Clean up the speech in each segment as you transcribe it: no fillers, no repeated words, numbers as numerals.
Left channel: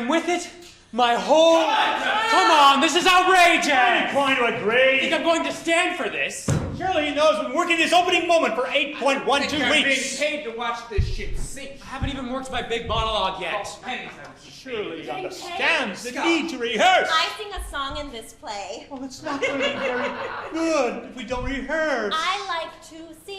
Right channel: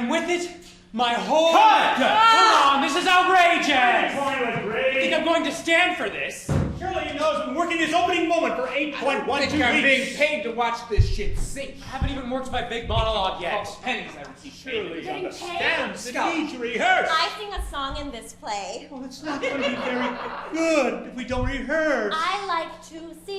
And with it, my whole... Come on, this is outrageous! I'm trying to agree. I think I'm going to stand for this. Surely he knows I'm working this opening moment for 8.12 weeks. You're being paid to watch this shit sink. I haven't even worked my big monologue yet. Oh, pennies, I would see. Surely he Getting understands the paid? need to rehearse. I sing a song in this play. Well, it's not going to be very good if we don't rehearse. I like to sing.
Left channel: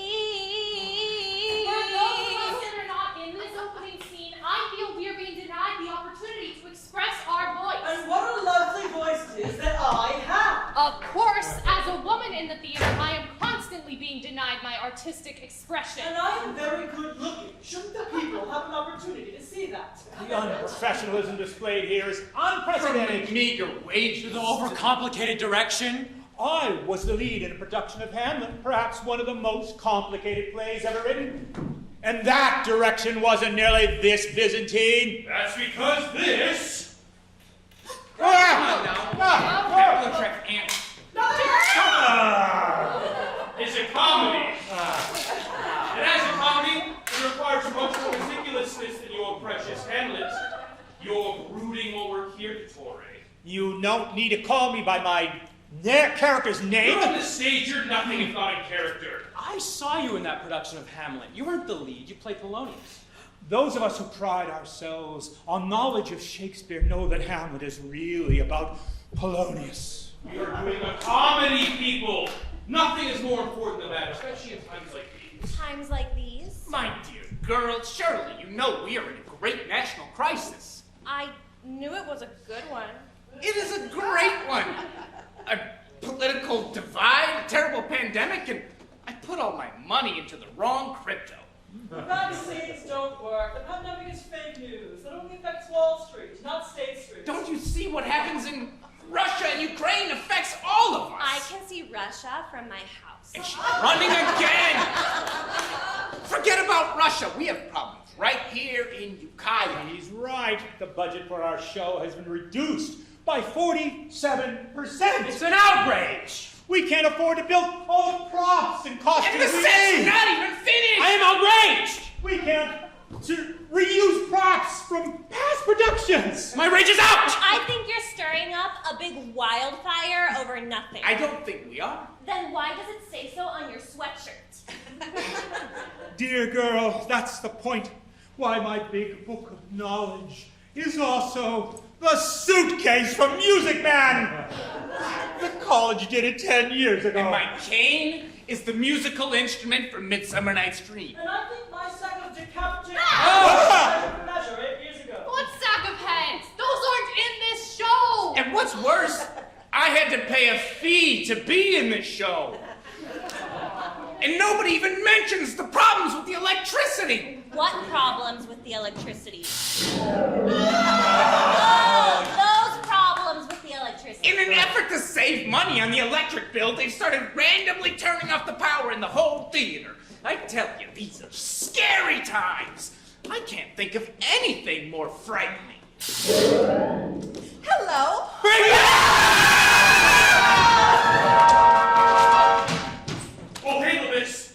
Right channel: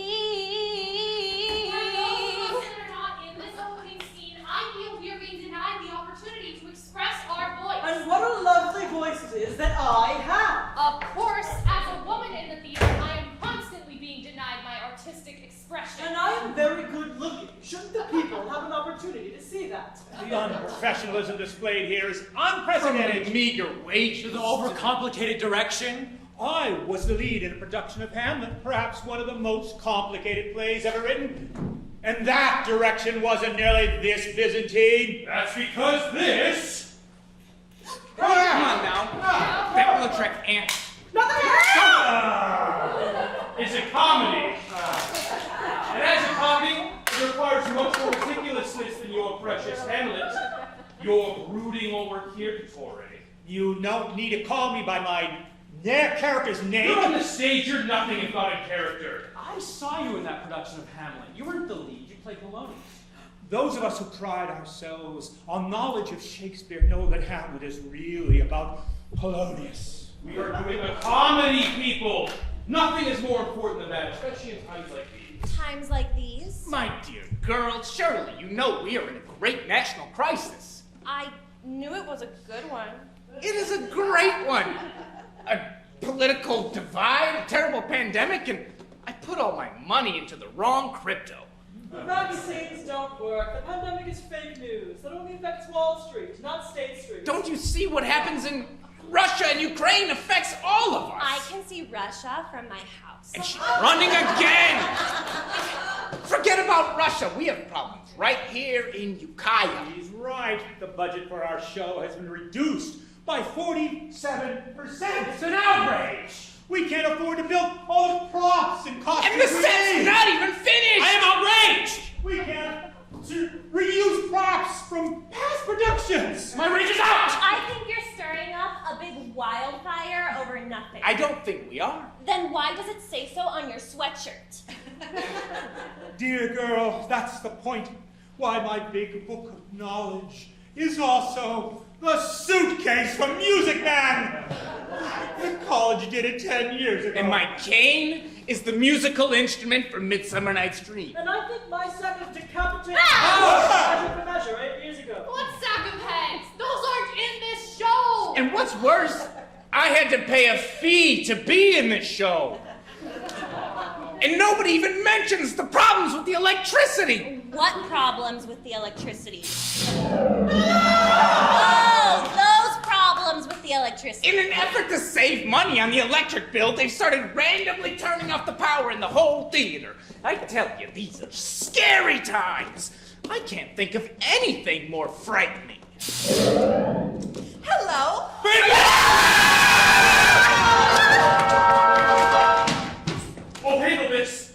For those of us that are not in this opening scene, I feel we are being denied the opportunity to express our voice. And what a lovely voice it is that I have. Of course, as a woman in the theater, I am constantly being denied my artistic expression. And I am very good looking. Shouldn't the people have an opportunity to see that? The unprofessionalism displayed here is unprecedented. Meager wages. The overcomplicated direction. I was the lead in a production of Hamlet, perhaps one of the most complicated plays ever written. And that direction wasn't nearly this Byzantine. That's because this... Come on now. That looks like ants. is a comedy. And as a comedy, it requires much more ridiculousness than your precious Hamlet. You're brooding over Kirkatory. You don't need to call me by my character's name. You're on the stage, you're nothing if not in character. I saw you in that production of Hamlet. You weren't the lead, you played Polonius. Those of us who pride ourselves on knowledge of Shakespeare know that Hamlet is really about Polonius. We are doing a comedy, people. Nothing is more important than that, especially in times like these. Times like these? My dear girl, surely you know we are in a great national crisis. I knew it was a good one. It is a great one. A political divide, a terrible pandemic, and I put all my money into the wrong crypto. The vaccines don't work. The pandemic is fake news. That only affects Wall Street, not State Street. Don't you see what happens in Russia and Ukraine affects all of us? I can see Russia from my house. And she's running again! Forget about Russia. We have problems right here in Ukiah. He's right. The budget for our show has been reduced by 47%. It's an outrage! We can't afford to build all the props and costumes. And the we set's need. not even finished! I am outraged! We can't reuse props from past productions. My rage is out! I think you're stirring up a big wildfire over nothing. I don't think we are. Then why does it say so on your sweatshirt? Dear girl, that's the point. Why my big book of knowledge is also the suitcase from Music Man. The college did it 10 years ago. And my cane is the musical instrument from Midsummer Night's Dream. And I think my sack of decapitated measure for measure 8 years ago. What sack of heads? Those aren't in this show! And what's worse, I had to pay a fee to be in this show. And nobody even mentions the problems with the electricity. What problems with the electricity? Oh, those problems with the electricity. In an effort to save money on the electric bill, they've started randomly turning off the power in the whole theater. I tell you, these are scary times. I can't think of anything more frightening. Hello. Oh, Pavlovitz!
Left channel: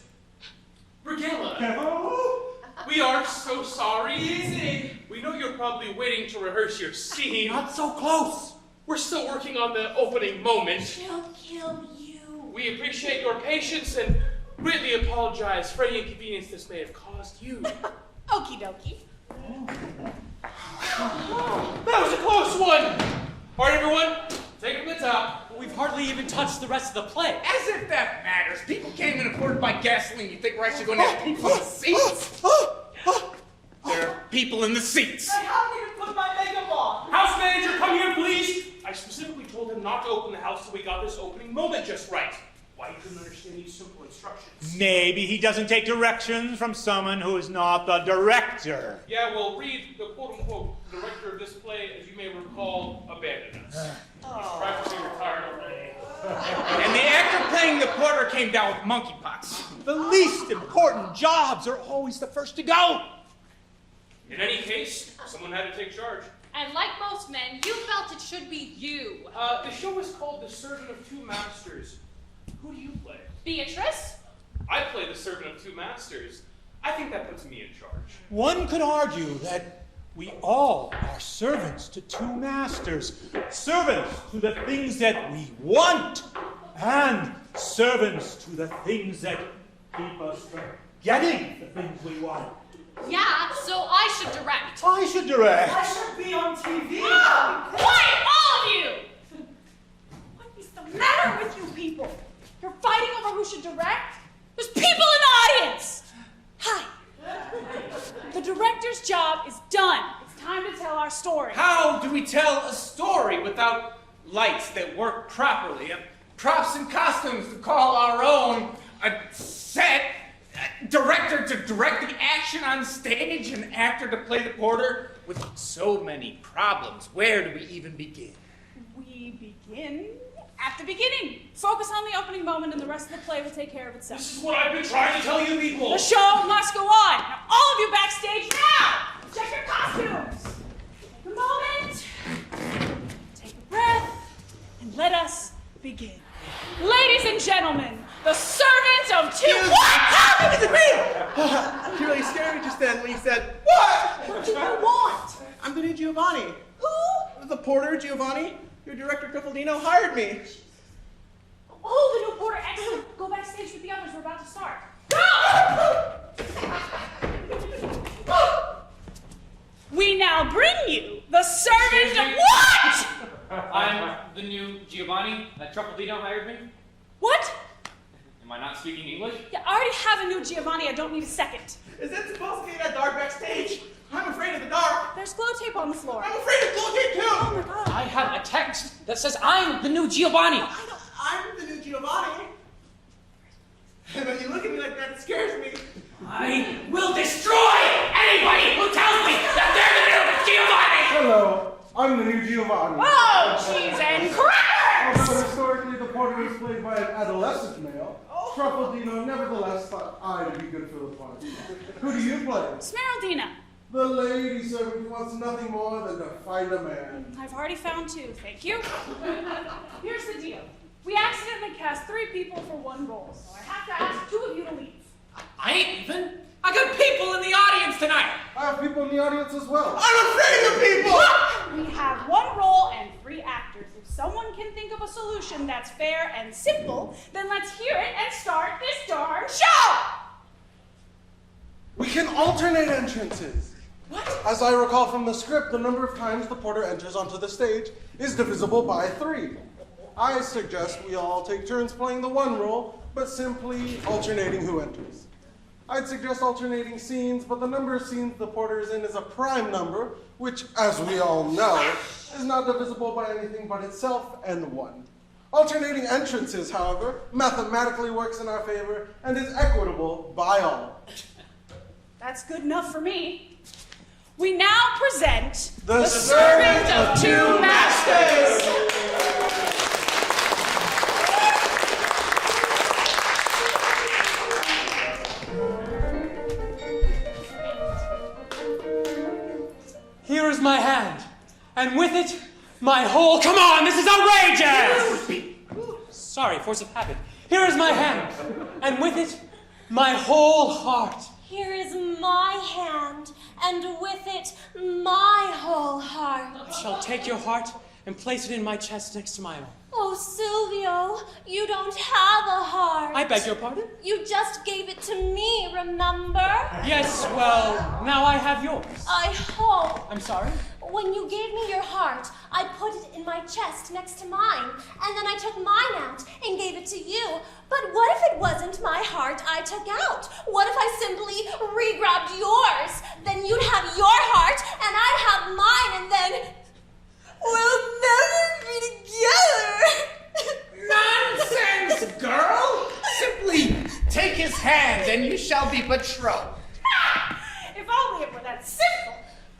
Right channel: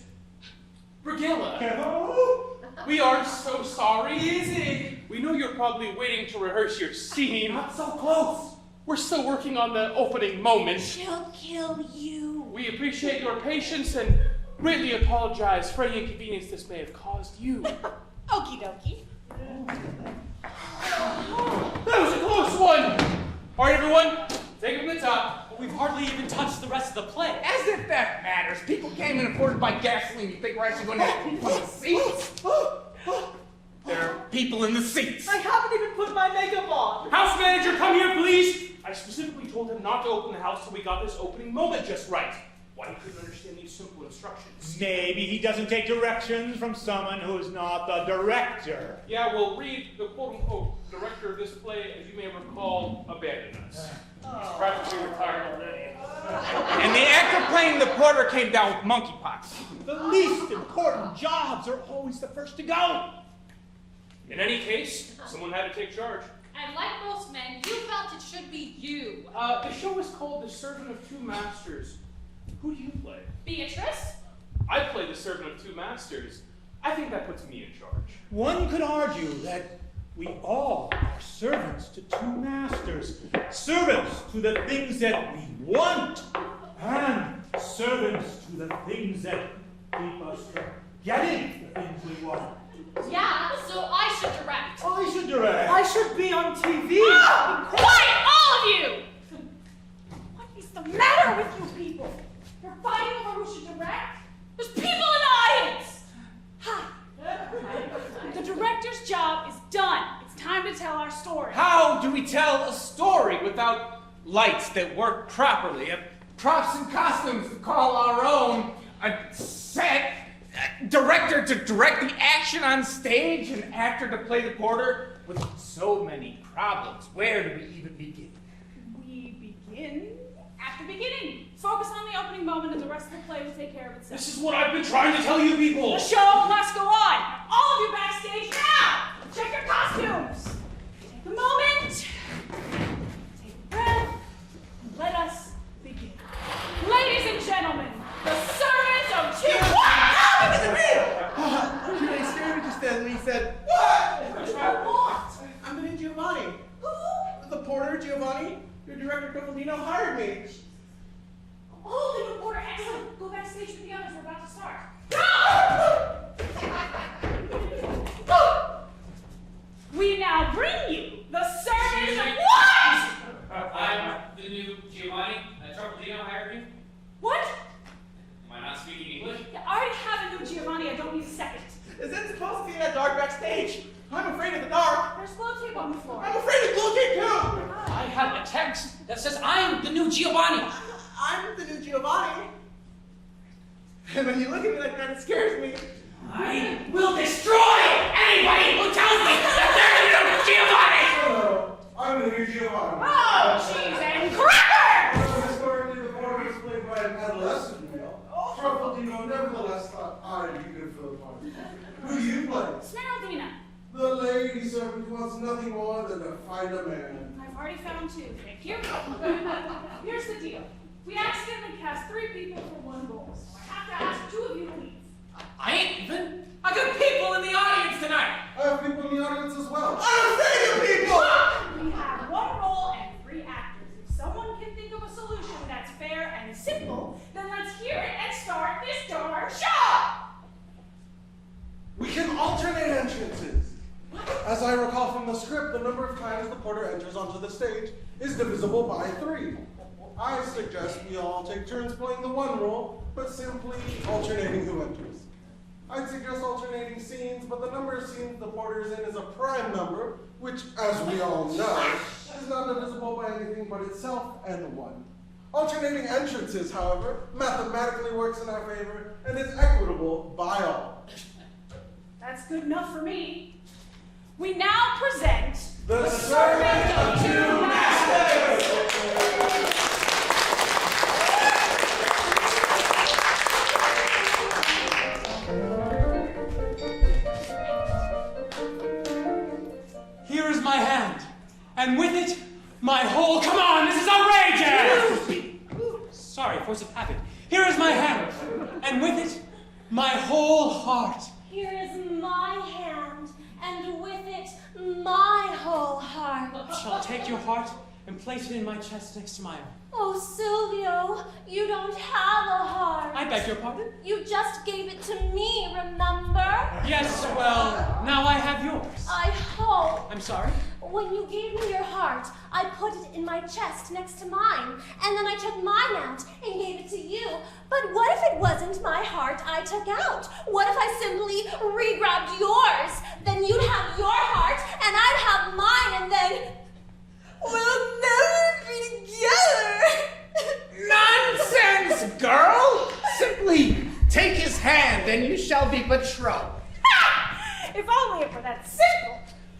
Brigilla! We are so sorry. Easy. We know you're probably waiting to rehearse your scene. Not so close! We're still working on the opening moment. She'll kill you. We appreciate your patience and greatly apologize for any inconvenience this may have caused you. Okie dokie. That was a close one! All right, everyone, take it from the top. We've hardly even touched the rest of the play. As if that matters. People came in afforded by gasoline. You think we're actually going to have people in the seats? There are people in the seats. I haven't even put my makeup on. House manager, come here, please. I specifically told him not to open the house till we got this opening moment just right. Why he couldn't understand these simple instructions. Maybe he doesn't take directions from someone who is not the director. Yeah, well, Reid, the quote-unquote director of this play, as you may recall, abandoned us. He's practically retired already. And the actor playing the porter came down with monkeypox. The least important jobs are always the first to go. In any case, someone had to take charge. And like most men, you felt it should be you. The show is called The Servant of Two Masters. Who do you play? Beatrice? I play the Servant of Two Masters. I think that puts me in charge. One could argue that We all are servants to two masters. Servants to the things that we want, and servants to the things that keep us from getting the things we want. Yeah, so I should direct. I should direct. I should be on TV. Quiet, all of you! What is the matter with you people? You're fighting over who should direct? There's people in the audience! Hi. The director's job is done. It's time to tell our story. How do we tell a story without lights that work properly, props and costumes to call our own, a set, a director to direct the action on stage, an actor to play the porter? With so many problems, where do we even begin? We begin at the beginning. Focus on the opening moment and the rest of the play will take care of itself. This is what I've been trying to tell you people. The show must go on. Now, all of you backstage now! Check your costumes. Take a moment. Take a breath. And let us begin. Ladies and gentlemen, the servant of two... What? She really scared me just then when he said, "What? What do you want? I'm the new Giovanni. Who? The porter, Giovanni. Your director, Truffaldino, hired me." Oh, the new porter. Excellent. Go backstage with the others. We're about to start. We now bring you the servant of... What? I'm the new Giovanni. Truffaldino hired me. What? Am I not speaking English? Yeah, I already have a new Giovanni. I don't need a second. Is it supposed to be in that dark backstage? I'm afraid of the dark. There's glow tape on the floor. I'm afraid of glow tape too. I have a text that says I'm the new Giovanni. I'm the new Giovanni. And when you look at me like that, it scares me. I will destroy anybody who tells me that they're the new Giovanni! Hello, I'm the new Giovanni. Oh, cheese and crackers! Although historically the porter was played by an adolescent male, Truffaldino nevertheless thought I'd be good for the part. Who do you play? Smeraldina. The lady servant who wants nothing more than to fight a man. I've already found two. Thank you. Here's the deal. We accidentally cast 3 people for 1 role, so I have to ask 2 of you to leave. I ain't even. I got people in the audience tonight. I have people in the audience as well. I'm afraid of people. We have 1 role and 3 actors. If someone can think of a solution that's fair and simple, then let's hear it and start this darn show! We can alternate entrances. What? As I recall from the script, the number of times the porter enters onto the stage is divisible by 3. I suggest we all take turns playing the 1 role, but simply alternating who enters. I'd suggest alternating scenes, but the number of scenes the porter is in is a prime number, which, as we all know, is not divisible by anything but itself and 1. Alternating entrances, however, mathematically works in our favor and is equitable by all. That's good enough for me. We now present The Servant of Two Masters! Here is my hand, and with it, my whole. Come on, this is outrageous! Sorry, force of habit. Here is my hand, and with it, my whole heart. Here is my hand, and with it, my whole heart. I shall take your heart and place it in my chest next to my own. Oh, Silvio, you don't have a heart. I beg your pardon? You just gave it to me, remember? Yes, well, now I have yours. I hope. I'm sorry? When you gave me your heart, I put it in my chest next to mine, and then I took mine out and gave it to you. But what if it wasn't my heart I took out? What if I simply re-grabbed yours? Then you'd have your heart, and I'd have mine, and then we'll never be together. Nonsense, girl! Simply take his hand and you shall be betrothed. If only it were that simple.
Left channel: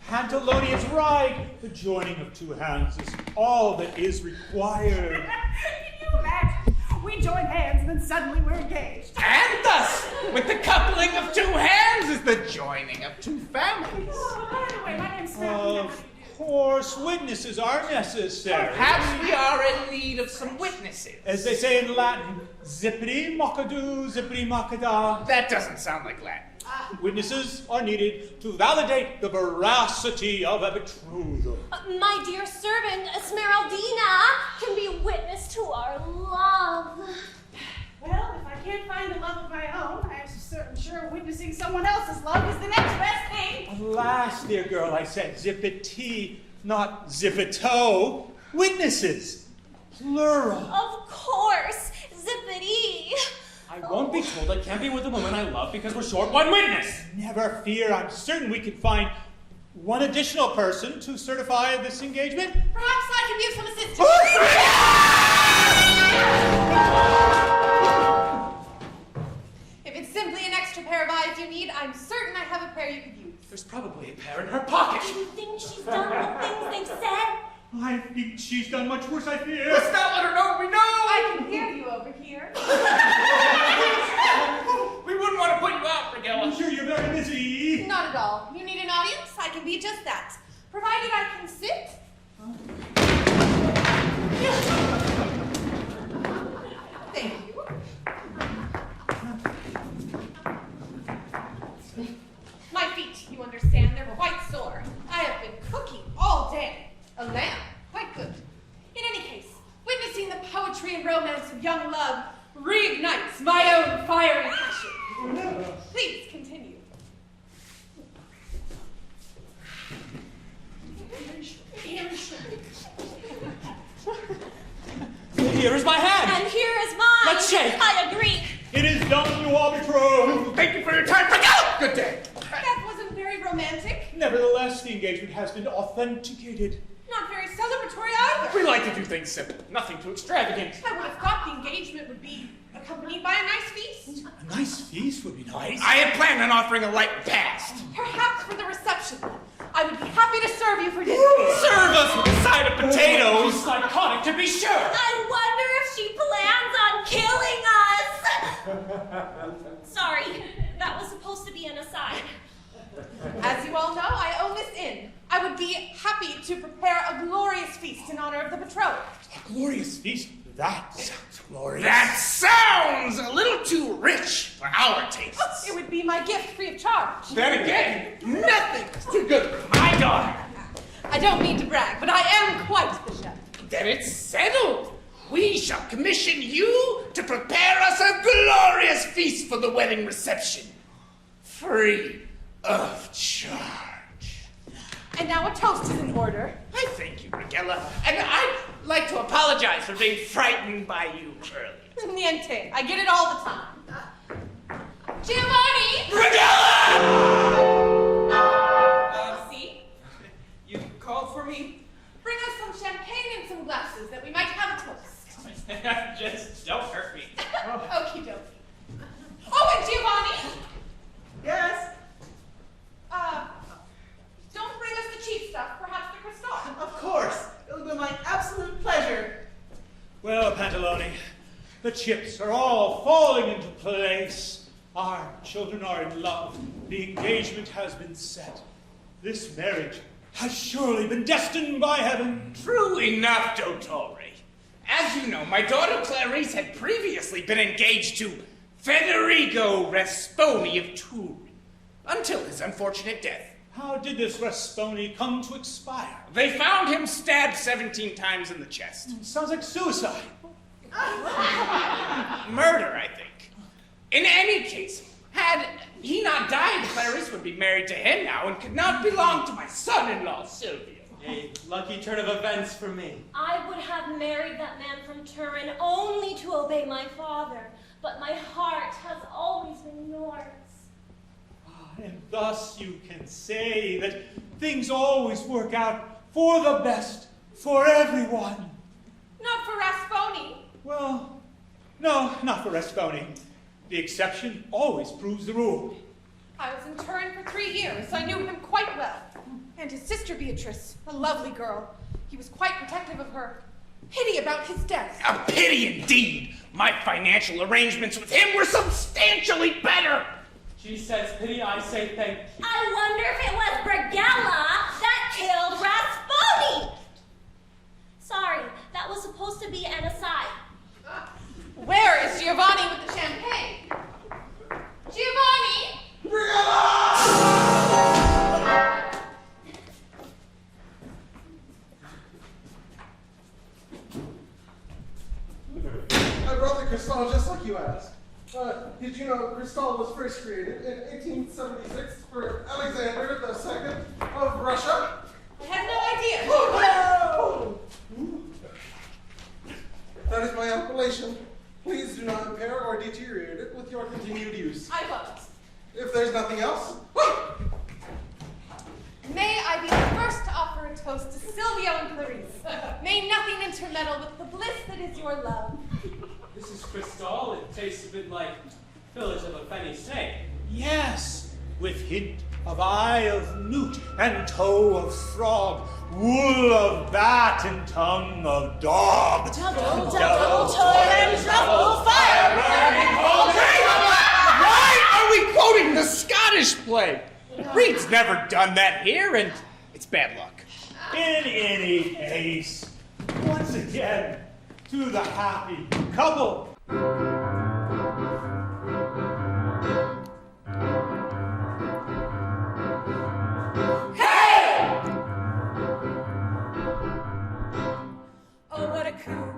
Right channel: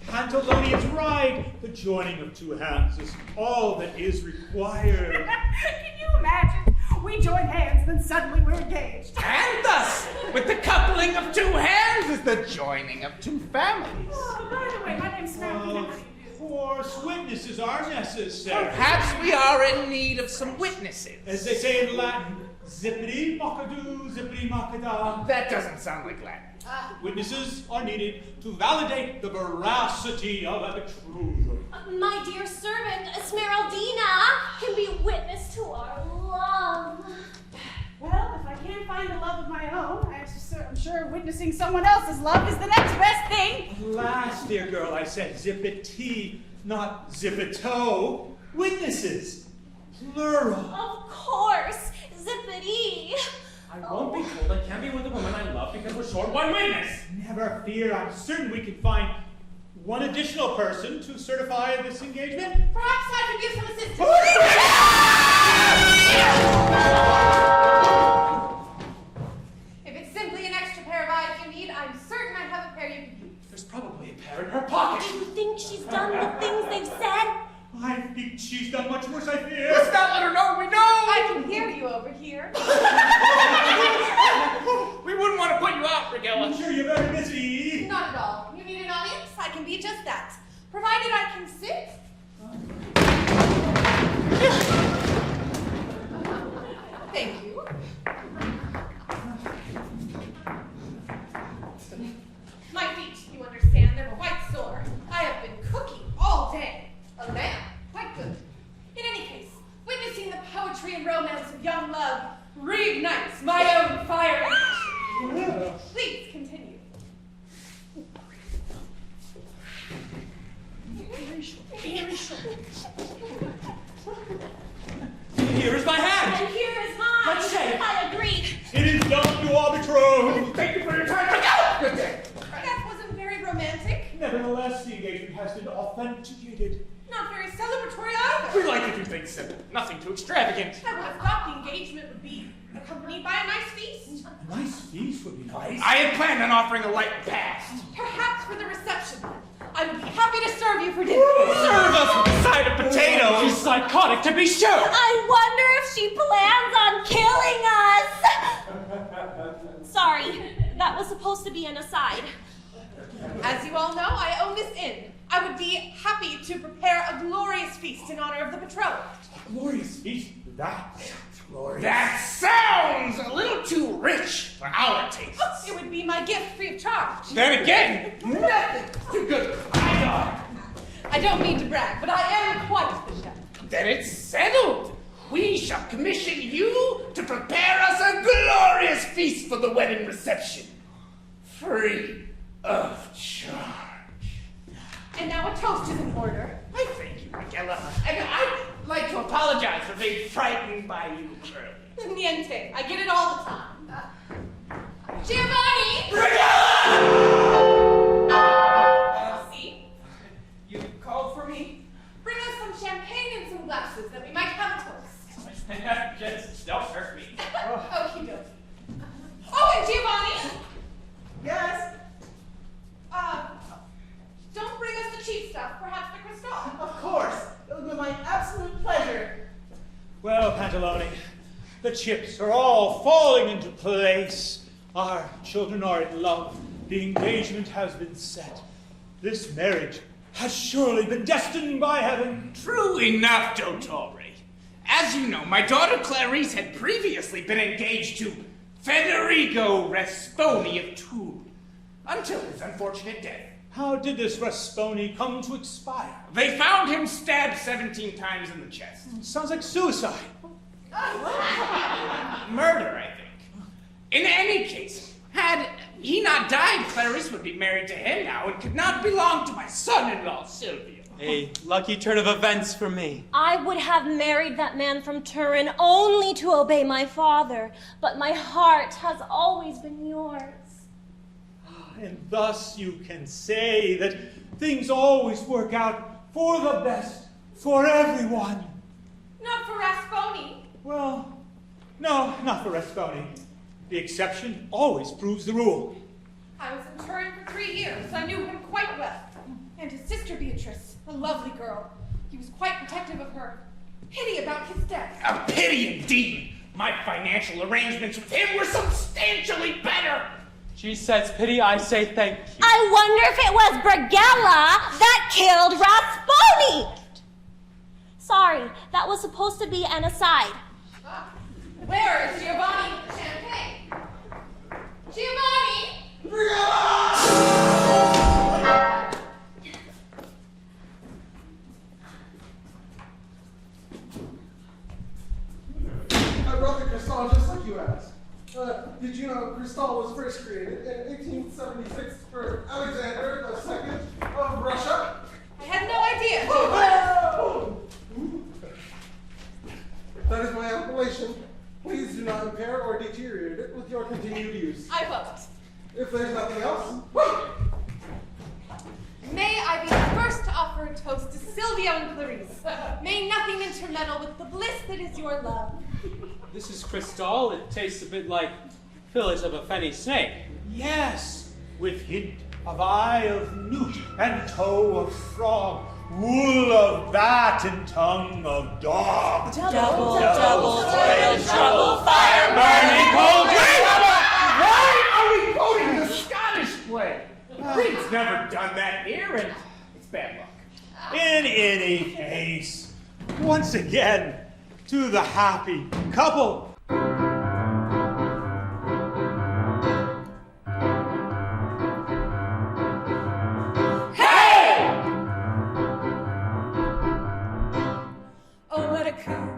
Pantalonia's right. The joining of 2 hands is all that is required. Can you imagine? We join hands and then suddenly we're engaged. And thus, with the coupling of 2 hands is the joining of 2 families. Oh, by the way, my name's Smeraldina. How do you do? course, witnesses are necessary. Perhaps we are in need of some witnesses. As they say in Latin, zippity mockadoo, zippity mockada. That doesn't sound like Latin. Witnesses are needed to validate the veracity of a betrothal. My dear servant, Esmeraldina, can be a witness to our love. Well, if I can't find the love of my own, I'm sure witnessing someone else's love is the next best thing. Alas, dear girl, I said zippity, not zippito. Witnesses, plural. Of course, zippity. I won't be told I can't be with the woman I love because we're short one witness. Never fear, I'm certain we can find one additional person to certify this engagement. Perhaps I can use some assistance. If it's simply an extra pair of eyes you need, I'm certain I have a pair you could use. There's probably a pair in her pocket. Do you think she's done the things they've said? I think she's done much worse, I fear. Let's not let her know we know! I can hear you over here. We wouldn't want to put you out, Regilla. I'm sure you're very busy. Not at all. You need an audience? I can be just that. Provided I can sit. Thank you. My feet, you understand, they're quite sore. I have been cooking all day. A lamb, quite good. In any case, witnessing the poetry and romance of young love reignites my own fire and passion. Please continue. Here is my hand. And here is mine. Let's shake. I agree. It is done, you are betrothed. Thank you for your time. Regilla! Good day. That wasn't very romantic. Nevertheless, the engagement has been authenticated. Not very celebratory either. We like to do things simple, nothing too extravagant. I would have thought the engagement would be accompanied by a nice feast. A nice feast would be nice. I had planned on offering a light repast. Perhaps for the reception. I would be happy to serve you for dinner. Serve us with a side of She's potatoes. psychotic, to be sure. I wonder if she plans on killing us. Sorry, that was supposed to be an aside. As you all know, I own this inn. I would be happy to prepare a glorious feast in honor of the betrothed. A glorious feast. That sounds glorious. That sounds a little too rich for our tastes. It would be my gift free of charge. Then again, nothing is too good for my daughter. I don't mean to brag, but I am quite the chef. Then it's settled. We shall commission you to prepare us a glorious feast for the wedding reception. Free of charge. And now a toast is in order. I thank you, Regilla. And I'd like to apologize for being frightened by you earlier. Niente. I get it all the time. Giovanni! Regilla! See? You called for me? Bring us some champagne and some glasses that we might have a toast. Just don't hurt me. Okie dokie. Oh, and Giovanni! Yes, Don't bring us the cheap stuff, perhaps the Cristal. of course. It'll be my absolute pleasure. Well, Pantalone, the chips are all falling into place. Our children are in love. The engagement has been set. This marriage has surely been destined by heaven. True enough, Dottore. As you know, my daughter Clarice had previously been engaged to Federico Rasponi of Toul, until his unfortunate death. How did this Rasponi come to expire? They found him stabbed 17 times in the chest. Sounds like suicide. Murder, I think. In any case, had he not died, Clarice would be married to him now and could not belong to my son-in-law, Silvio. A lucky turn of events for me. I would have married that man from Turin only to obey my father, but my heart has always been yours. And thus you can say that things always work out for the best for everyone. Not for Rasponi. Well, no, not for Rasponi. The exception always proves the rule. I was in Turin for 3 years. I knew him quite well. And his sister Beatrice, a lovely girl. He was quite protective of her. Pity about his death. A pity indeed. My financial arrangements with him were substantially better. She says pity, I say thank you. I wonder if it was Brigella that killed Rasponi. Sorry, that was supposed to be an aside. Where is Giovanni with the champagne? Giovanni! I brought the crystal just like you asked. Did you know crystal was first created in 1876 for Alexander II of Russia? I had no idea. That is my appellation. Please do not impair or deteriorate it with your continued use. I won't. If there's nothing else, May I be the first to offer a toast to Sylvia and Clarice. May nothing intermeddle with the bliss that is your love. This is Cristal. It tastes a bit like fillets of a fatty snake. Yes, with hint of eye of newt and toe of frog, wool of bat and tongue of dog. Double Fire burning whole Why are we quoting the Scottish play? Reid's never done that here, and it's bad luck. In any case, once again, to the happy couple. Oh, what a coup.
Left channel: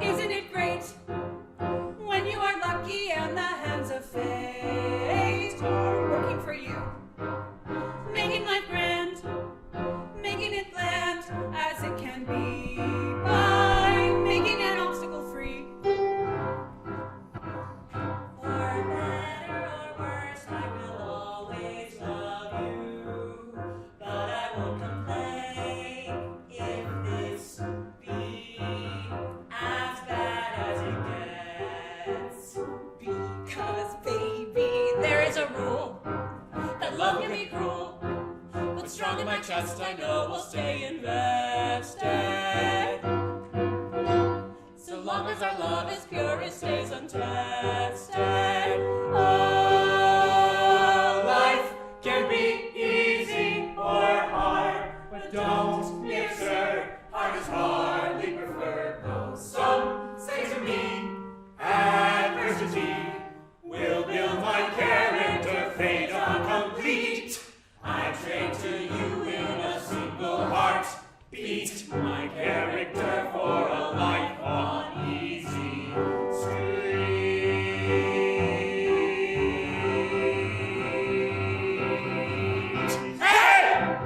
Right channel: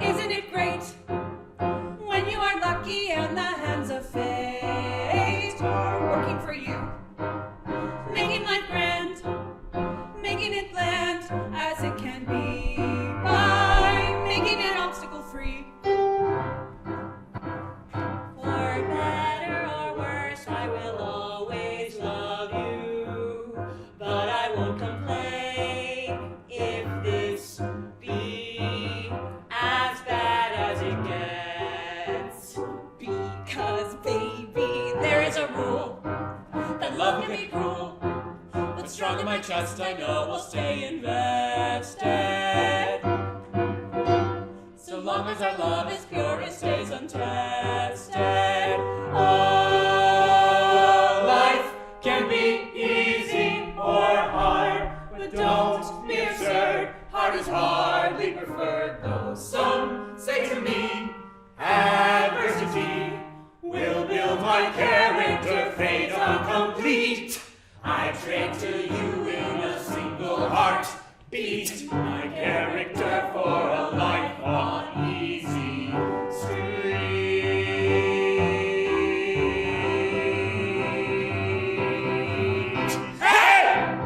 Isn't it great when you are lucky and the hands of fate are working for you, making life grand, making it bland as it can be by making it obstacle free. For better or worse, I will always love you, but I won't complain if this be as bad as it gets. Because, baby, there is a rule that love can be cruel, but strong in my chest I know will stay invested. So long as our love is pure, it stays untested. Oh, life can be easy or hard, but don't be absurd. Hard is hardly preferred, though some say to me, adversity will build my character, fate incomplete. I trade to you in a single heartbeat, my character for a life on easy street. Hey!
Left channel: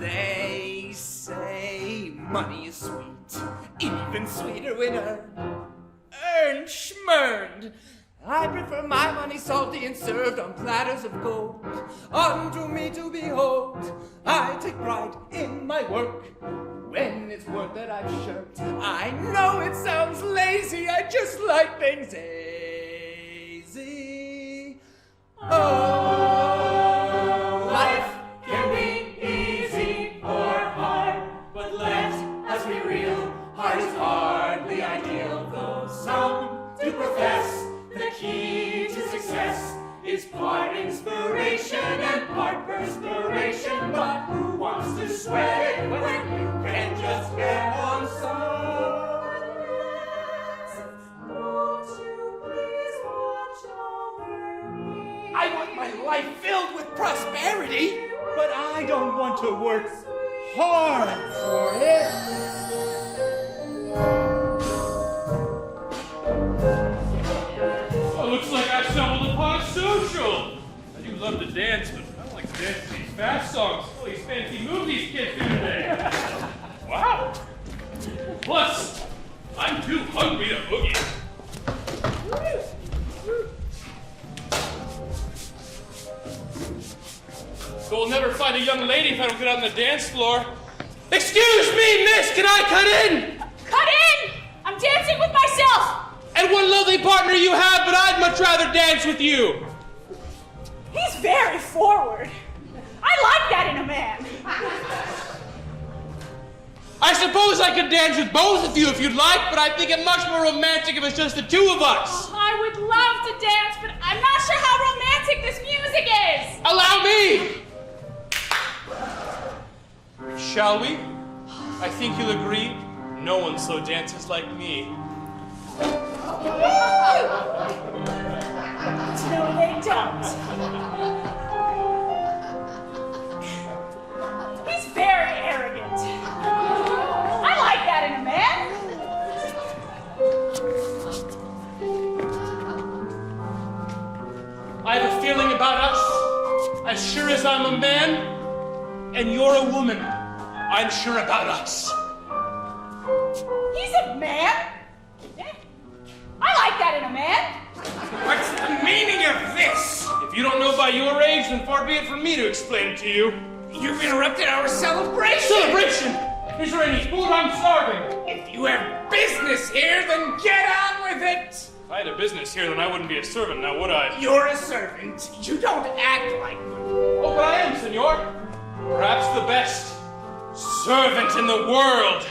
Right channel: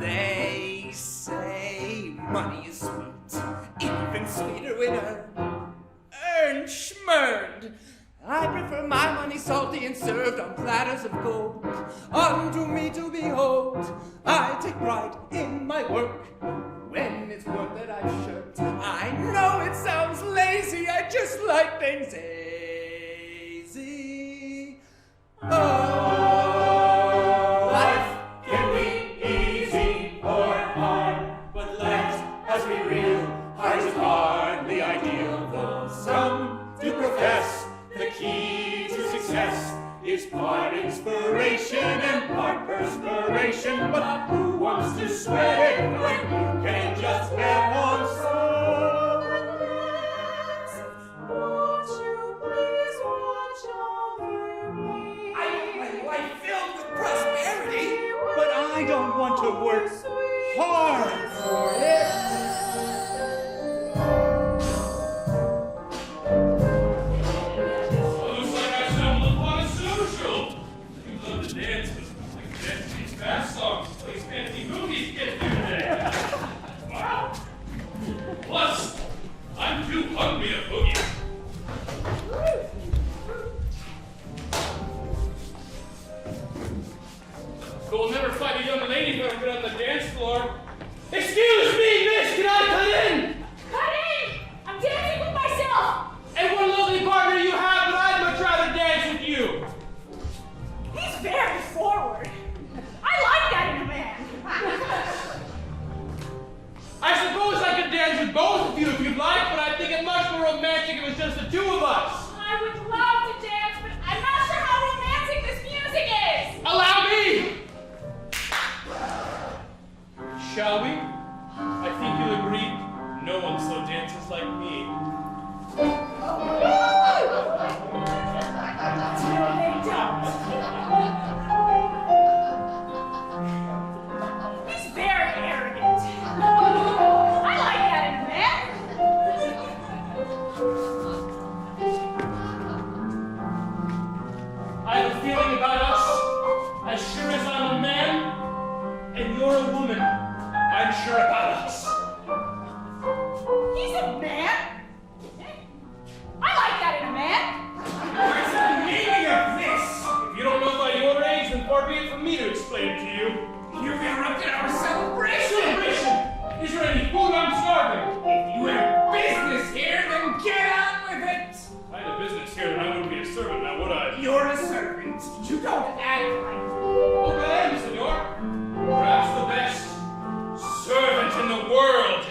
They say money is sweet, even sweeter when earned schmurned. I prefer my money salty and served on platters of gold. Unto me to behold, I take pride in my work. When it's work that I've shirked, I know it sounds lazy, I just like things easy. Oh, life can be easy or hard, but let us be real, hard is hardly ideal, though some do profess the key to success is part inspiration and part perspiration. But who wants to sweat it when you can just get on some? Won't you please watch over me? I want my life filled with prosperity, But I don't want to work hard for it. Love to dance, but I don't like to dance to these fast songs. All these fancy movies kids do today. Wow. Plus, I'm too hungry to boogie. You'll never find a young lady who get on the dance floor. Excuse me, miss, can I cut in? Cut in! I'm dancing with myself! And what a lovely partner you have, but I'd much rather dance with you. He's very forward. I like that in a man. I suppose I could dance with both of you if you'd like, but I think it much more romantic if it's just the two of us. I would love to dance, but I'm not sure music is! Allow me! Shall we? I think you'll agree, no one so dances like me. No, they don't. He's very arrogant. I like that in a man. I have a feeling about us, as sure as I'm a man, and you're a woman, I'm sure about us. He's a man. I like that in a man. What's the meaning of this? If you don't know by your age, then far be it from me to explain to you. You've interrupted our celebration! Celebration! Is there any food? I'm starving. If you have business here, then get on with it! If I had a business here, then I wouldn't be a servant, now would I? You're a servant. You don't act like one. Oh, I am, senor. Perhaps the best servant in the world.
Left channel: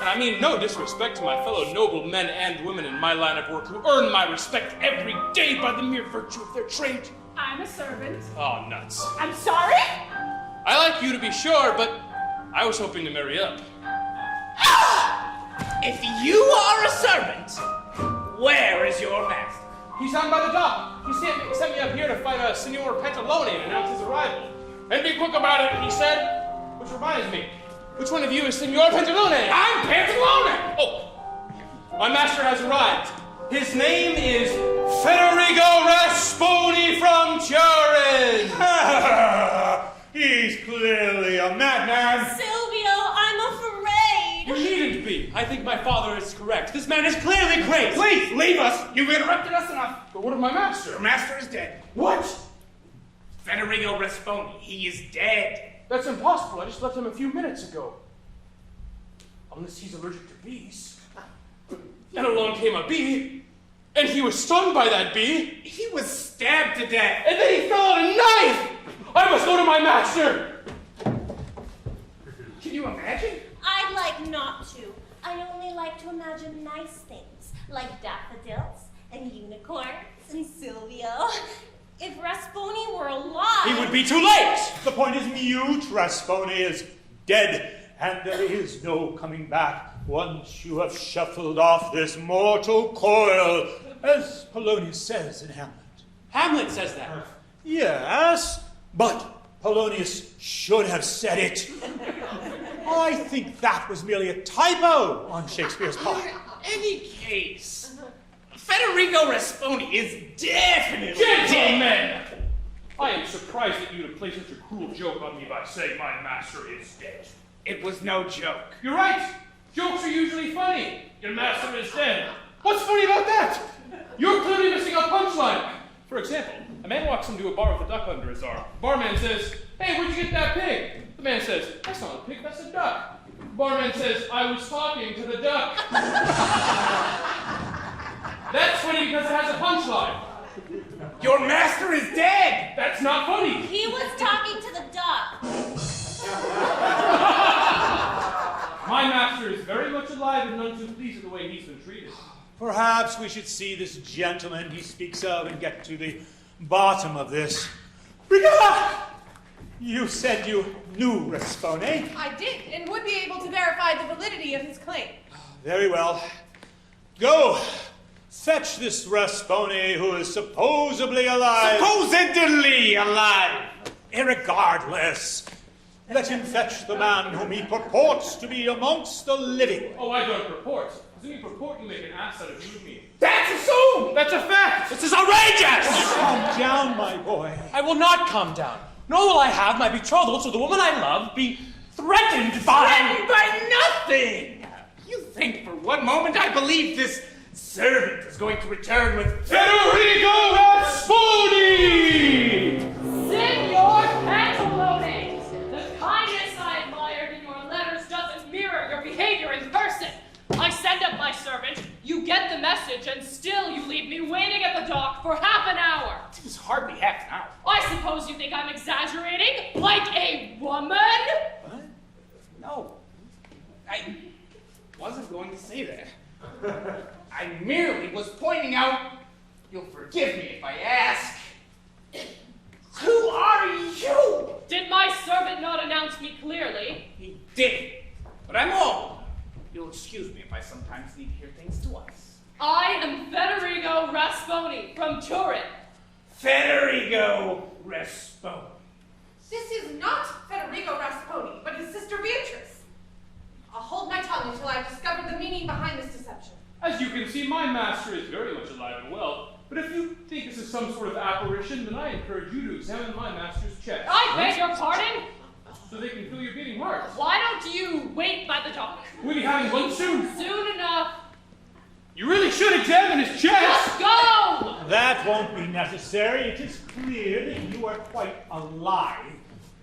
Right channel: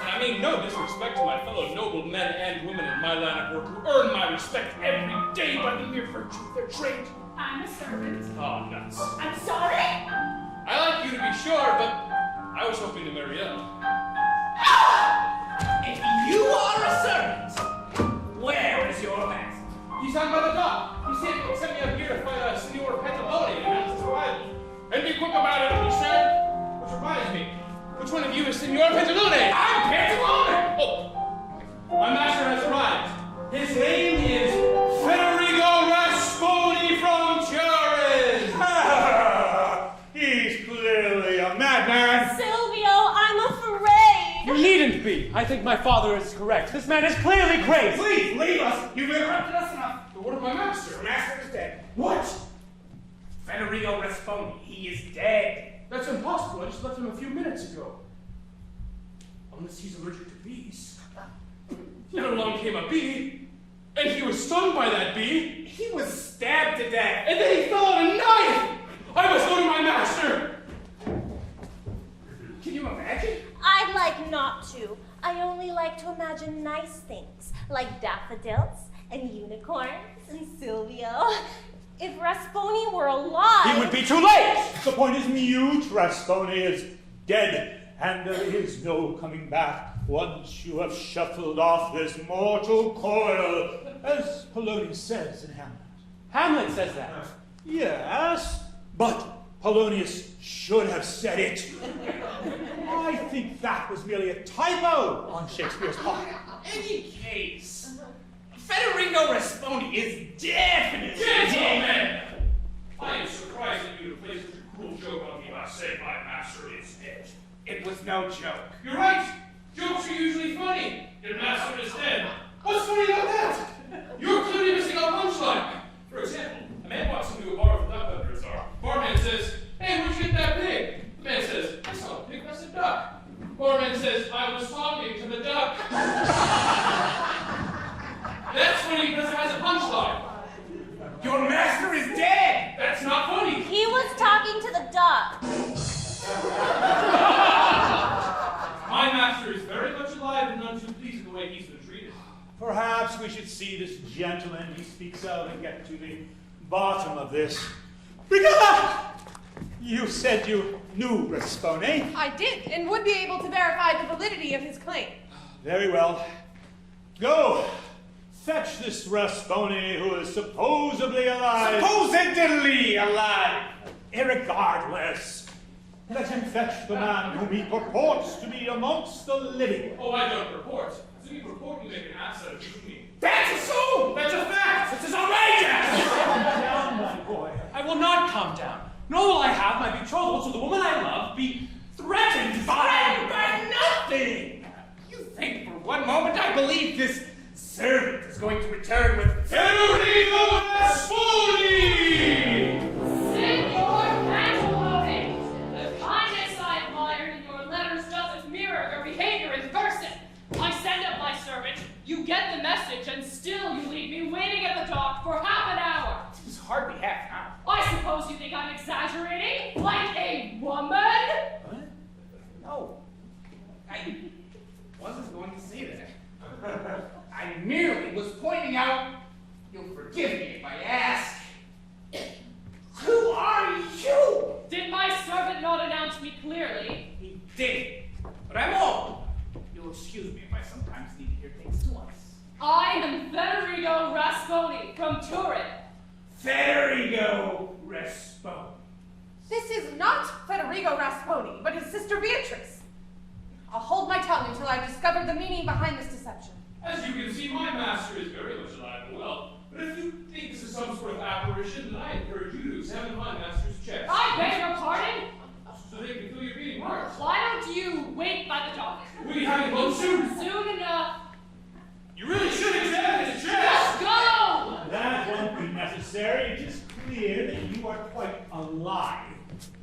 And I mean no disrespect to my fellow noble men and women in my line of work who earn my respect every day by the mere virtue of their trade. I'm a servant. Oh, nuts. I'm sorry? I like you to be sure, but I was hoping to marry up. If you are a servant, where is your master? He's down by the dock. He sent me up here to fight Signor Pantalone and announce his arrival. And be quick about it, he said. Which reminds me, which one of you is Signor Pantalone? I'm Pantalone! Oh, my master has arrived. His name is Federico Rasponi from Turin. He's clearly a madman. Silvio, I'm afraid. You needn't be. I think my father is correct. This man is clearly crazy. Please, leave us! You've interrupted us enough. But what of my master? Your master is dead. What? Federico Rasponi, he is dead. That's impossible. I just left him a few minutes ago. Unless he's allergic to bees. Then along came a bee, and he was stung by that bee. He was stabbed to death. And then he fell on a knife! I must go to my master! Can you imagine? I'd like not to. I only like to imagine nice things, like daffodils and unicorns and Silvio. If Rasponi were alive... It would be too late! The point is mute. Rasponi is dead, and there is no coming back once you have shuffled off this mortal coil, as Polonius says in Hamlet. Hamlet says that. Yes, but Polonius should have said it. I think that was merely a typo on Shakespeare's part. Any case, Federico Rasponi is definitely dead. Gentlemen! I am surprised that you would play such a cruel joke on me by saying my master is dead. It was no joke. You're right! Jokes are usually funny. Your master is dead. What's funny about that? You're clearly missing a punchline. For example, a man walks into a bar with a duck under his arm. Barman says, "Hey, where'd you get that pig?" The man says, "That's not a pig, that's a duck." Barman says, "I was talking to the duck." That's funny because it has a punchline. Your master is dead! That's not funny. He was talking to the duck. My master is very much alive and none too pleased with the way he's been treated. Perhaps we should see this gentleman he speaks of and get to the bottom of this. Brigada! You said you knew Rasponi. I did, and would be able to verify the validity of his claim. Very well. Go! Fetch this Rasponi who is supposedly alive. Supposedly alive! Irregardless, let him fetch the man whom he purports to be amongst the living. Oh, I don't purport. As you purport, you make an ass out of me. That's assumed! That's a fact! This is outrageous! Calm down, my boy. I will not calm down. Nor will I have my betrothal to the woman I love be threatened By nothing! You think for one moment I believe this servant is going to return with Federico Rasponi! Signor Pantalone! The kindness I admired in your letters doesn't mirror your behavior in person. I send up my servant, you get the message, and still you leave me waiting at the dock for half an hour. It was hardly half an hour. I suppose you think I'm exaggerating? Like a woman? What? No. I wasn't going to say that. I merely was pointing out, you'll forgive me if I ask, who excuse me if I sometimes need to hear things twice. I am Federigo Rasponi from Turin. Federigo Rasponi. This is not Federigo Rasponi, but his sister Beatrice. I'll hold my tongue until I've discovered the meaning behind this deception. As you can see, my master is very much alive and well. But if you think this is some sort of apparition, then I encourage you to examine my master's chest. I beg your pardon? So they can feel your beating heart. Why don't you wait by the dock? We'll be having one soon. Soon enough. You really should examine his chest. Let's go! That won't be necessary. It is clear that you are quite alive.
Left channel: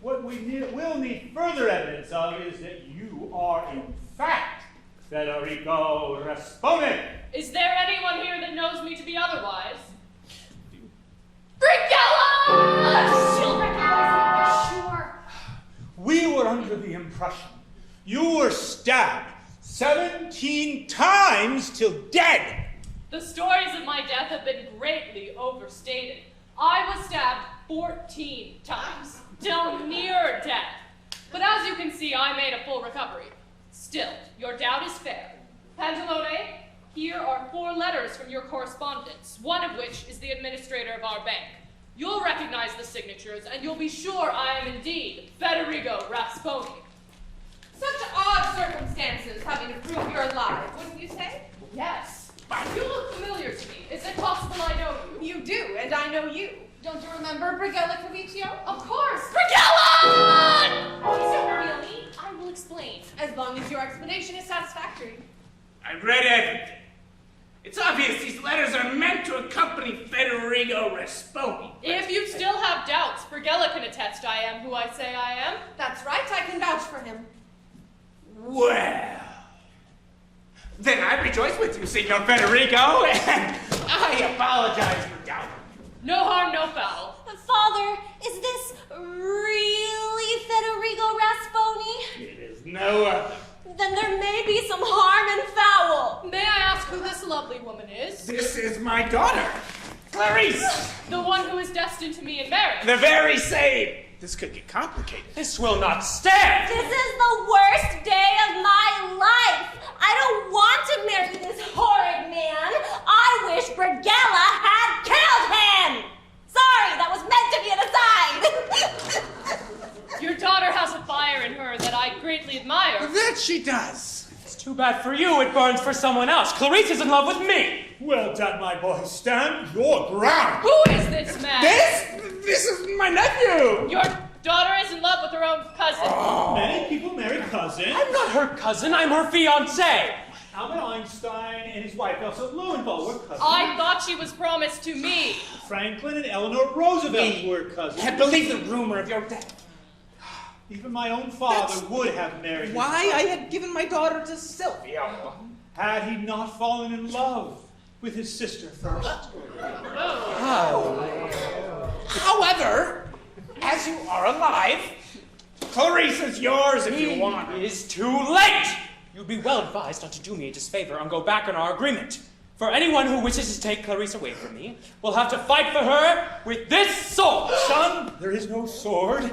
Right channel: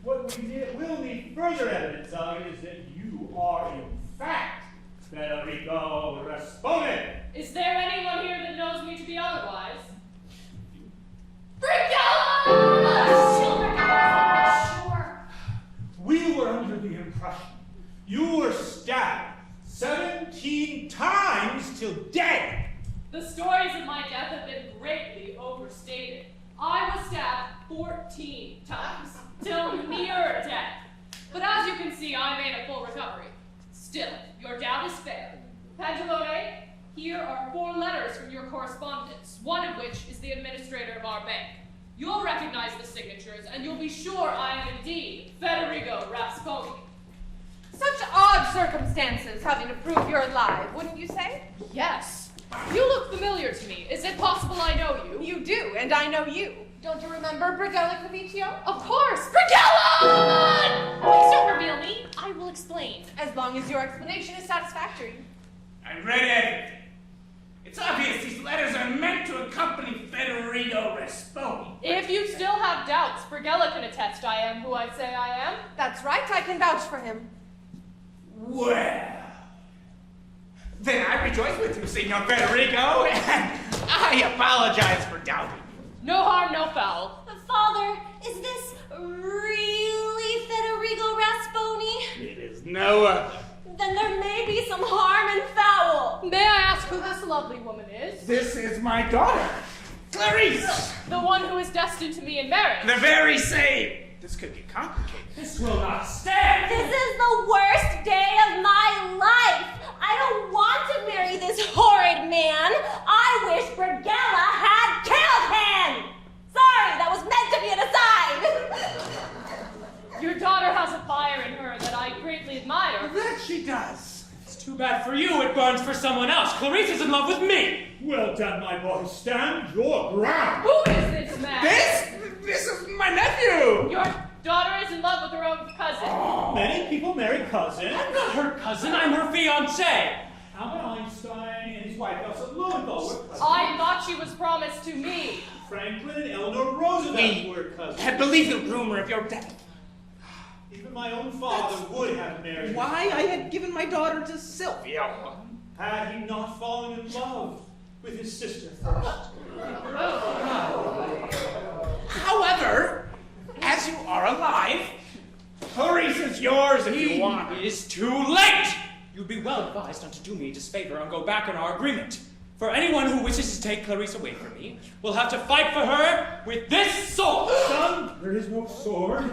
What we will need further evidence of is that you are, in fact, Federigo Rasponi. Is there anyone here that knows me to be otherwise? Brigella! She'll recognize me, sure. We were under the impression you were stabbed 17 times till dead. The stories of my death have been greatly overstated. I was stabbed 14 times, till near death. But as you can see, I made a full recovery. Still, your doubt is fair. Pantalone, here are 4 letters from your correspondence, one of which is the administrator of our bank. You'll recognize the signatures, and you'll be sure I am indeed Federigo Rasponi. Such odd circumstances have you to prove you're alive, wouldn't you say? Yes. You look familiar to me. Is it possible I know you? You do, and I know you. Don't you remember Brigella Cavicchio? Of course. Brigella! Please don't reveal me. I will explain. As long as your explanation is satisfactory. I've read everything. It's obvious these letters are meant to accompany Federigo Rasponi. If you still have doubts, Brigella can attest I am who I say I am. That's right, I can vouch for him. Well, then I rejoice with you, Signor Federigo, and I apologize for doubting. No harm, no foul. But Father, is this really Federigo Rasponi? It is no other. Then there may be some harm and foul. May I ask who this lovely woman is? This is my daughter, Clarice. The one who is destined to me in marriage. The very same. This could get complicated. This will not stand. This is the worst day of my life. I don't want to marry this horrid man. I wish Brigella had killed him. Sorry, that was meant to be an aside. Your daughter has a fire in her that I greatly admire. That she does. It's too bad for you. It burns for someone else. Clarice is in love with me. Well done, my boy. Stand your ground. Who is this man? This is my nephew. Your daughter is in love with her own cousin. Many people marry cousins. I'm not her cousin. I'm her fiancé. Albert Einstein and his wife Elsa Lowenthal were cousins. I thought she was promised to me. Franklin and Eleanor Roosevelt were cousins. Can't believe the rumor of your death. Even my own father would have married his Why I cousin. had given my daughter to Sylvia. Had he not fallen in love with his sister first. However, as you are alive, Clarice is yours if you want her. It is too late. You'd be well advised not to do me a disfavor and go back on our agreement. For anyone who wishes to take Clarice away from me will have to fight for her with this sword. Son, there is no sword.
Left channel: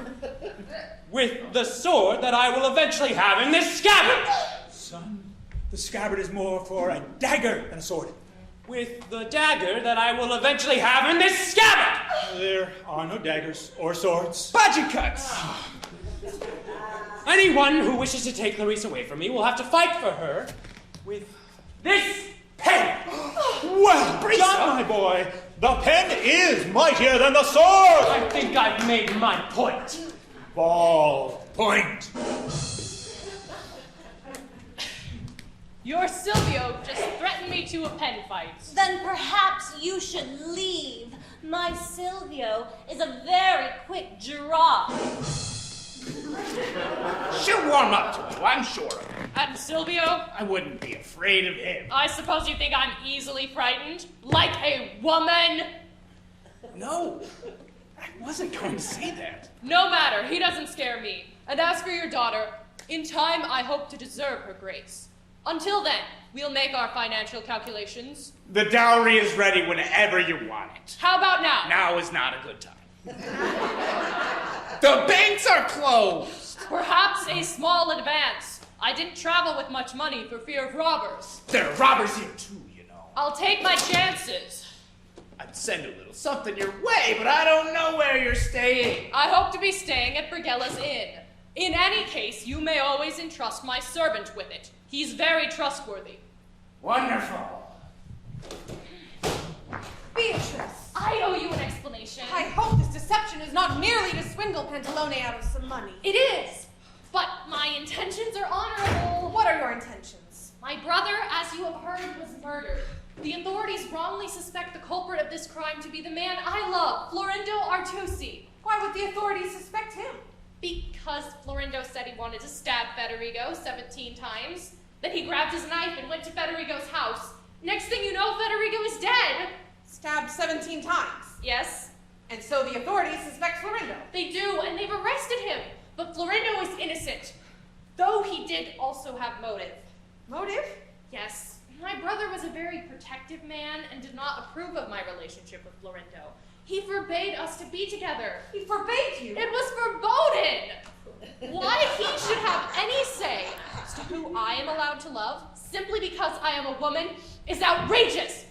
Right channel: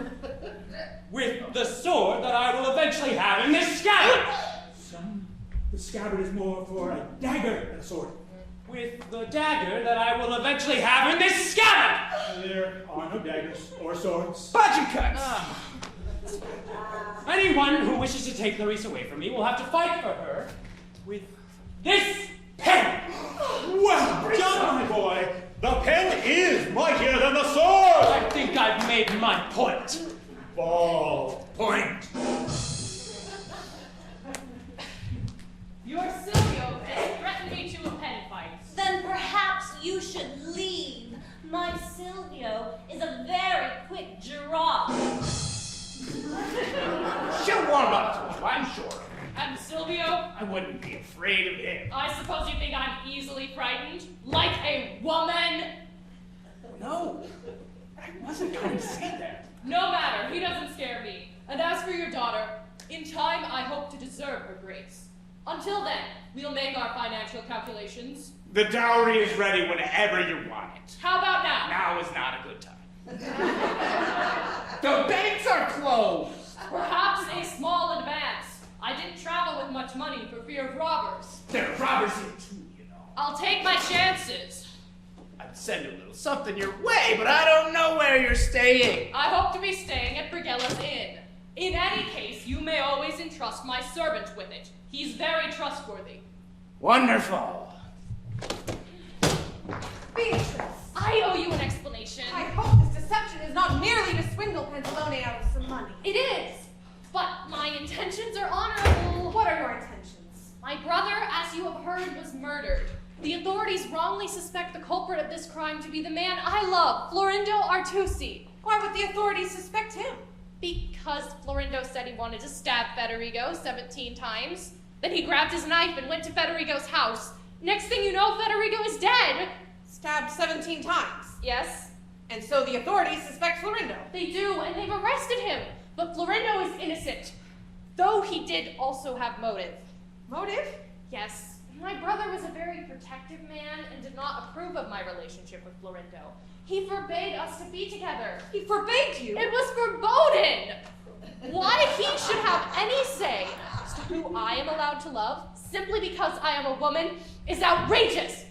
With the sword that I will eventually have in this scabbard. Son, the scabbard is more for a dagger than a sword. With the dagger that I will eventually have in this scabbard. There are no daggers or swords. Budget cuts. Anyone who wishes to take Clarice away from me will have to fight for her with this pen. Well done, my boy. The pen is mightier than the sword. I think I've made my point. Ball point. Your Silvio just threatened me to a pen fight. Then perhaps you should leave. My Silvio is a very quick draw. She'll warm up to you, I'm sure. And Silvio? I wouldn't be afraid of him. I suppose you think I'm easily frightened? Like a woman? No, I wasn't trying to say that. No matter, he doesn't scare me. And as for your daughter, in time I hope to deserve her grace. Until then, we'll make our financial calculations. The dowry is ready whenever you want it. How about now? Now is not a good time. The banks are closed. Perhaps a small advance. I didn't travel with much money for fear of robbers. There are robbers here too, you know. I'll take my chances. I'd send a little something your way, but I don't know where you're staying. I hope to be staying at Brigella's Inn. In any case, you may always entrust my servant with it. He's very trustworthy. Wonderful. Beatrice! I owe you an explanation. I hope this deception is not merely to swindle Pantalone out of some money. It is, but my intentions are honorable. What are your intentions? My brother, as you have heard, was murdered. The authorities wrongly suspect the culprit of this crime to be the man I love, Florindo Artusi. Why would the authorities suspect him? Because Florindo said he wanted to stab Federigo 17 times. Then he grabbed his knife and went to Federigo's house. Next thing you know, Federigo is dead. Stabbed 17 times? Yes. And so the authorities suspect Florindo? They do, and they've arrested him. But Florindo is innocent, though he did also have motive. Motive? Yes. My brother was a very protective man and did not approve of my relationship with Florindo. He forbade us to be together. He forbade you? It was verboten! Why he should have any say as to who I am allowed to love, simply because I am a woman, is outrageous!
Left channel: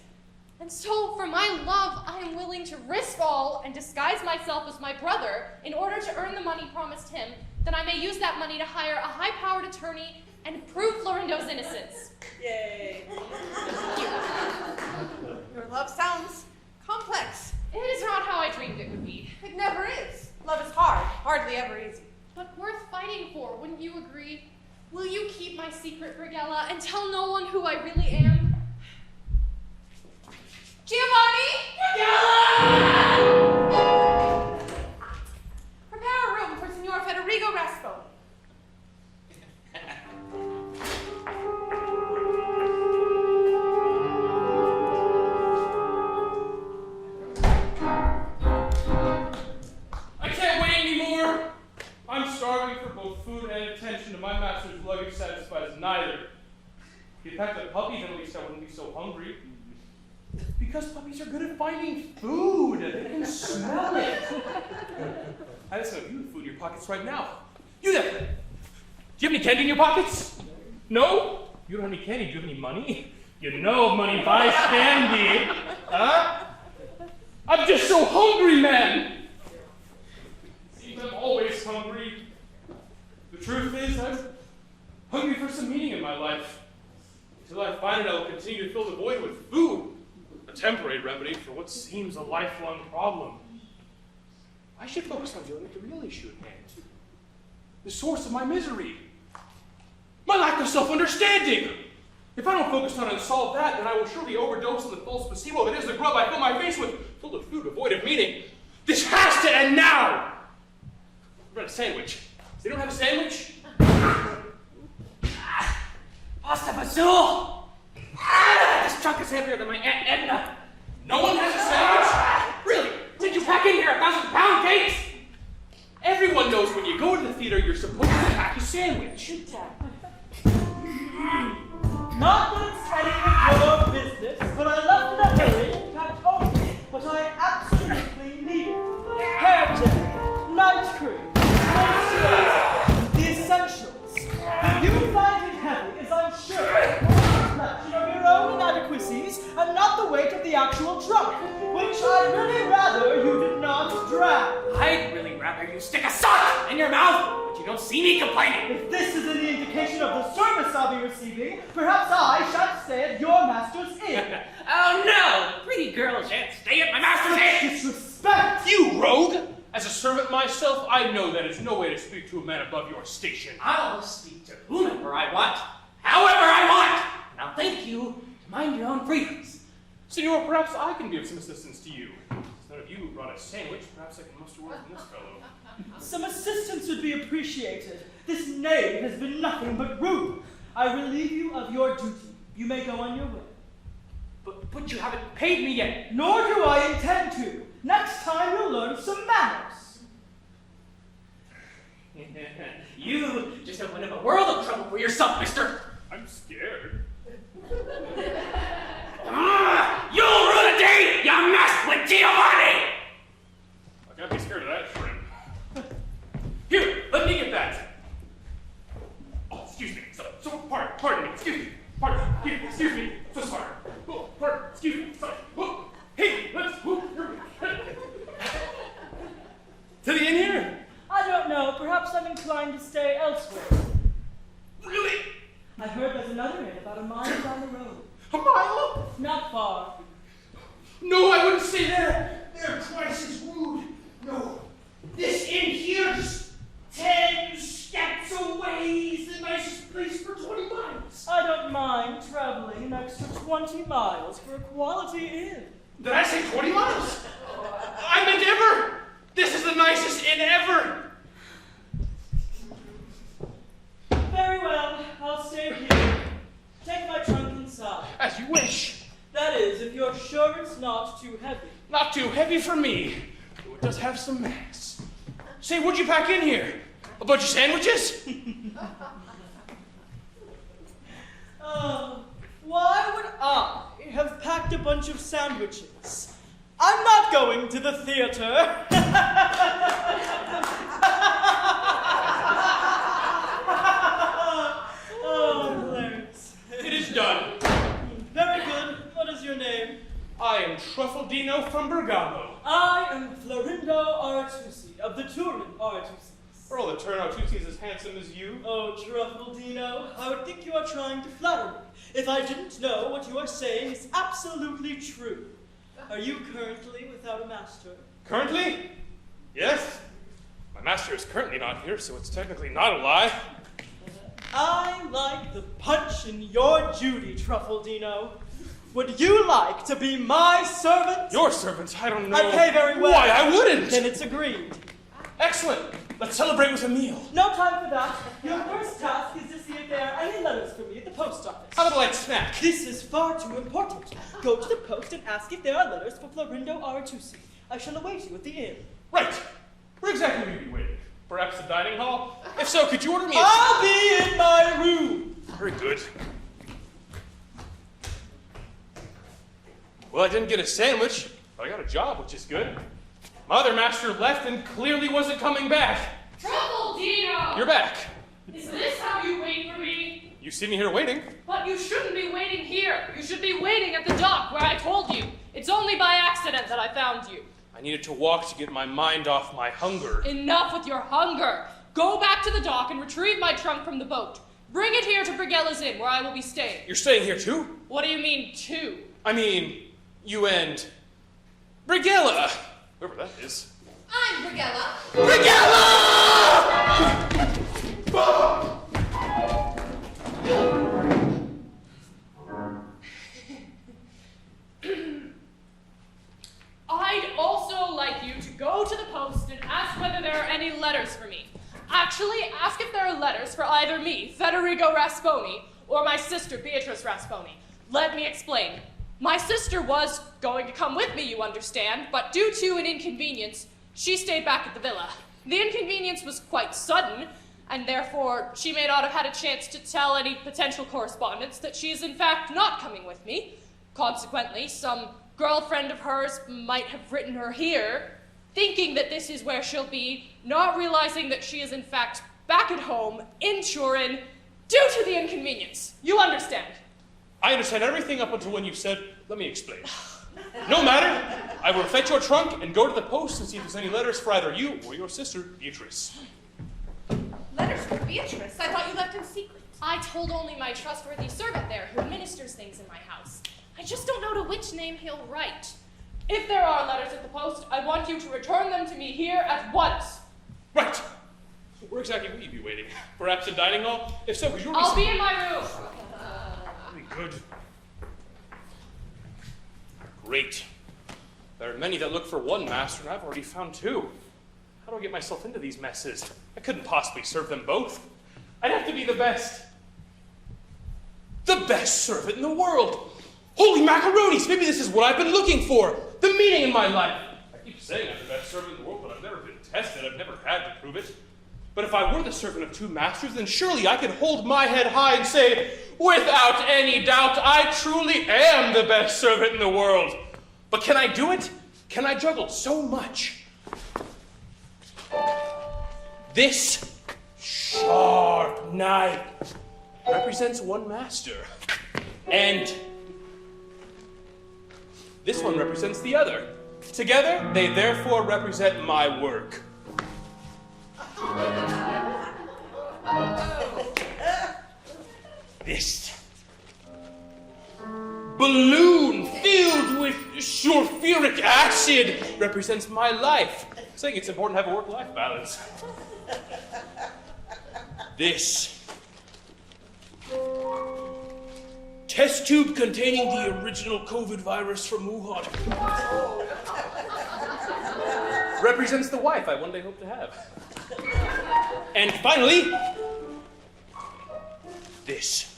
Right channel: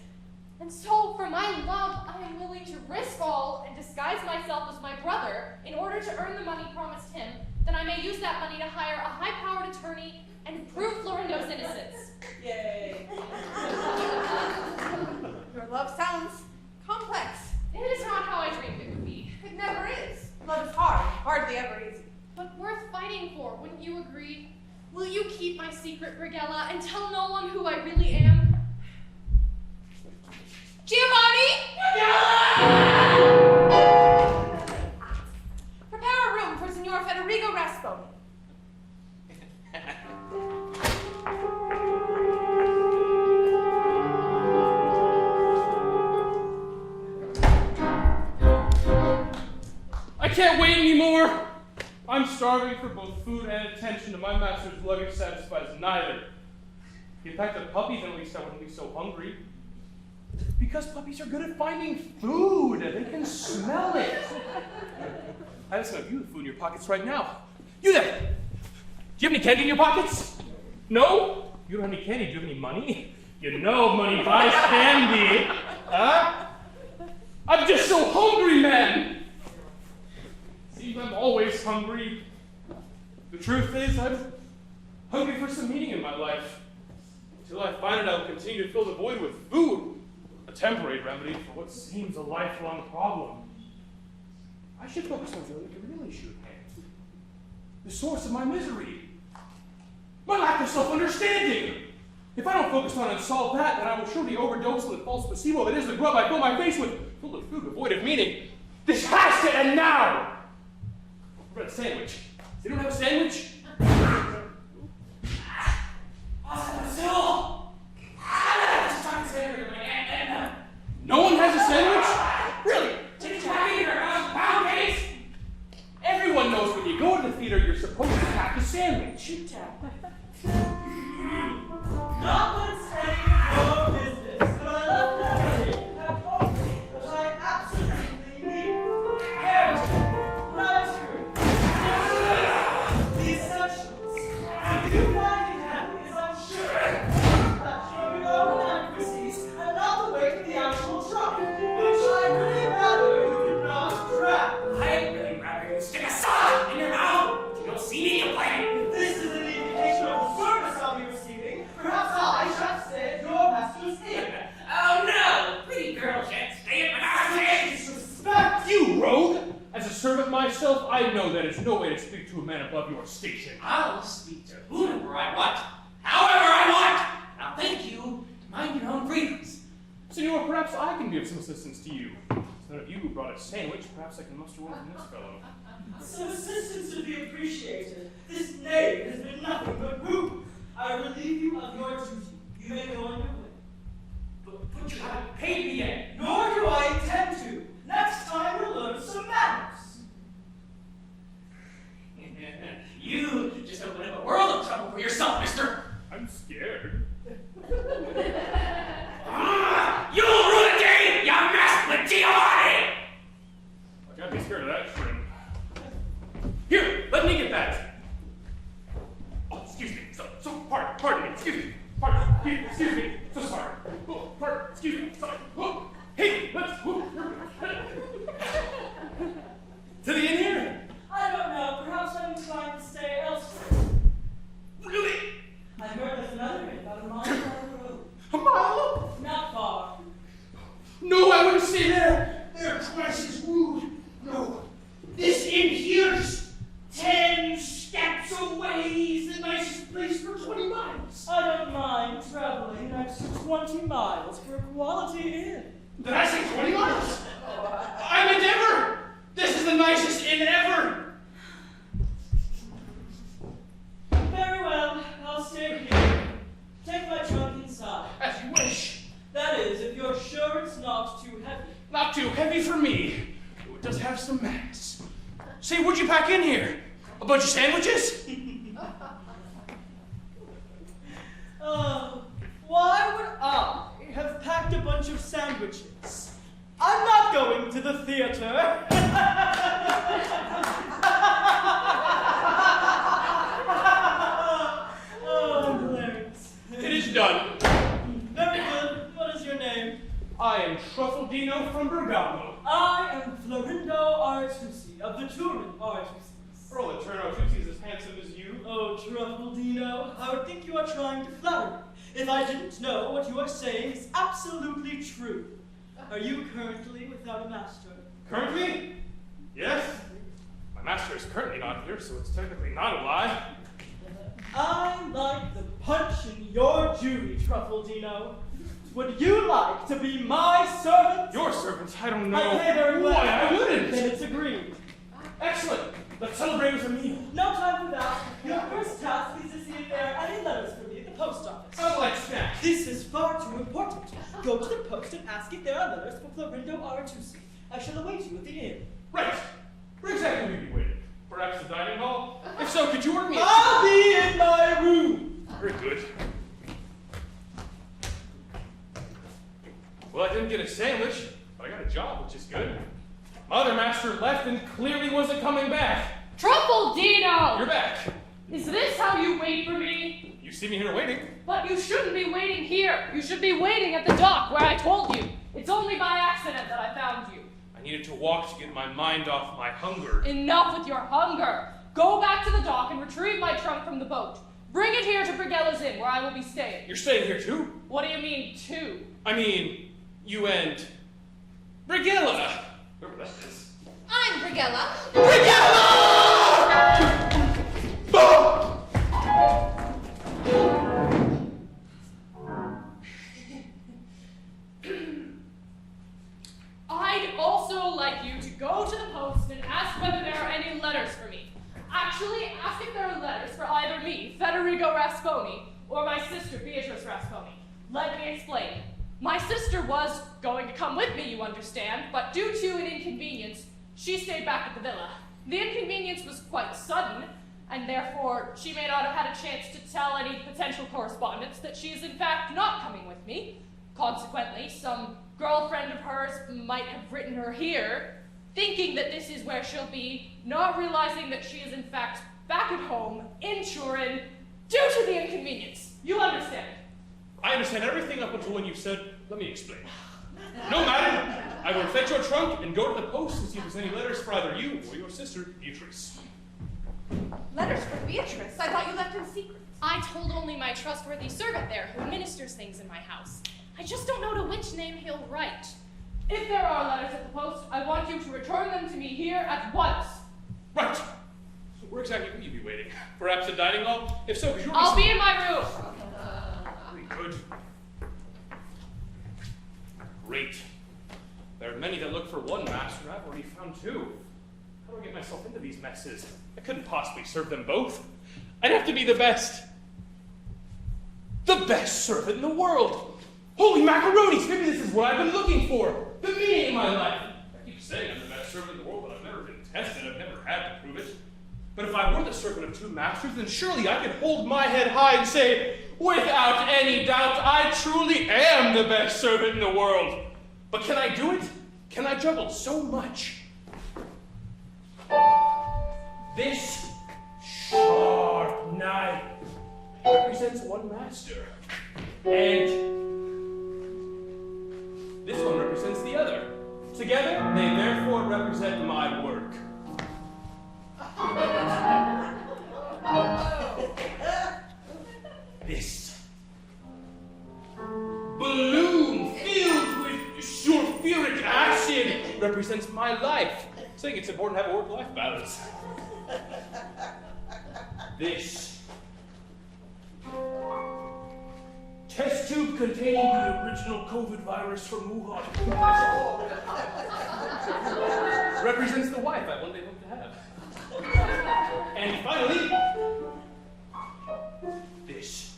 And so, for my love, I am willing to risk all and disguise myself as my brother in order to earn the money promised him, that I may use that money to hire a high-powered attorney and prove Florindo's innocence. Yay. Your love sounds complex. It is not how I dreamed it would be. It never is. Love is hard, hardly ever easy. But worth fighting for, wouldn't you agree? Will you keep my secret, Brigella, and tell no one who I really am? Giovanni! Prepare a room for Signor Federigo Rasponi. I can't wait anymore. I'm starving for both food and attention, and my master's luggage satisfies neither. If he packed a puppy, then at least I wouldn't be so hungry. Because puppies are good at finding food. They can smell it. I have some of you with food in your pockets right now. You there! Do you have any candy in your pockets? No? You don't have any candy. Do you have any money? You know money buys candy. Huh? I'm just so hungry, man. See, I'm always hungry. The truth is, I'm hungry for some meaning in my life. Until I find it, I will continue to fill the void with food. A temporary remedy for what seems a lifelong problem. I should focus on the real issue at hand. The source of my misery. My lack of self-understanding. If I don't focus on and solve that, then I will surely overdose on the false placebo that is the grub I fill my face with, full of food devoid of meaning. This has to end now! What about a sandwich? They don't have a sandwich? Pasta fazool! This truck is heavier than my Aunt Edna. No one has a sandwich? Really? Did you pack in your 1,000-pound case? Everyone knows when you go to the theater, you're supposed to pack a sandwich. Notwithstanding your business, but I love nothing at home. But I absolutely need heritage, night cream, the essentials. You can find me handy, as I'm sure. Your own inadequacies and not the weight of the actual truck, which I really rather you did not drag. I'd really rather you stick a sock in your mouth, but you don't see me complaining. If this is an indication of the service I'll be receiving, perhaps I shan't stay at your master's inn. Oh no! The pretty girl shan't stay at my master's inn! Disrespect! You rogue! As a servant myself, I know that is no way to speak to a man above your station. I'll speak to whomever I want, however I want! Now thank you, mind your own freedoms. Senor, perhaps I can be of some assistance to you. Since none of you brought a sandwich, perhaps I can muster word from this fellow. Some assistance would be appreciated. This knave has been nothing but rude. I relieve you of your duty. You may go on your way. But you haven't paid me yet. Nor do I intend to. Next time you'll learn some manners. You just opened up a world of trouble for yourself, mister. I'm scared. You'll ruin a day, you mess with Giovanni! I can't be scared of that shrimp. Here, let me get that. Oh, excuse me. So, excuse me. So sorry. Oh, pardon. Excuse me. Sorry. Oh, hey, let's. Oh, here we go. To the inn here? I don't know. Perhaps I'm inclined to stay elsewhere. Really? I heard there's another inn about a mile down the road. A mile? Not far. No, I wouldn't stay there. They're twice as rude. No, this inn here's 10 steps away. It's the nicest place for 20 miles. I don't mind traveling an extra 20 miles for a quality inn. Did I say 20 miles? I meant ever. This is the nicest inn ever. Very well, I'll stay here. Take my trunk inside. As you wish. That is, if you're sure it's not too heavy. Not too heavy for me. It does have some mass. Say, what'd you pack in here? A bunch of sandwiches? Why would I have packed a bunch of sandwiches? I'm not going to the theater. Oh, hilarious. It is done. Very good. What is your name? I am Truffaldino from Bergamo. I am Florindo Artusi of the Turin Artusis. Earl that turn out Tucci's as handsome as you. Oh, Truffaldino, I would think you are trying to flatter me if I didn't know what you are saying is absolutely true. Are you currently without a master? Currently? Yes. My master is currently not here, so it's technically not a lie. I like the punch in your Judy, Truffaldino. Would you like to be my servant? Your servant? I don't know. I pay very well. Why, I wouldn't. Then it's agreed. Excellent. Let's celebrate with a meal. No time for that. Your first task is to see if there are any letters for me at the post office. How would I like snack? This is far too important. Go to the post and ask if there are letters for Florindo Artusi. I shall await you at the inn. Right. Where exactly will you be waiting? Perhaps the dining hall? If so, could you order me a... I'll be in my room. Very good. Well, I didn't get a sandwich, but I got a job, which is good. My other master left and clearly wasn't coming back. Truffaldino! You're back. Is this how you wait for me? You see me here waiting. But you shouldn't be waiting here. You should be waiting at the dock where I told you. It's only by accident that I found you. I needed to walk to get my mind off my hunger. Enough with your hunger. Go back to the dock and retrieve my trunk from the boat. Bring it here to Brigella's Inn, where I will be staying. You're staying here too? What do you mean, too? I mean, you and... Brigella! Whoever that is. I'm Brigella. Brigella! I'd also like you to go to the post and ask whether there are any letters for me. Actually, ask if there are letters for either me, Federico Rasponi, or my sister, Beatrice Rasponi. Let me explain. My sister was going to come with me, you understand, but due to an inconvenience, she stayed back at the villa. The inconvenience was quite sudden, and therefore she may not have had a chance to tell any potential correspondents that she is in fact not coming with me. Consequently, some girlfriend of hers might have written her here, thinking that this is where she'll be, not realizing that she is in fact back at home in Turin due to the inconvenience. You understand? I understand everything up until when you said, let me explain. No matter. I will fetch your trunk and go to the post and see if there's any letters for either you or your sister, Beatrice. Letters for Beatrice? I thought you left in secret. I told only my trustworthy servant there who administers things in my house. I just don't know to which name he'll write. If there are letters at the post, I want you to return them to me here at once. Right. Where exactly will you be waiting? Perhaps a dining hall? If so, could you... I'll be in my room. Very good. Great. There are many that look for one master, and I've already found two. How do I get myself into these messes? I couldn't possibly serve them both. I'd have to be the best. The best servant in the world. Holy macaronis! Maybe this is what I've been looking for. The meaning of my life. I keep saying I'm the best servant in the world, but I've never been tested. I've never had to prove it. But if I were the servant of two masters, then surely I could hold my head high and say, without any doubt, I truly am the best servant in the world. But can I do it? Can I juggle so much? This sharp knife represents one master. And Together, they therefore represent my work. This balloon filled with sulfuric acid represents my life. Saying it's important to have a work-life balance. This test tube containing the original COVID virus from Wuhan represents the wife I one day hope to have. And finally, this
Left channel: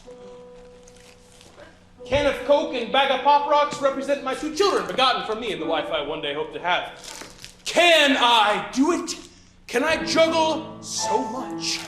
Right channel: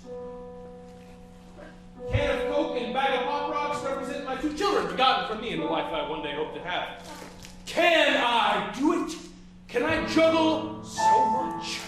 can of Coke and bag of Pop Rocks represent my 2 children begotten from me and the life I one day hope to have. Can I do it? Can I juggle so much?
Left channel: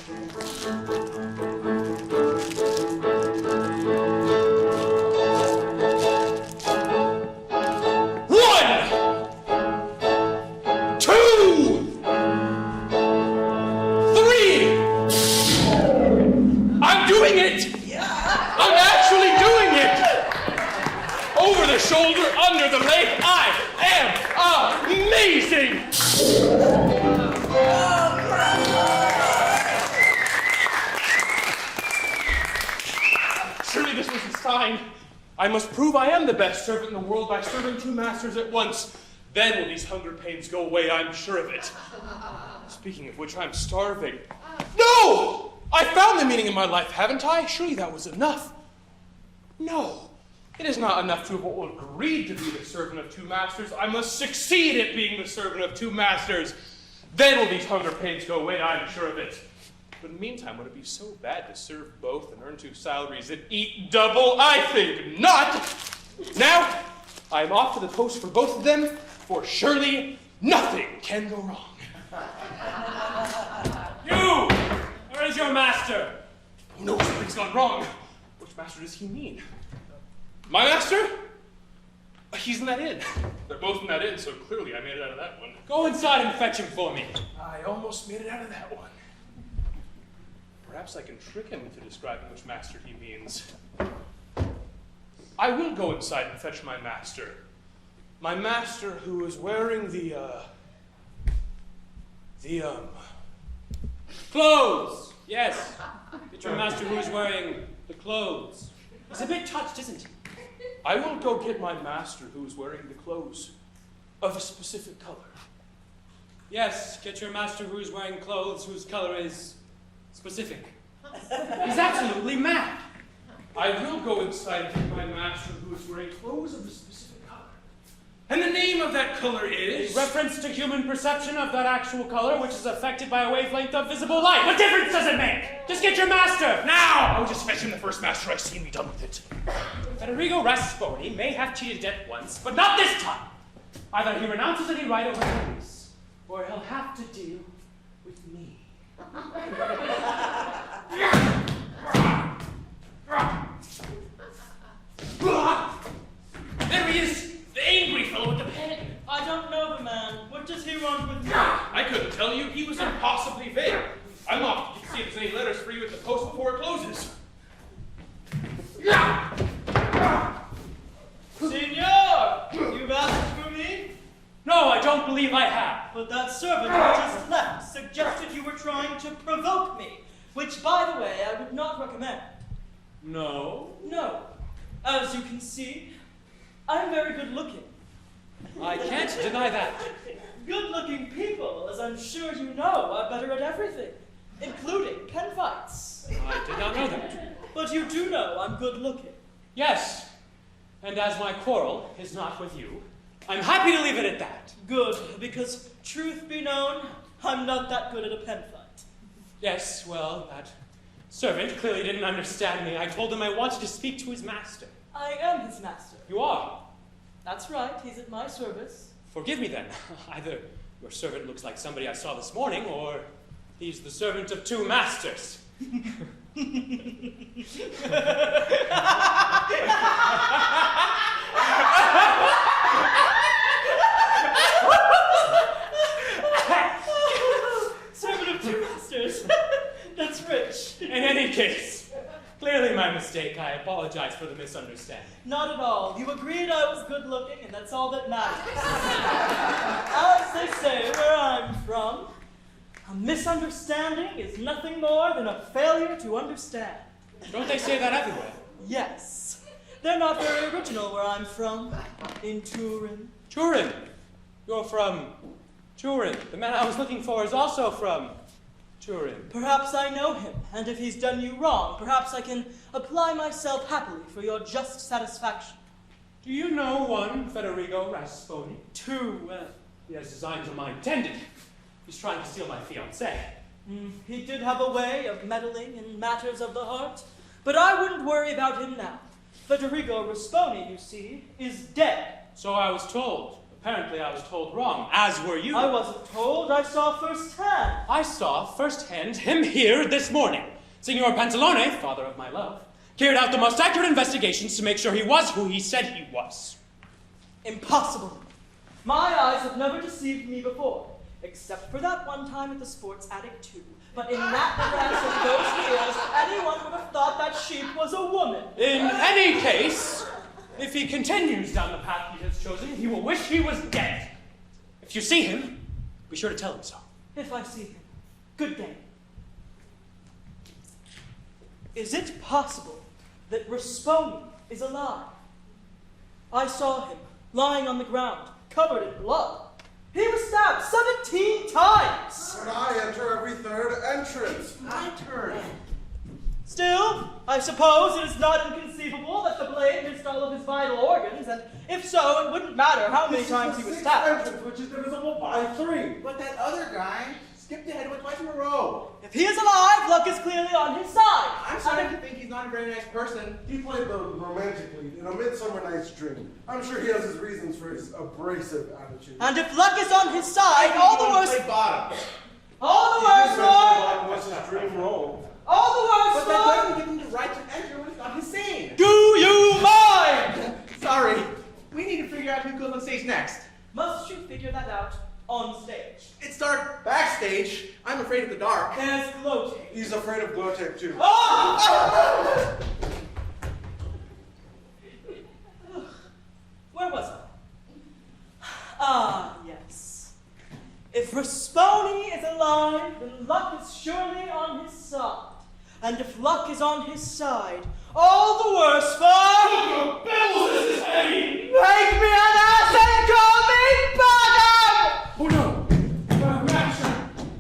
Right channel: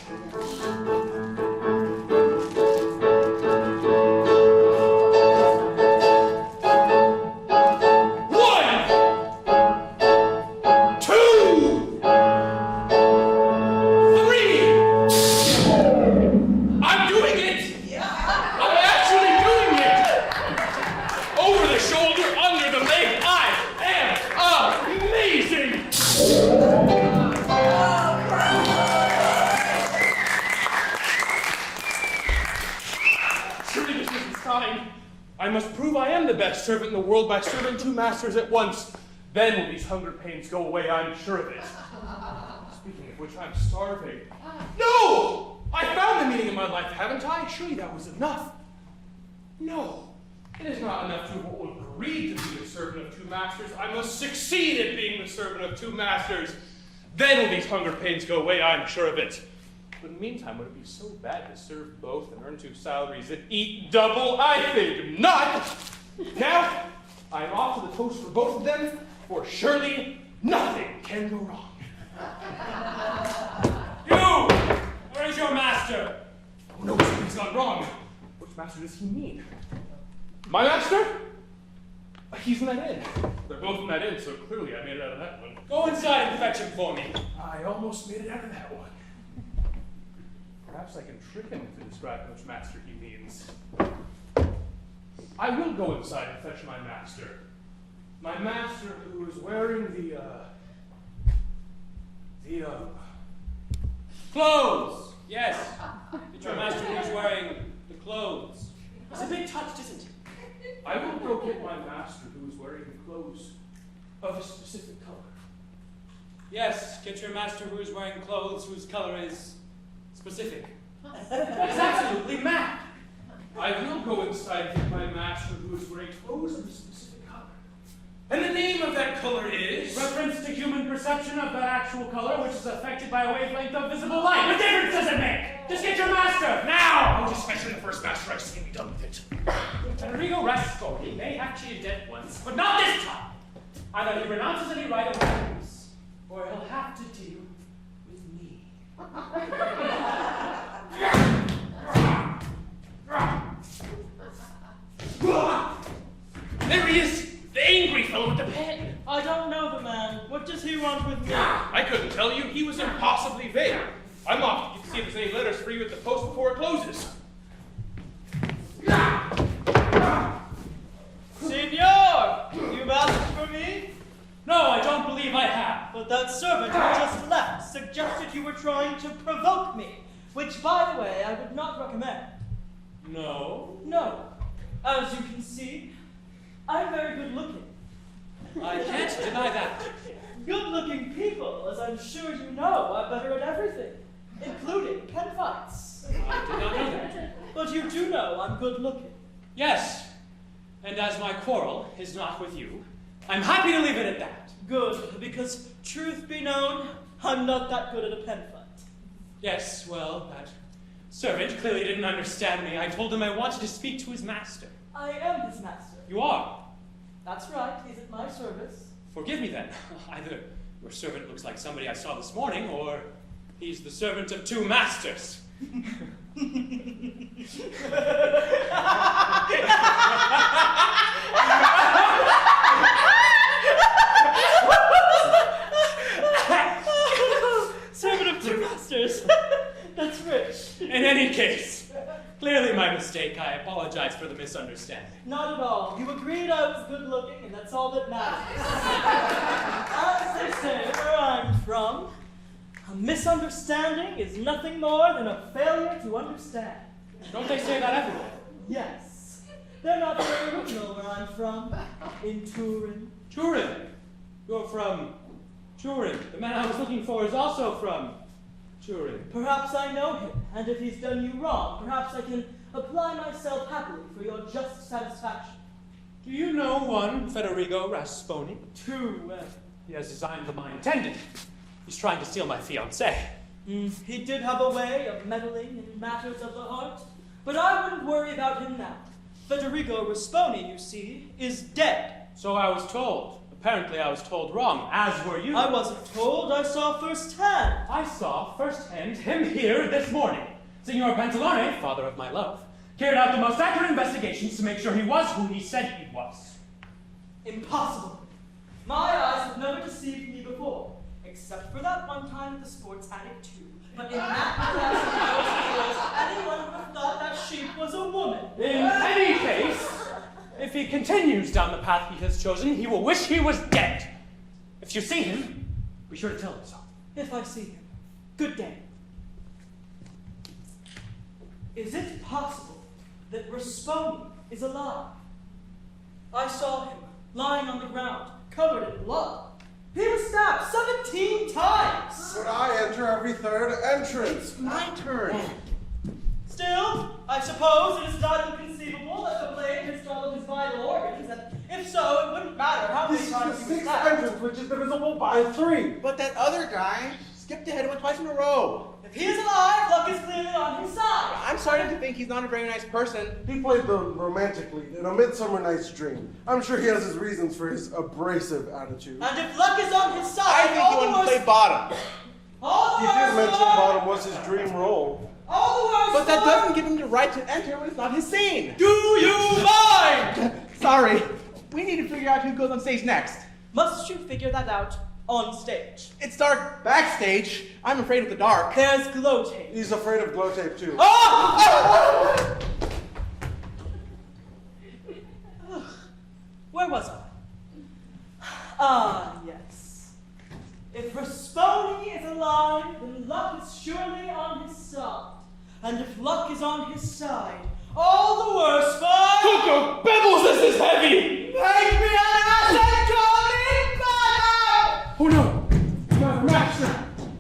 9. I must prove I am the best servant in the world by serving 2 masters at once. Then will these hunger pains go away, I'm sure of it. Speaking of which, I'm starving. No! I found the meaning of my life, haven't I? Surely that was enough. No, it is not enough to have agreed to be the servant of 2 masters. I must succeed at being the servant of 2 masters. Then will these hunger pains go away, I'm sure of it. But in the meantime, would it be so bad to serve both and earn 2 salaries and eat double? I think not. Now, I am off to the coast for both of them, for surely nothing can go wrong. You! Where is your master? Oh no, something's gone wrong. Which master does he mean? My master? He's in that inn. They're both in that inn, so clearly I made it out of that one. Go inside and fetch him for me. I almost made it out of that one. Perhaps I can trick him into describing which master he means. I will go inside and fetch my master. My master who is wearing the clothes! Yes. It's your master who's wearing the clothes. He's a bit touched, isn't he? I will go get my master who is wearing the clothes of a specific color. Yes, get your master who's wearing clothes whose color is specific. He's absolutely mad. I will go inside and get my master who is wearing clothes of a specific color. And the name of that color is... Reference to human perception of that actual color, which is affected by a wavelength of visible light. What difference does it make? Just get your master, now! I'll just fetch him the first master I see and be done with it. Federico Rasconi may have cheated debt once, but not this time. Either he renounces any right of his, or he'll have to deal with me. There he is! The angry fellow with the pen! I don't know the man. What does he want with me? I couldn't tell you. He was impossibly vague. I'm off to see if there's any letters for you at the post before it closes. Senor! You've asked for me? No, I don't believe I have. But that servant who just left suggested you were trying to provoke me, which, by the way, I would not recommend. No? No. As you can see, I'm very good looking. I can't deny that. Good-looking people, as I'm sure you know, are better at everything, including pen fights. I did not know that. But you do know I'm good-looking. Yes, and as my quarrel is not with you, I'm happy to leave it at that. Good, because truth be known, I'm not that good at a pen fight. Yes, well, that servant clearly didn't understand me. I told him I wanted to speak to his master. I am his master. You are? That's right, he's at my service. Forgive me then. Either your servant looks like somebody I saw this morning, or he's the servant of 2 masters. Servant of 2 masters. That's rich. In any case, clearly my mistake. I apologize for the misunderstanding. then. Not at all. You agreed I was good looking, and that's all that matters. As they say where I'm from, a misunderstanding is nothing more than a failure to understand. Don't they say that everywhere? Yes. They're not very original where I'm from. In Turin. Turin. You're from Turin. The man I was looking for is also from Turin. Perhaps I know him, and if he's done you wrong, perhaps I can apply myself happily for your just satisfaction. Do you know one Federico Rasponi? Two. He has designs of mine intended. He's trying to steal my fiancée. He did have a way of meddling in matters of the heart, but I wouldn't worry about him now. Federico Rasponi, you see, is dead. So I was told. Apparently I was told wrong, as were you. I wasn't told, I saw firsthand. I saw firsthand him here this morning. Signor Pantalone, father of my love, carried out the most accurate investigations to make sure he was who he said he was. Impossible. My eyes have never deceived me before, except for that one time at the Sports Attic 2. But in that house of those years, anyone would have thought that sheep was a woman. In any case, if he continues down the path he has chosen, he will wish he was dead. If you see him, be sure to tell him so. If I see him, good day. Is it possible that Rasponi is alive? I saw him lying on the ground, covered in blood. He was stabbed 17 times! But I enter every third entrance. My turn. Still, I suppose it is not inconceivable that the blade missed all of his vital organs, and if so, it wouldn't matter how many This is times the he was sixth stabbed. entrance, which is divisible by 3. But that other guy skipped ahead one twice in a row. If he is alive, luck is clearly on his side. I'm starting to think he's not a very nice person. He played the romantic lead in A Midsummer Night's Dream. I'm sure he has his reasons for his abrasive attitude. And if luck is on his I side, think all he the wanted to worse. play bottom. All He the did worse. mention for- bottom was his dream role. All the worse. But that for- doesn't give him the right to enter when it's not his scene. Do you mind? Sorry. We need to figure out who goes on stage next. Must you figure that out on stage? It's dark backstage. I'm afraid of the dark. There's glow tape. He's afraid of glow tape too. Oh! Where was I? Ah, yes. If Rasponi is alive, then luck is surely on his side. And if luck is on his side, all the worse for... Coco Bells, this is heavy! Make me an ass and call me bottom! Oh no! It's my master!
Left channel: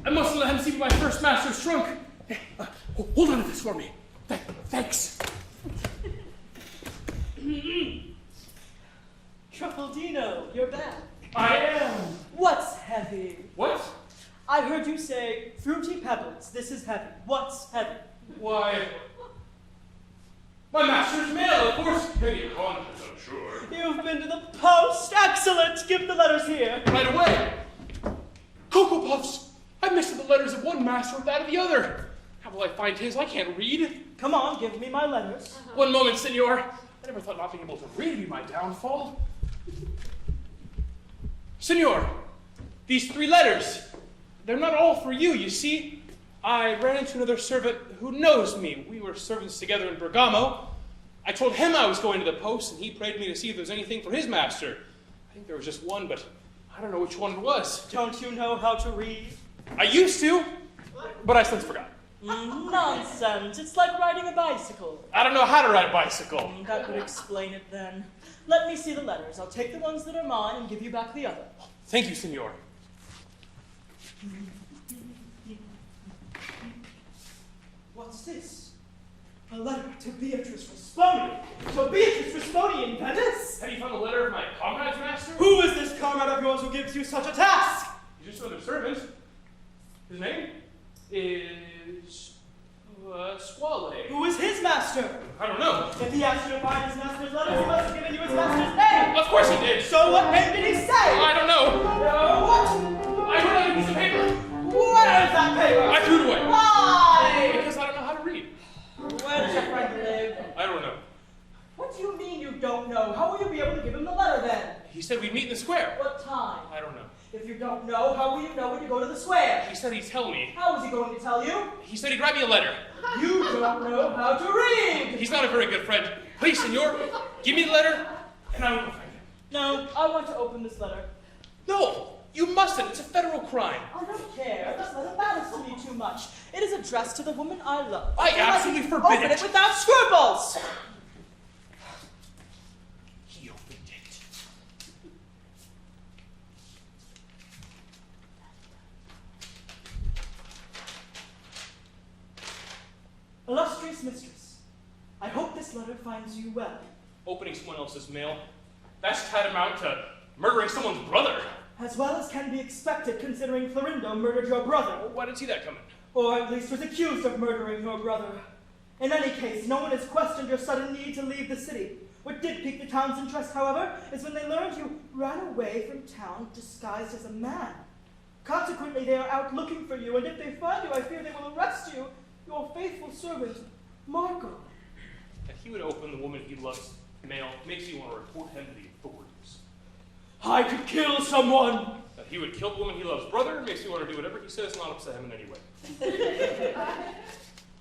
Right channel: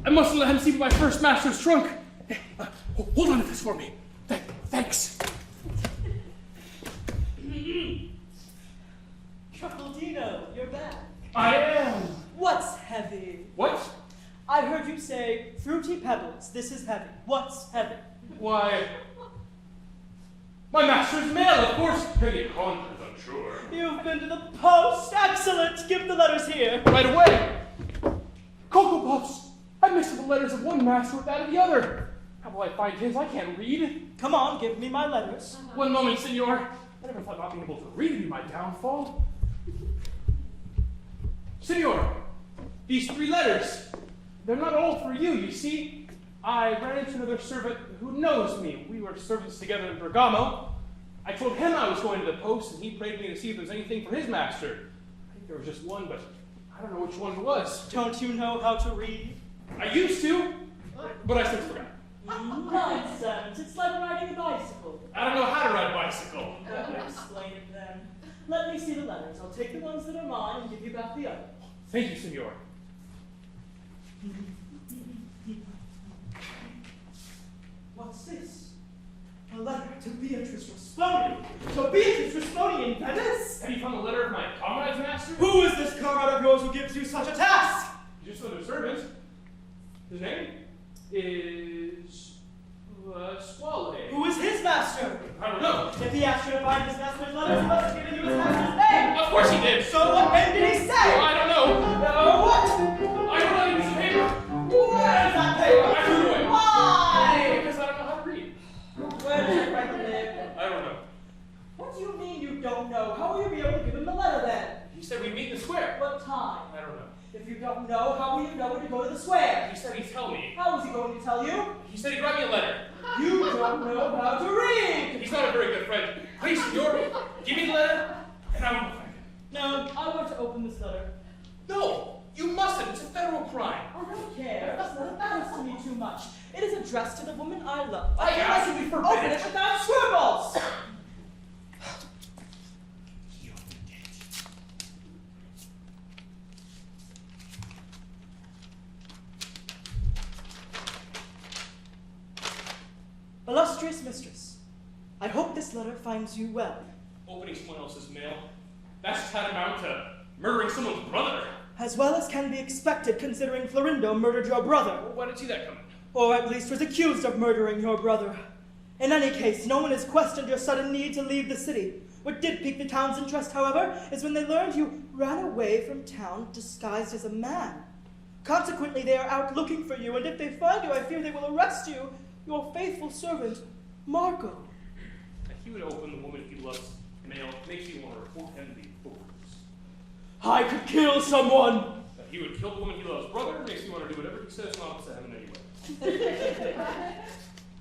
I must let him see my first master's trunk. Hey, hold on to this for me. Thanks. Truffaldino, you're back. I am. What's heavy? What? I heard you say, fruity pebbles, this is heavy. What's heavy? Why, my master's mail, of course. Heavy contents, I'm sure. You've been to the post? Excellent! Give the letters here. Right away. Cocoa Puffs! I mixed the letters of one master with that of the other. How will I find his? I can't read. Come on, give me my letters. One moment, senor. I never thought not being able to read would be my downfall. Senor, these 3 letters, they're not all for you, you see. I ran into another servant who knows me. We were servants together in Bergamo. I told him I was going to the post, and he prayed me to see if there was anything for his master. I think there was just one, but I don't know which one it was. Don't you know how to read? I used to, but I since forgot. Nonsense. It's like riding a bicycle. I don't know how to ride a bicycle. That would explain it then. Let me see the letters. I'll take the ones that are mine and give you back the other. Thank you, senor. What's this? A letter to Beatrice Rasponi. To Beatrice Rasponi in Venice? Have you found the letter of my comrade's master? Who is this comrade of yours who gives you such a task? Just another servant. His name is Squale. Who is his master? I don't know. If he asked you to find his master's letters, he must have given you his master's name. Of course he did. So what name did he say? Well, I don't know. What? I don't know. Piece of paper. Where is that paper? I threw it away. Why? Because I don't know how to read. Where did you write the name? I don't know. What do you mean you don't know? How will you be able to give him the letter then? He said we'd meet in the square. What time? I don't know. If you don't know, how will you know when you go to the square? He said he'd tell me. How is he going to tell you? He said he'd write me a letter. You don't know how to read! He's not a very good friend. Please, senor, Give me the letter, and I will go find it. No, I want to open this letter. No, you mustn't. It's a federal crime. I don't care. This letter matters to me too much. It is addressed to the woman I love. I absolutely forbid Open it. it without scruples! He opened it. Illustrious mistress, I hope this letter finds you well. Opening someone else's mail, that's tantamount to murdering someone's brother. As well as can be expected considering Florindo murdered your brother. Well, why did you see that coming? Or at least was accused of murdering your brother. In any case, no one has questioned your sudden need to leave the city. What did pique the town's interest, however, is when they learned you ran away from town disguised as a man. Consequently, they are out looking for you, and if they find you, I fear they will arrest you, your faithful servant, Marco. That he would open the woman he loves mail makes me want to report him to the authorities. I could kill someone! That he would kill the woman he loves brother makes me want to do whatever he says, not upset him in any way.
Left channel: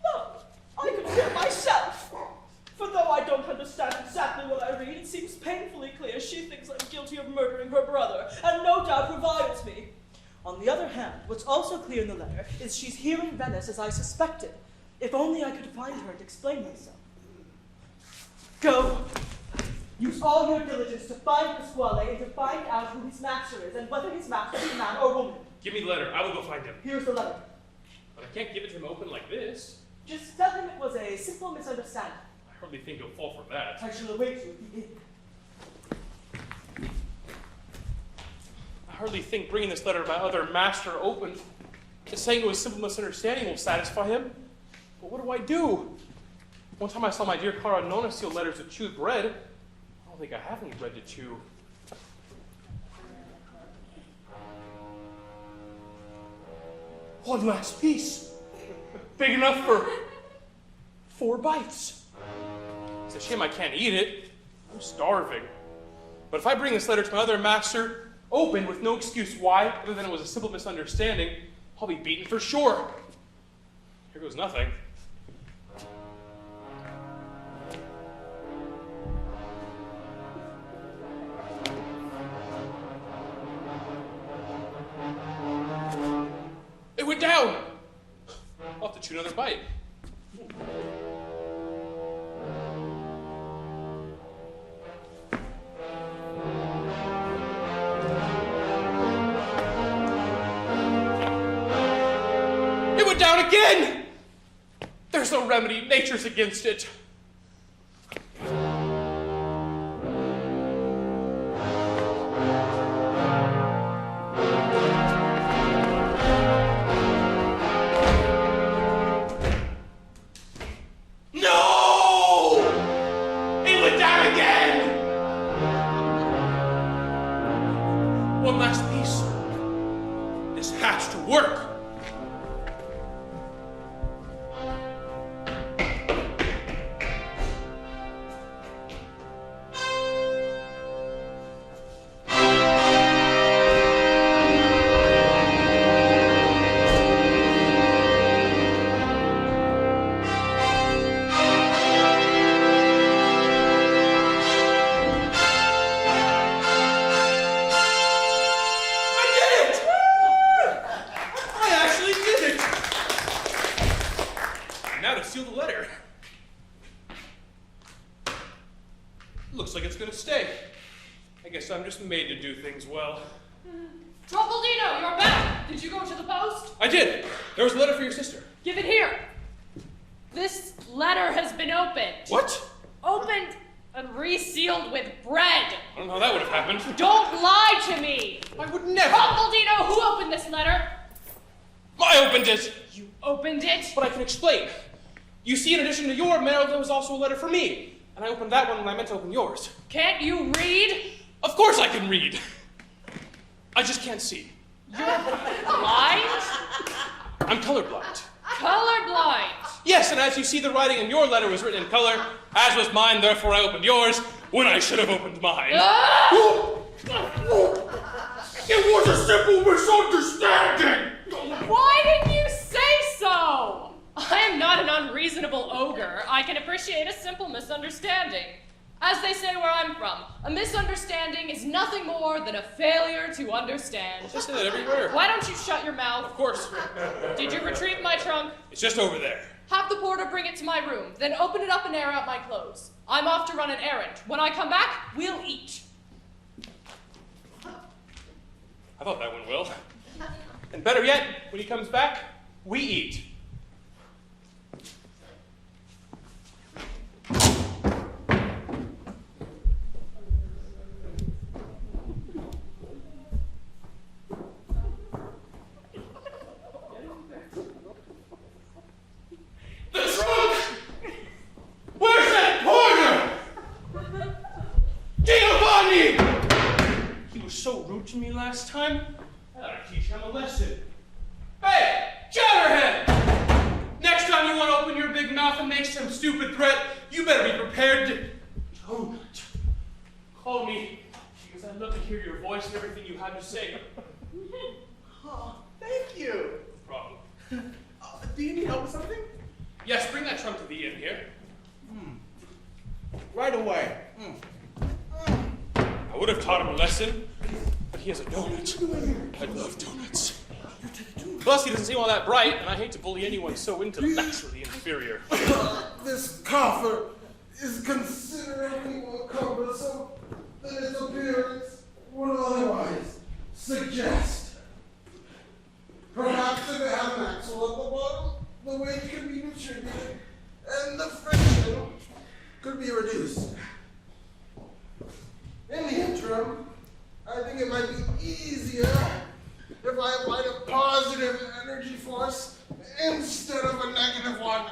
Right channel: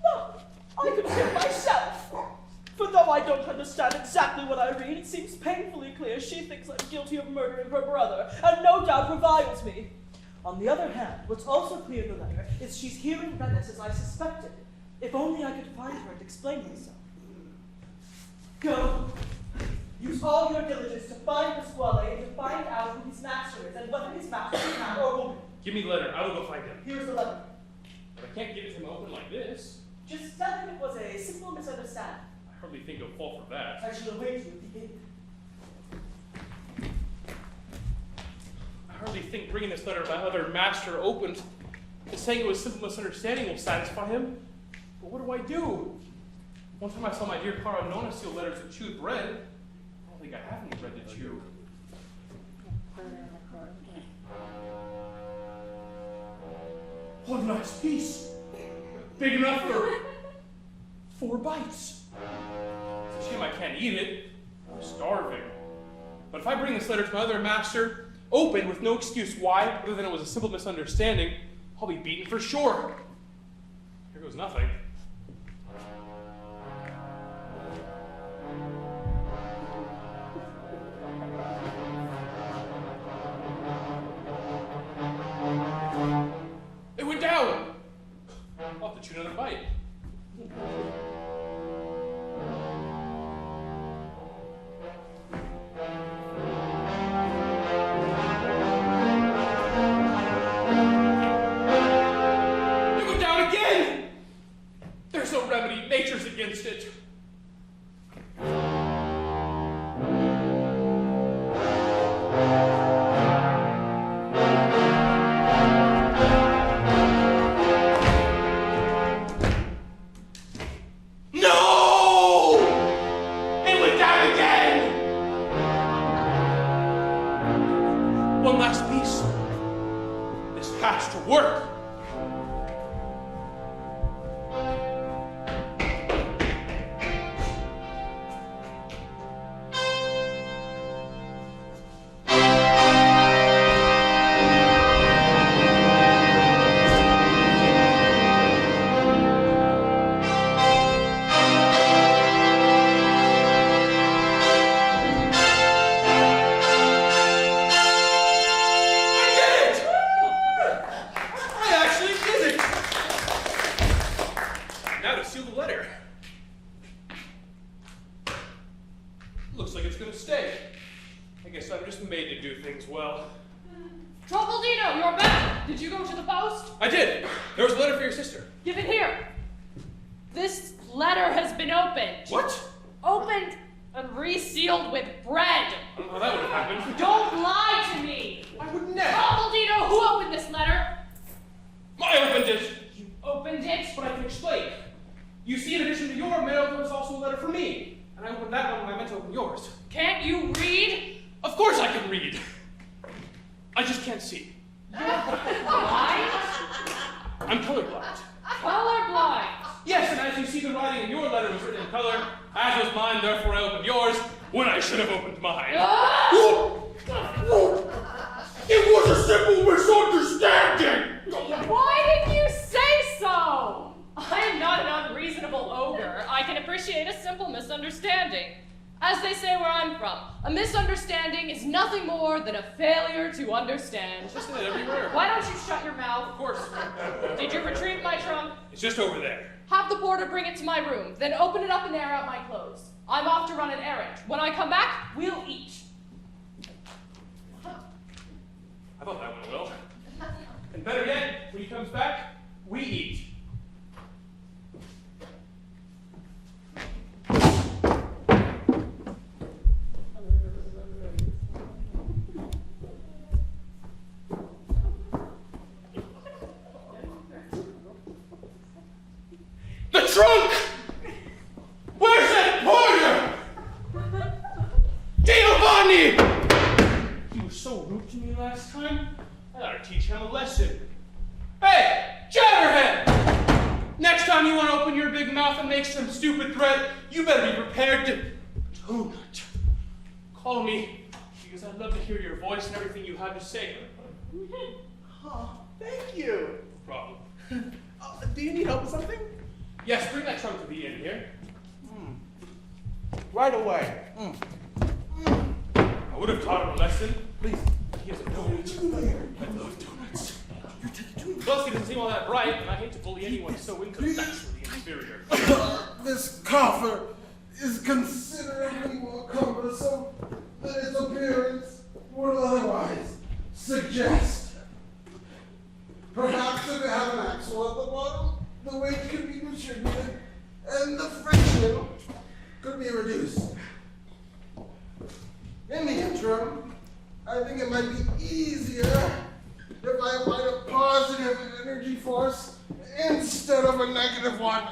Look, I could kill myself! For though I don't understand exactly what I read, it seems painfully clear she thinks I'm guilty of murdering her brother, and no doubt reviles me. On the other hand, what's also clear in the letter is she's here in Venice as I suspected. If only I could find her and explain myself. Go! Use all your diligence to find Pasquale and to find out who his master is, and whether his master is man or woman. Give me the letter. I will go find him. Here's the letter. But I can't give it to him open like this. Just tell him it was a simple misunderstanding. I hardly think he'll fall for that. I shall await you if you begin. I hardly think bringing this letter to my other master opened to saying it was simple misunderstanding will satisfy him. But what do I do? One time I saw my dear Clara Nona seal letters with chewed bread. I don't think I have any bread to chew. One last piece. Big enough for 4 bites. It's a shame I can't eat it. I'm starving. But if I bring this letter to my other master, open with no excuse why, other than it was a simple misunderstanding, I'll be beaten for sure. Here goes nothing. It went down. I'll have to chew another bite. It went down again. There's no remedy. Nature's against it. One last piece. This has to work. Looks like it's gonna stay. I guess I'm just made to do things well. Truffaldino, you're back! Did you go to the post? I did. There was a letter for your sister. Give it here. This letter has been opened. What? Opened and resealed with bread. I don't know how that would have happened. Don't lie to me. I would never. Truffaldino, who opened this letter? I opened it. You opened it? But I can explain. You see, in addition to your mail, there was also a letter for me. And I opened that one when I meant to open yours. Can't you read? Of course I can read. I just can't see. Blind? I'm colorblind. Colorblind. Yes, and as you see, the writing in your letter was written in color, as was mine, therefore I opened yours when I should have opened mine. It was a simple misunderstanding! Why didn't you say so? I am not an unreasonable ogre. I can appreciate a simple misunderstanding. As they say where I'm from, a misunderstanding is nothing more than a failure to understand. I say that everywhere. Why don't you shut your mouth? Of course. Did you retrieve my trunk? It's just over there. Have the porter bring it to my room, then open it up and air out my clothes. I'm off to run an errand. When I come back, we'll eat. I thought that went well. And better yet, when he comes back, we eat. The trunk! Where's that porter? Giovanni! He was so rude to me last time. I gotta teach him a lesson. Hey, Jabberhead! Next time you want to open your big mouth and make some stupid threat, you better be prepared to donut. Call me, because I'd love to hear your voice and everything you have to say. Oh, thank you. No problem. Do you need help with something? Yes, bring that trunk to the inn here. Right away. I would have taught him a lesson. Please. But he has a donut. I love donuts. Plus, he doesn't seem all that bright, and I hate to bully anyone so intellectually inferior. This coffer is considerably more cumbersome than its appearance would otherwise suggest. Perhaps if it had an axle at the bottom, the weight could be distributed and the friction could be reduced. In the interim, I think it might be easier if I applied a positive energy force instead of a negative one.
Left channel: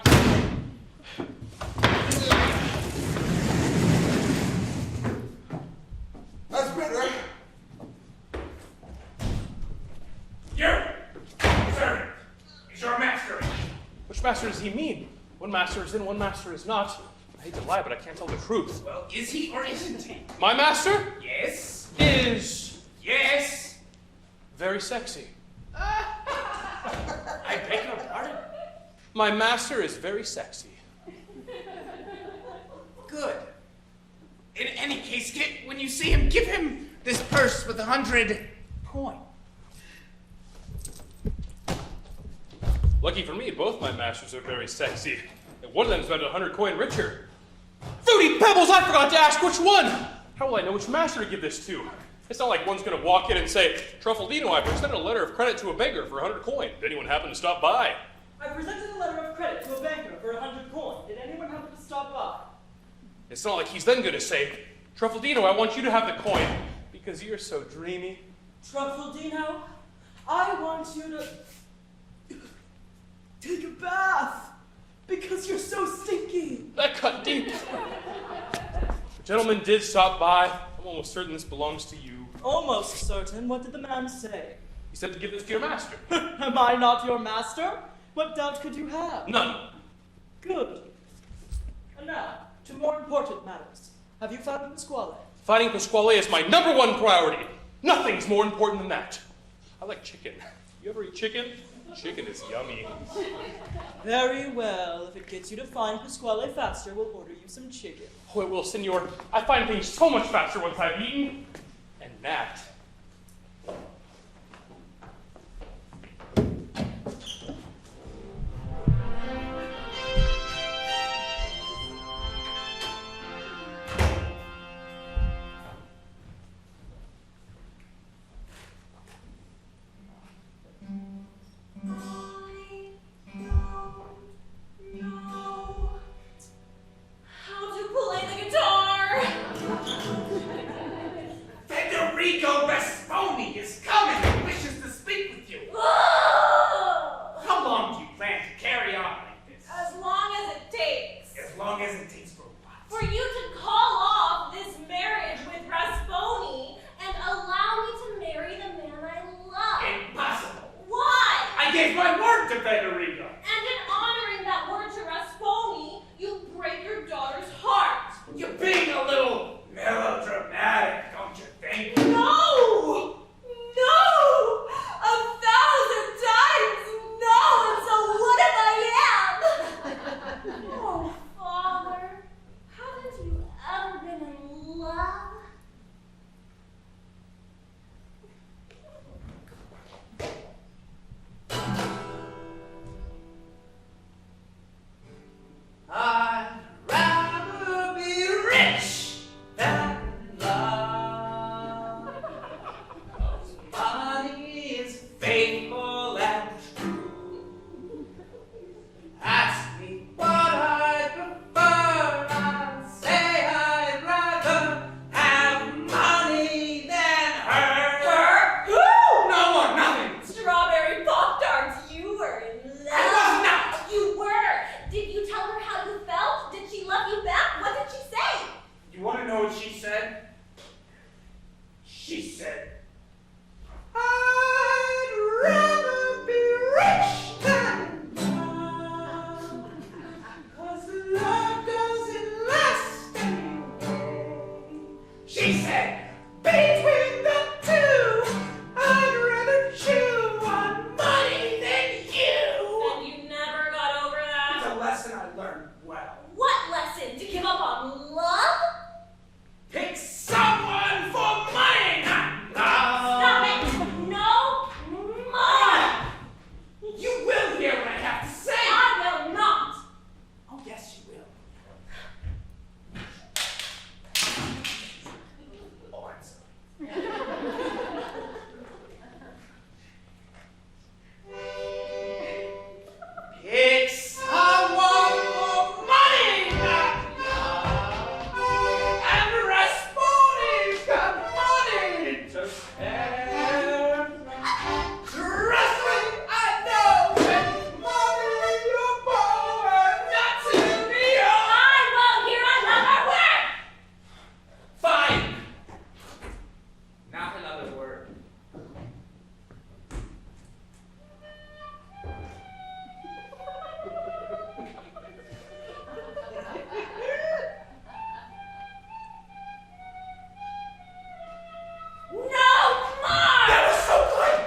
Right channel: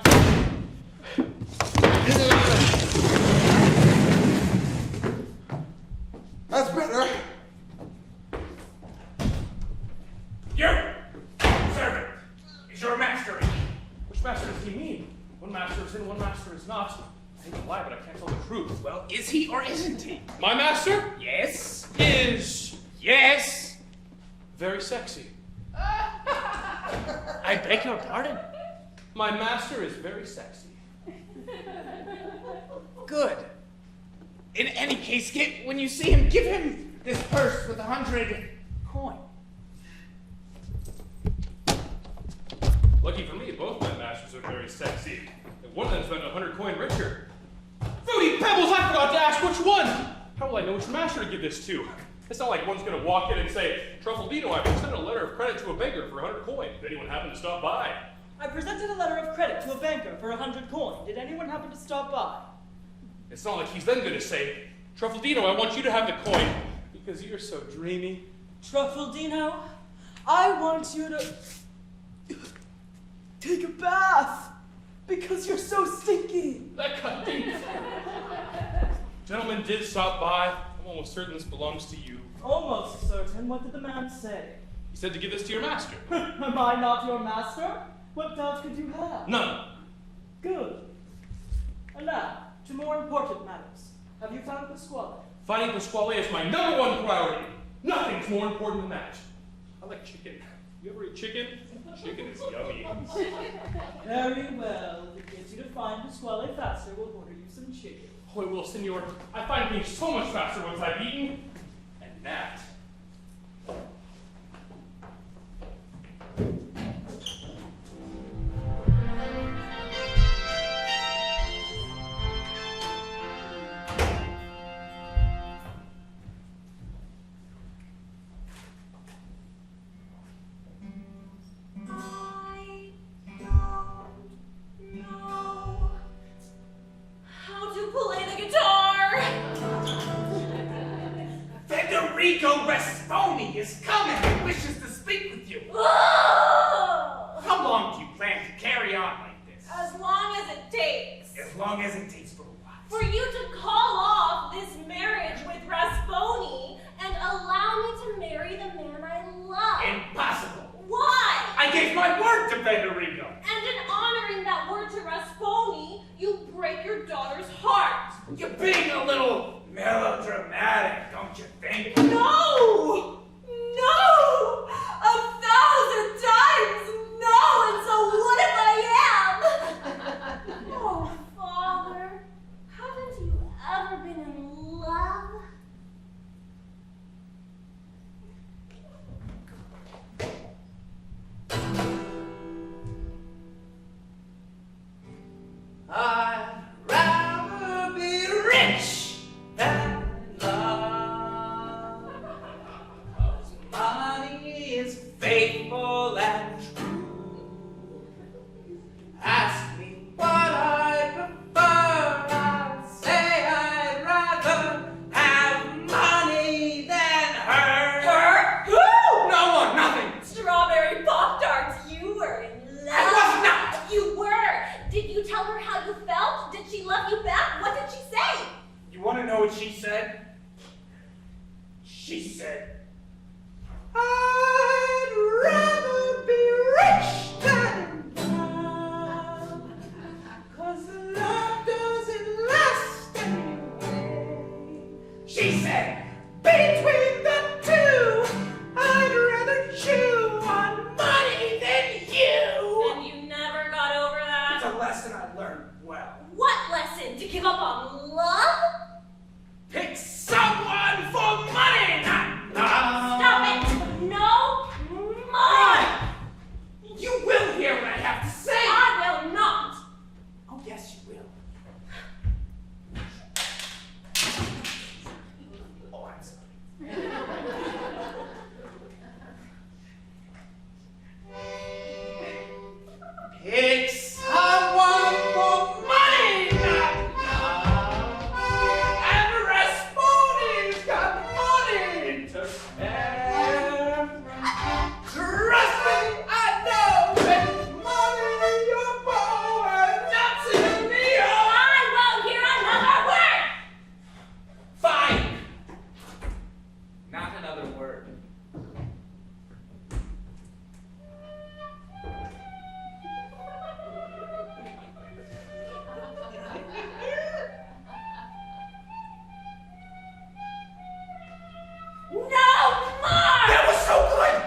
That's better. You! Servant! Is your master in? Which master does he mean? One master is in, one master is not. I hate to lie, but I can't tell the truth. Well, is he or isn't he? My master Yes. is Yes. very sexy. I beg your pardon? My master is very sexy. Good. In any case, when you see him, give him this purse with 100 coins. Lucky for me, both my masters are very sexy. And one of them's about 100 coin richer. Fruity Pebbles, I forgot to ask which one! How will I know which master to give this to? It's not like one's gonna walk in and say, Truffaldino, I presented a letter of credit to a beggar for 100 coin. Did anyone happen to stop by? I presented a letter of credit to a banker for 100 coin. Did anyone happen to stop by? It's not like he's then gonna say, Truffaldino, I want you to have the coin because you're so dreamy. Truffaldino, I want you to take a bath because you're so stinky. That cut deep. Gentleman did stop by. I'm almost certain this belongs to you. Almost certain. What did the man say? He said to give this to your master. Am I not your master? What doubt could you have? None. Good. And now, to more important matters. Have you found Pasquale? Finding Pasquale is my #1 priority. Nothing's more important than that. I like chicken. You ever eat chicken? Chicken is yummy. Very well. If it gets you to find Pasquale faster, we'll order you some chicken. Oh, it will, senor. I find things so much faster once I've eaten. And that. Federico Rasponi is coming and wishes to speak with you. How long do you plan to carry on like this? As long as it takes. As long as it takes for what? For you to call off this marriage with Rasponi and allow me to marry the man I love. Impossible. Why? I gave my word to Federico. And in honoring that word to Rasponi, you break your daughter's heart. You're being a little melodramatic, don't you think? No! No! said? She said, I'd rather be rich than love, 'cause love doesn't last anyway. she said, Between the two, I'd rather chew on money than you. And you never got over it's that? a lesson I learned well. What lesson? To give up on love? Pick someone for money, not love. Stop it! No more! You will hear what I have to say. I will not! Oh, yes, you will. Oh, I'm sorry. Pick someone for money, not love. And Rasputin's got money to spend. Trust me, I know it's money you're born not to me. I won't hear another word! Fine. Not another word. No more! That was so good.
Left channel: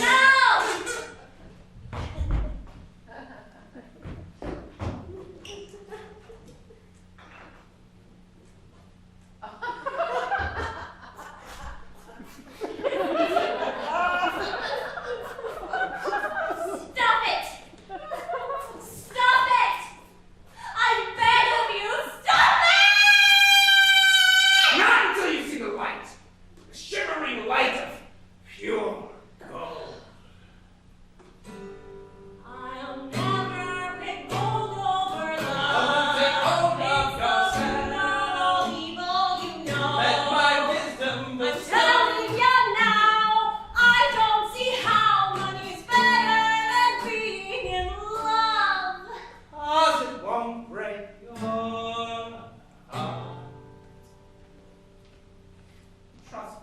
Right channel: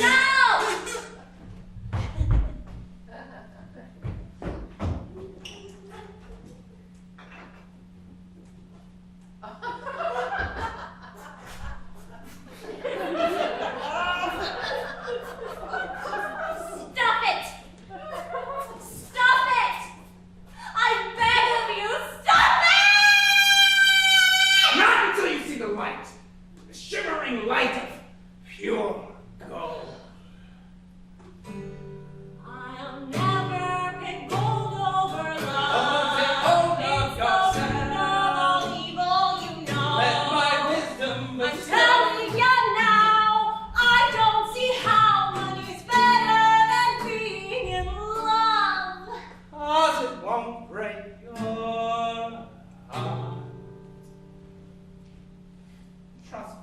No! Stop it! Stop it! I beg of you, stop it! Not until you see the light. The shimmering light of pure gold. I'll never pick gold over love. Take hold of It's the yourself. root of all evil, you know. Let my wisdom I'm telling ya now, I don't see how money's better than being in love. 'Cause it won't break your heart. Trust me,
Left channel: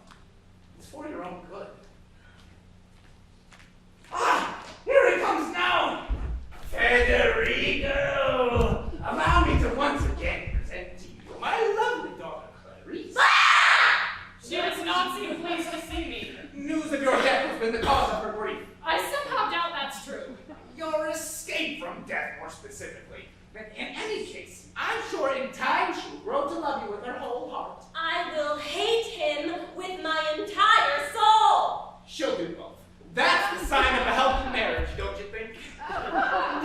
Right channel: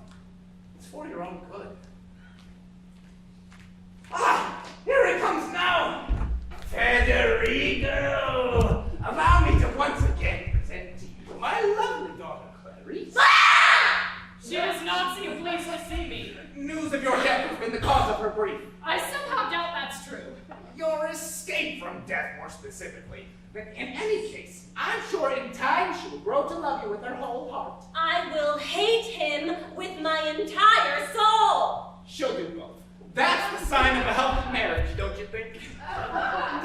it's for your own good. Ah, here it comes now. Federico, allow me to once again present to you my lovely daughter, Clarice. She does not seem pleased to see me. News of your death has been the cause of her grief. I somehow doubt that's true. Your escape from death, more specifically. But in any case, I'm sure in time she will grow to love you with her whole heart. I will hate him with my entire soul. She'll do both. That's the sign of a healthy marriage, don't you think?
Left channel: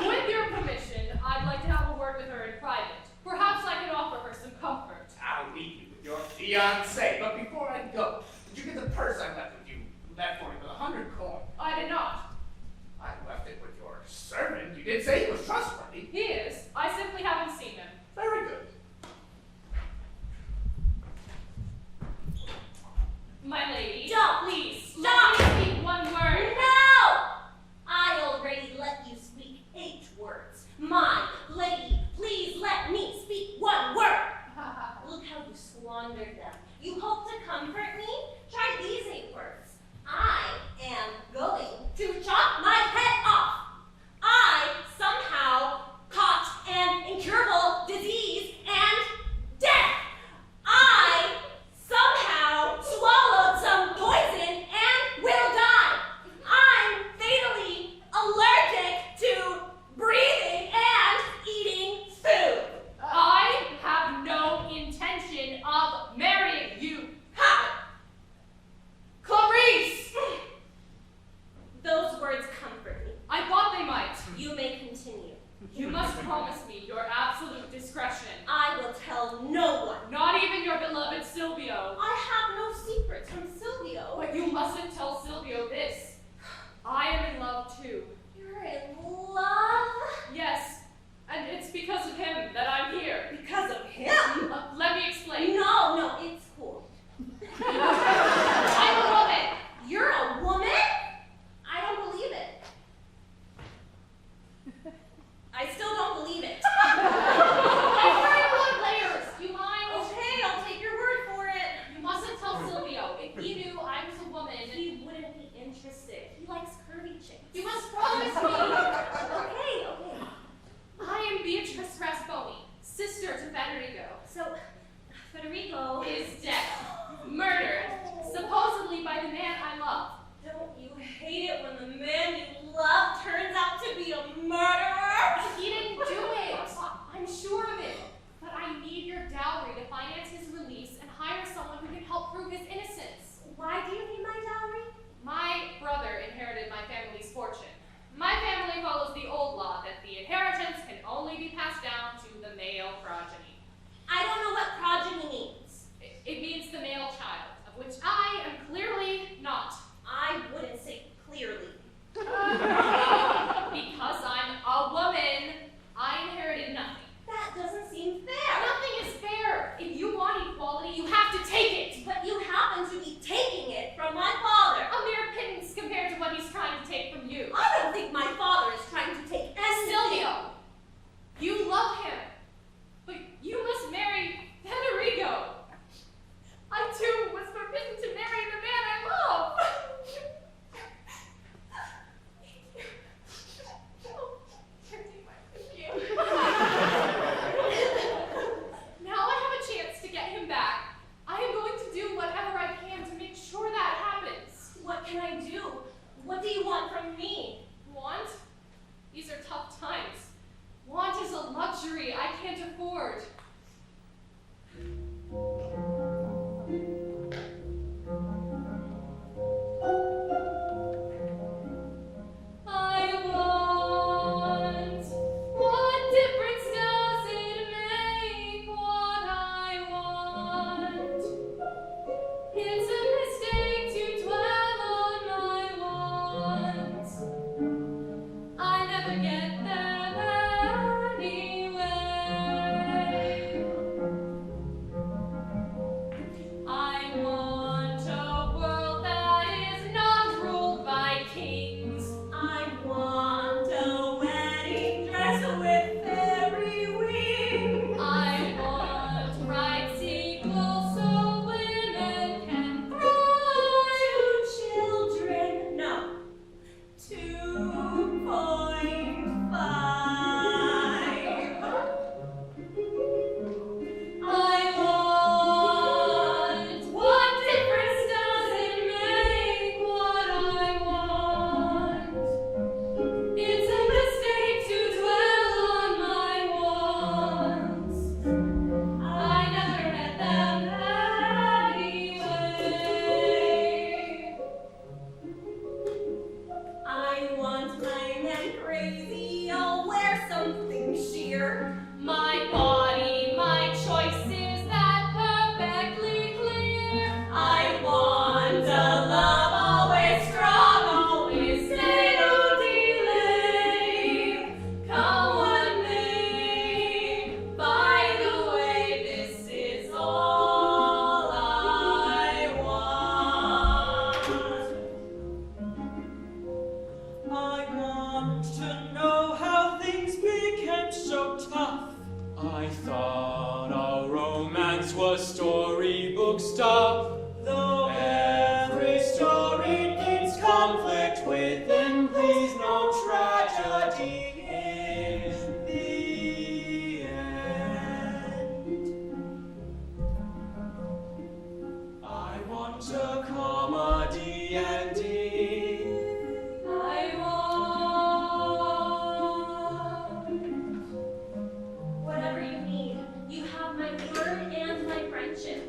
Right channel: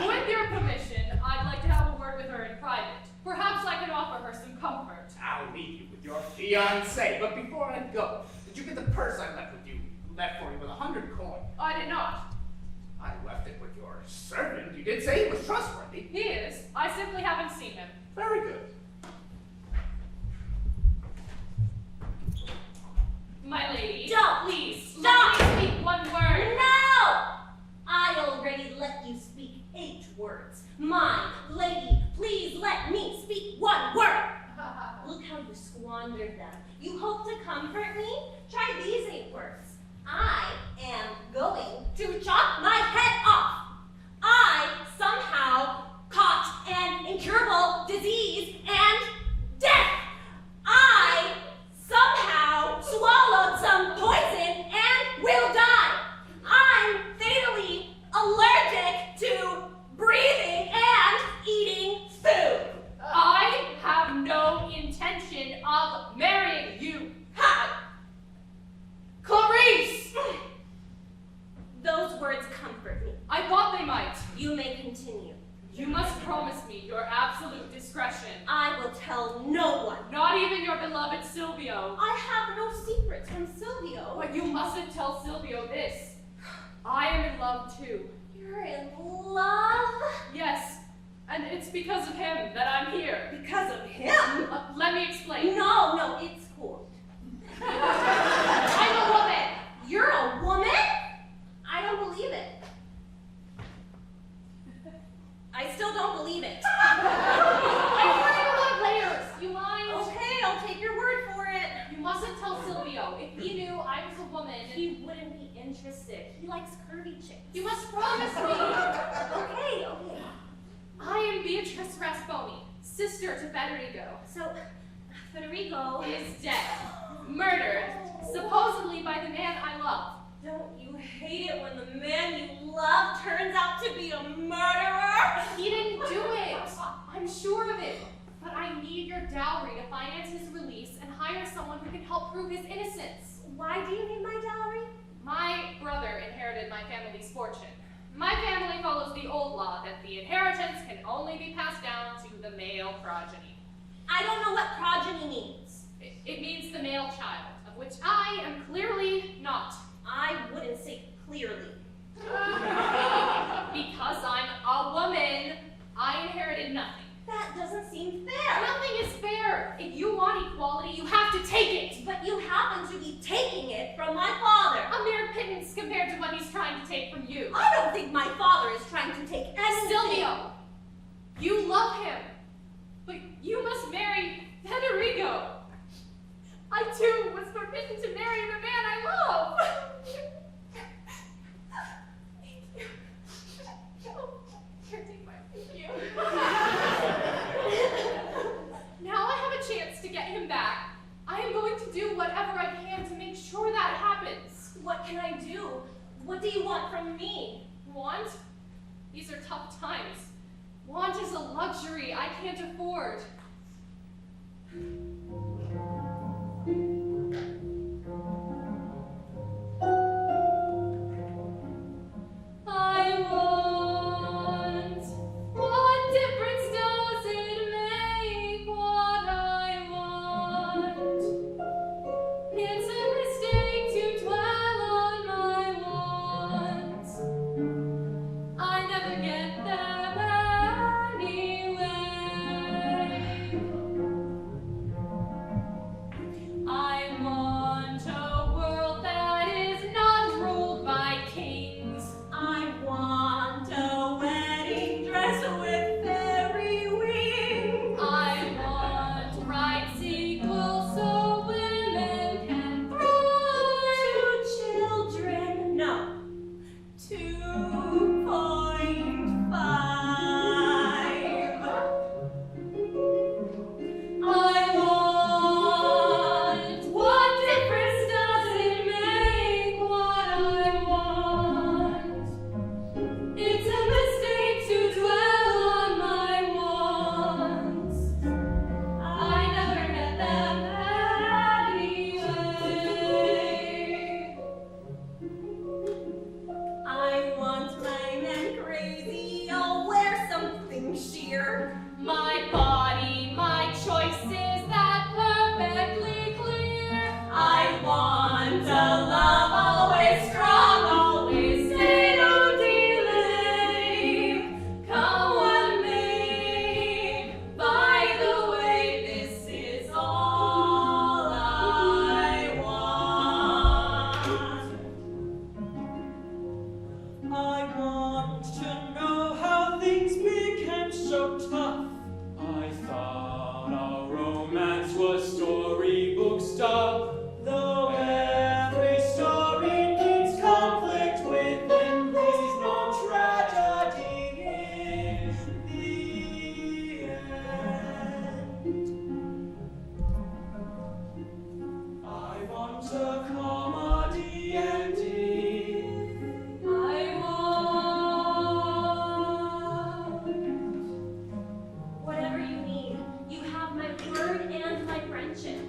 With your permission, I'd like to have a word with her in private. Perhaps I can offer her some comfort. I'll leave you with your fiancé, but before I go, did you get the purse I left with you? Left for me with 100 coin. I did not. I left it with your servant. You did say he was trustworthy. He is. I simply haven't seen him. Very good. My lady. Don't, Please, stop. let me speak one word. No! I already let you speak 8 words. My lady, please let me speak 1 word. Look how you squandered them. You hope to comfort me? Try these 8 words. I am going to chop my head off. I somehow caught an incurable disease and death. I somehow swallowed some poison and will die. I'm fatally allergic to breathing and eating food. I have no intention of marrying you. Ha! Clarice! Those words comfort me. I thought they might. You may continue. You must promise me your absolute discretion. I will tell no one. Not even your beloved Silvio. I have no secrets from Silvio. But you mustn't tell Silvio this. I am in love too. You're in love? Yes, and it's because of him that I'm here. Because of him? Let me explain. No, it's cool. I'm a woman. You're a woman? I don't believe it. my family's fortune. My family follows the old law that the inheritance can only be passed down to the male progeny. I don't know what progeny means. It means the male child, of which I am clearly not. I wouldn't say clearly. Because I'm a woman, I inherited nothing. That doesn't seem fair. Nothing is fair. If you want equality, you have to take it. But you happen to be taking it from my father. A mere pittance compared to what he's trying to take from you. I don't think my father is trying to take anything. Silvio, you love him, but you must marry Federico. I too was forbidden to marry the man I love. Thank you. Here, take my perfume. Now I have a chance to get him back. I am going to do whatever I can to make sure that happens. What can I do? What do you want from me? Want? These are tough times. Want is a luxury I can't afford. I want. What difference does it make what I want? It's a mistake to dwell on my wants. I never get them anyway. I want a world that is not ruled by kings. I want a wedding dress with fairy wings. I want rights equal so women can thrive. 2 children. No. 2.5. I want. What difference does it make what I want? It's a mistake to dwell on my wants. I never get them anyway. I want my man crazy. I'll wear something sheer. My body, my choices, that perfectly clear. I want a love always strong, always say no delay. Come what may. By the way, this is all I want. I want to know how things became so tough. I thought our romance was storybook stuff. Though every story needs conflict within, please no tragedy in the end. I want a comedy ending. I want whatever you need. You have my word and my friendship.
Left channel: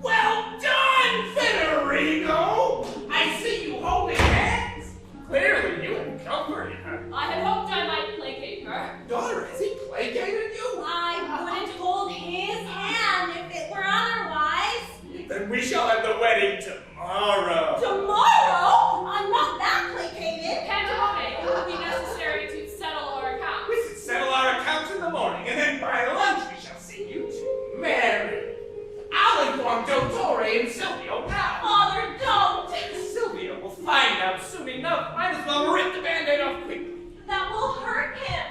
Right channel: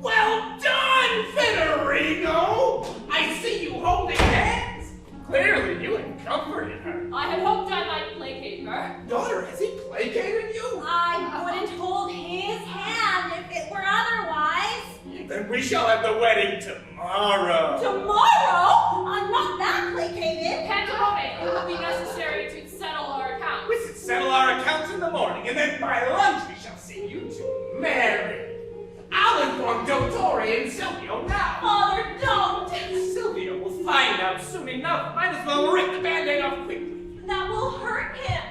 Well done, Federico! I see you holding hands. Clearly, you have comforted her. I had hoped I might placate her. Daughter, has he placated you? I wouldn't hold his hand if it were otherwise. Then we shall have the wedding tomorrow. Tomorrow? I'm not that placated. Pantalone, it will be necessary to settle our accounts. We should settle our accounts in the morning, and then by lunch we shall see you two married. I'll inform Dottore and Silvio now. Father, don't. Silvio will find out soon enough. Might as well rip the Band-Aid off quickly. That will hurt him.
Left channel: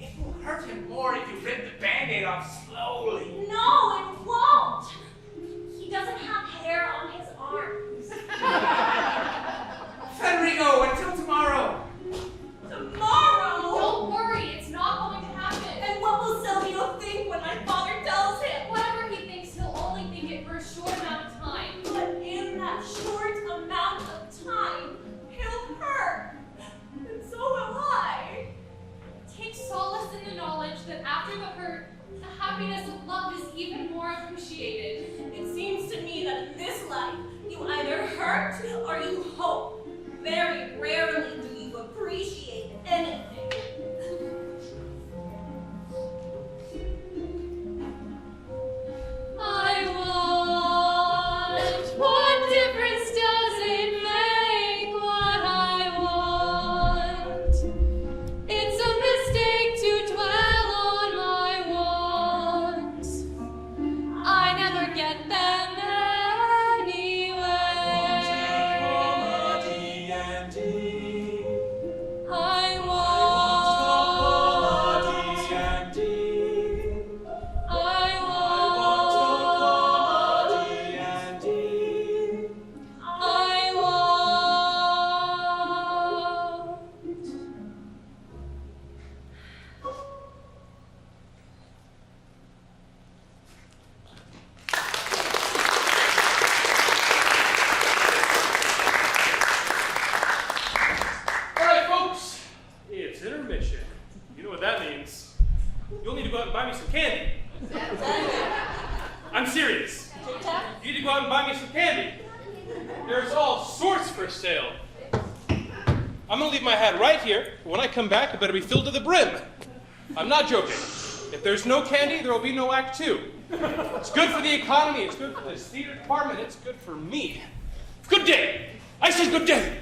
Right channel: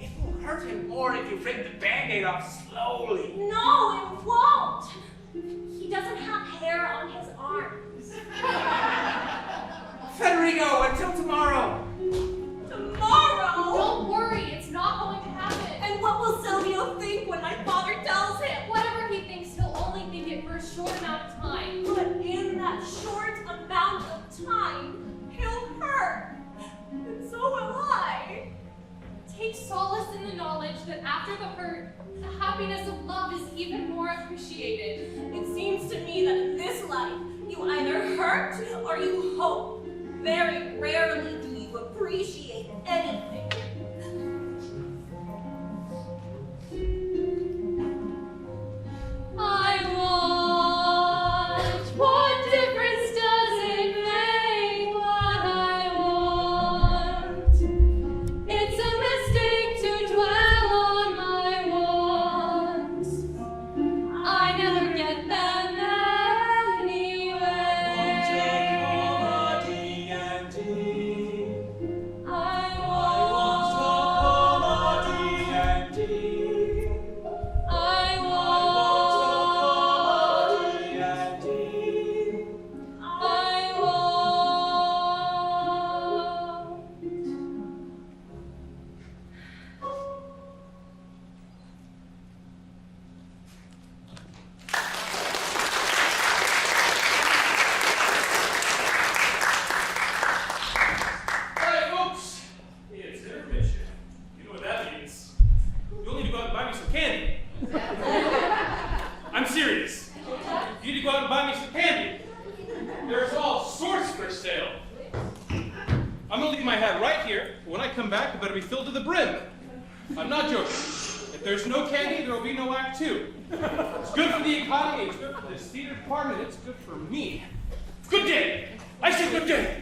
It will hurt him more if you rip the Band-Aid off slowly. No, it won't. He doesn't have hair on his arms. Federico, until tomorrow. Tomorrow? Don't worry, it's not going to happen. And what will Silvio think when my father tells him? Whatever he thinks, he'll only think it for a short amount of time. But in that short amount of time, he'll hurt. And so will I. Take solace in the knowledge that after the hurt, the happiness of love is even more appreciated. It seems to me that in this life, you either hurt or you hope. Very rarely do you appreciate anything. I want. What difference does it make what I want? It's a mistake to dwell on my wants. I never get them anyway. I want. All right, folks, it's intermission. You know what that means. You'll need to go out and buy me some candy. I'm serious. You need to go out and buy me some candy. There's all sorts for sale. I'm gonna leave my hat right here, but when I come back, it better be filled to the brim. I'm not joking. If there's no candy, there will be no Act 2. It's good for the economy, it's good for this theater department, it's good for me. Good day. I say good day.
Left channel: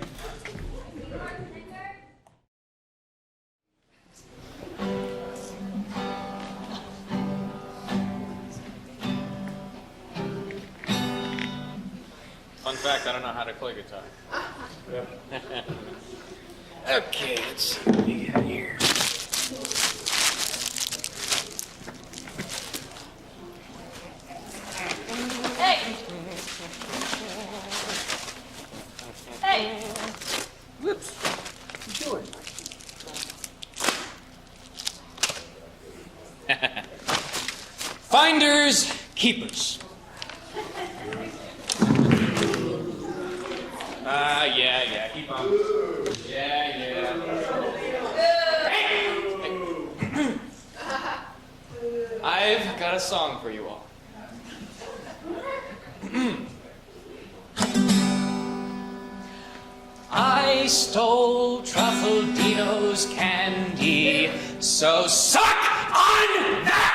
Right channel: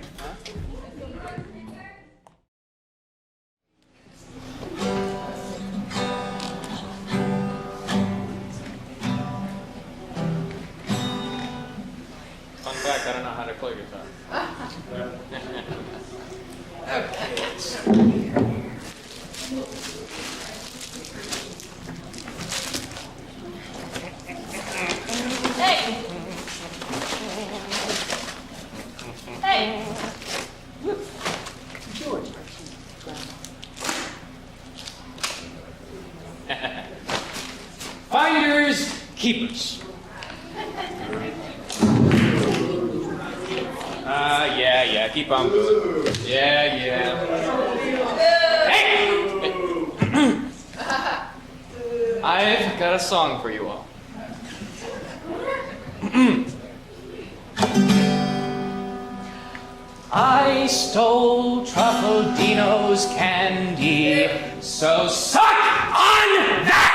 Fun fact, I don't know how to play guitar. Okay, let's see what we have here. Hey! Hey! Whoops. What you doing? Finders, keepers. Yeah, keep on good. Yeah. Hey! I've got a song for you all. I stole Truffaldino's candy, so suck on that!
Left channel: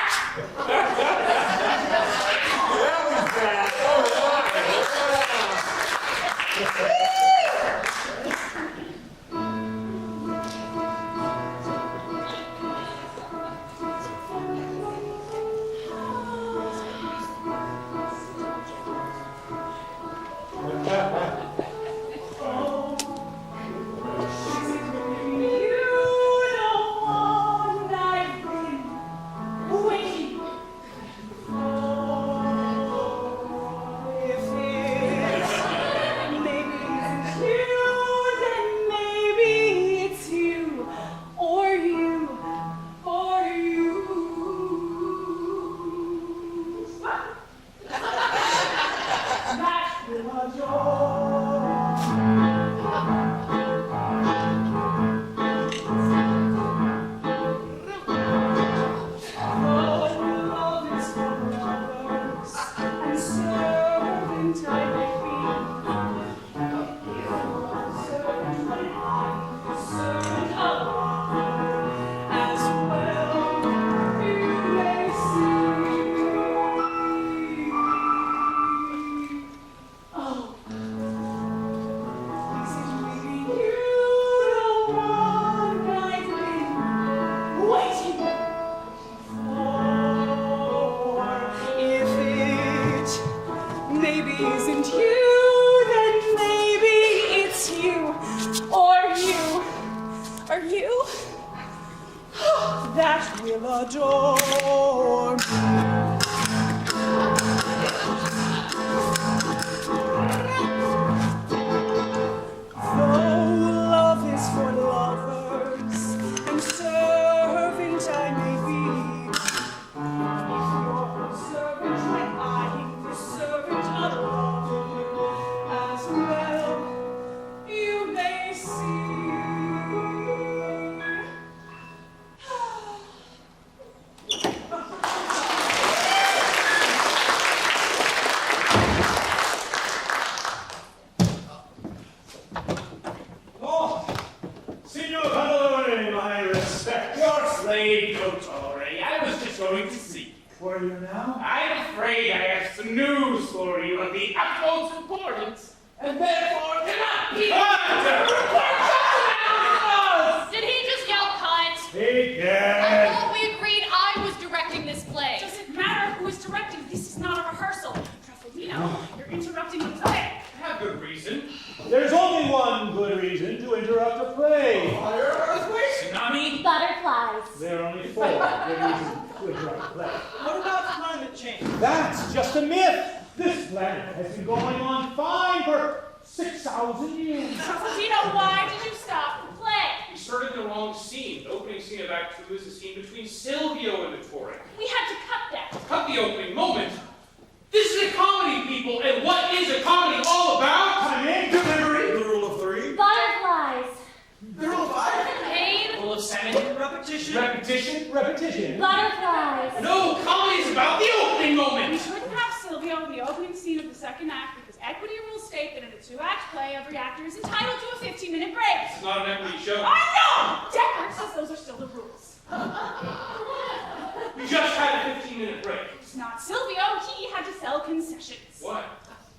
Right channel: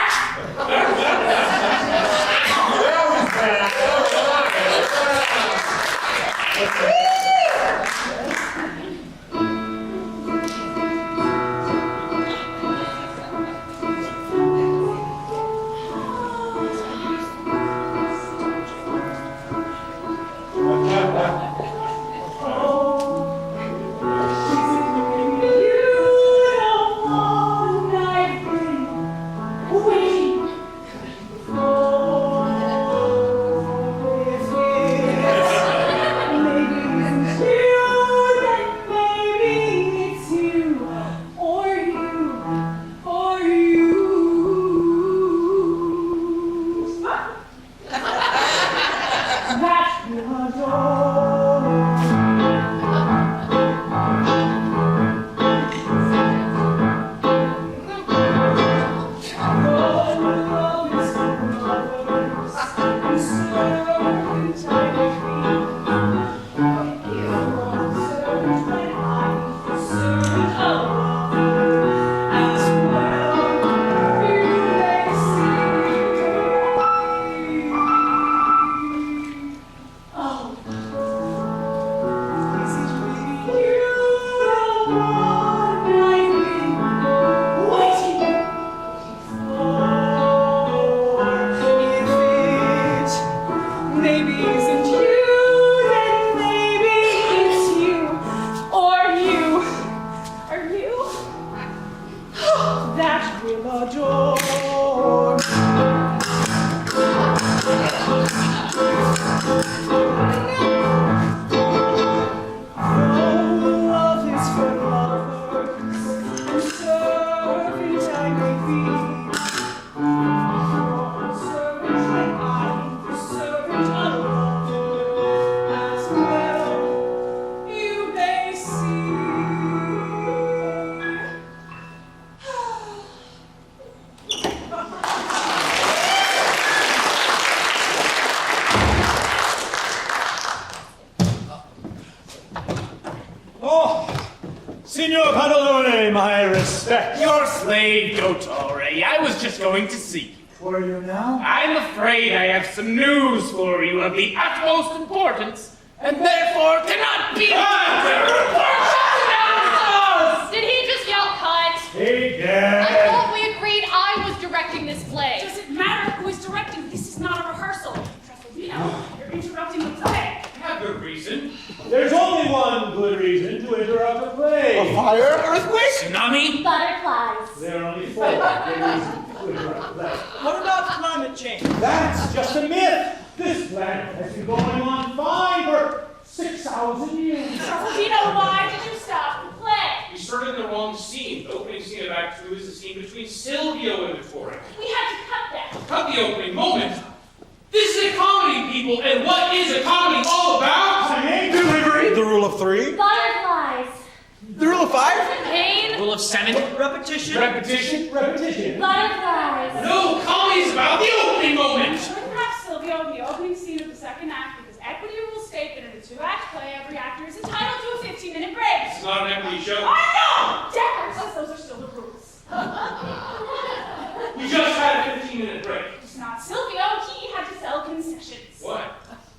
Love is for lovers. Signor Pantalone, my respect. Your slave, Dottore. I was just going to see you. Where are you now? I'm afraid I have some news for you of the utmost importance, and therefore cannot be. Did he just yell cunt? Hey, I Dad. thought we agreed I was directing this play. Does it matter who is directing? This is not a rehearsal. Truffaldino, you're interrupting the play. I have good reason. There's only one good reason to interrupt a play. Fire, earthquake? Tsunami? Butterflies. There are only 4 good reasons to interrupt a play. What about climate change? That's just a myth. This planet has been going on fine for 6,000 years. Truffaldino, why did you stop the play? We started in the wrong scene. The opening scene of Act 2 is the scene between Silvio and Ettore. We had to cut that. Cut the opening moment. This is a comedy, people, and what is a comedy all about? Timing, delivery. The rule of 3. Butterflies. The rule of 5? Pain? Full of sanity? Repetition. Repetition? Repetition. Butterflies. No, comedy's about the opening moment. With perhaps Silvio, the opening scene of the second act with his equity rule state that in a 2-act play, every actor is entitled to a 15-minute break. It's not an equity show. I know! Deference, those are still the rules. You just had a 15-minute break. It's not Silvio, he had to sell concessions. What?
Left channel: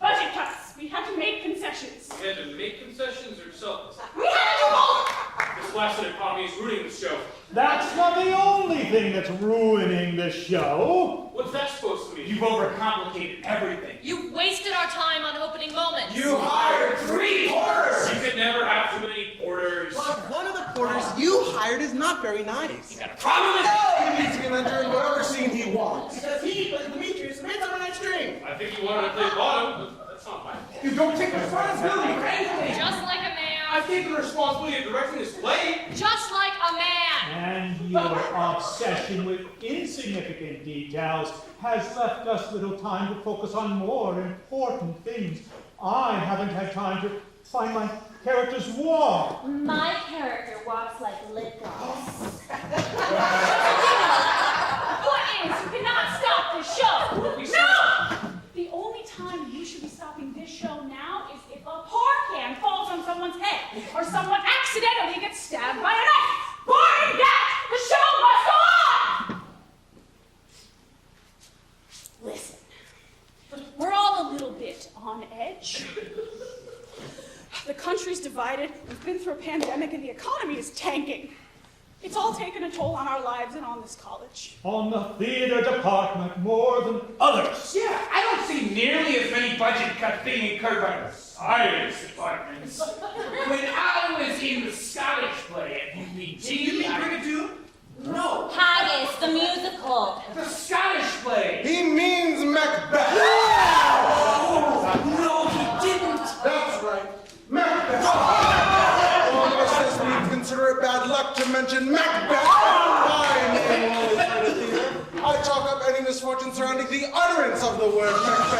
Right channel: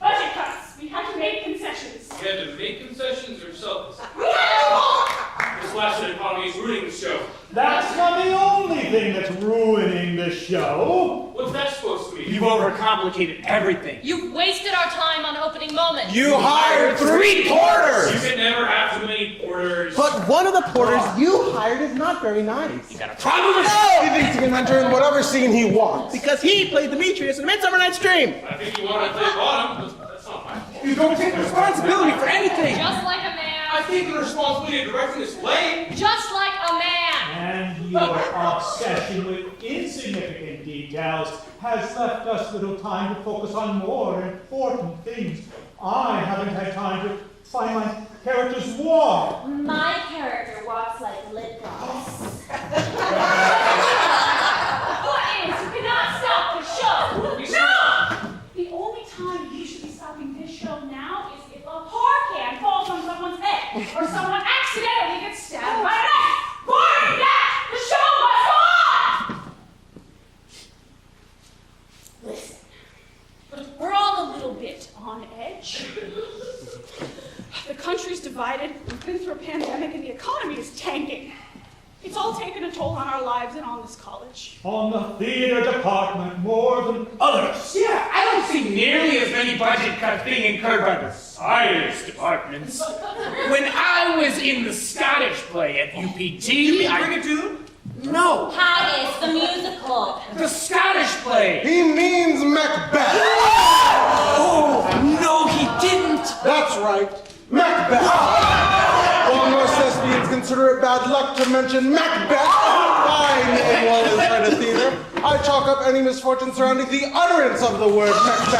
Budget cuts. We had to make concessions. You had to make concessions or sell this? We had to do both! This blasted economy is ruining the show. That's not the only thing that's ruining the show. What's that supposed to mean? You've overcomplicated everything. You wasted our time on opening moments. You hired 3 You porters! can never have too many porters. But one of the porters you hired is not very nice. You got a problem with He thinks he can enter in whatever scene he wants. Because he played Demetrius in Midsummer Night's Dream. I think you wanted to play bottom. That's not my fault. You don't take responsibility for anything. Just like a man. I've taken the responsibility of directing this play. Just like a man. And your obsession with insignificant details has left us little time to focus on more important things. I haven't had time to find my character's walk. My character walks like lip gloss. What is? You cannot stop the show! No! The only time you should be stopping this show now is if a pour can falls on someone's head or someone accidentally gets stabbed by a knife. Barring that, the show must go on! Listen, we're all a little bit on edge. The country's divided, we've been through a pandemic, and the economy is tanking. It's all taken a toll on our lives and on this college. On the theater department more than others. Yeah, I don't see nearly as many budget cuts being incurred by the science departments. When I was in the Scottish play at UPT, No, Haggis, the musical. the Scottish play. He means Macbeth. No, he didn't. That's right, Macbeth. While most thespians consider it bad luck to mention Macbeth, I, in one of the kind of theater, I chalk up any misfortune surrounding the utterance of the word Macbeth.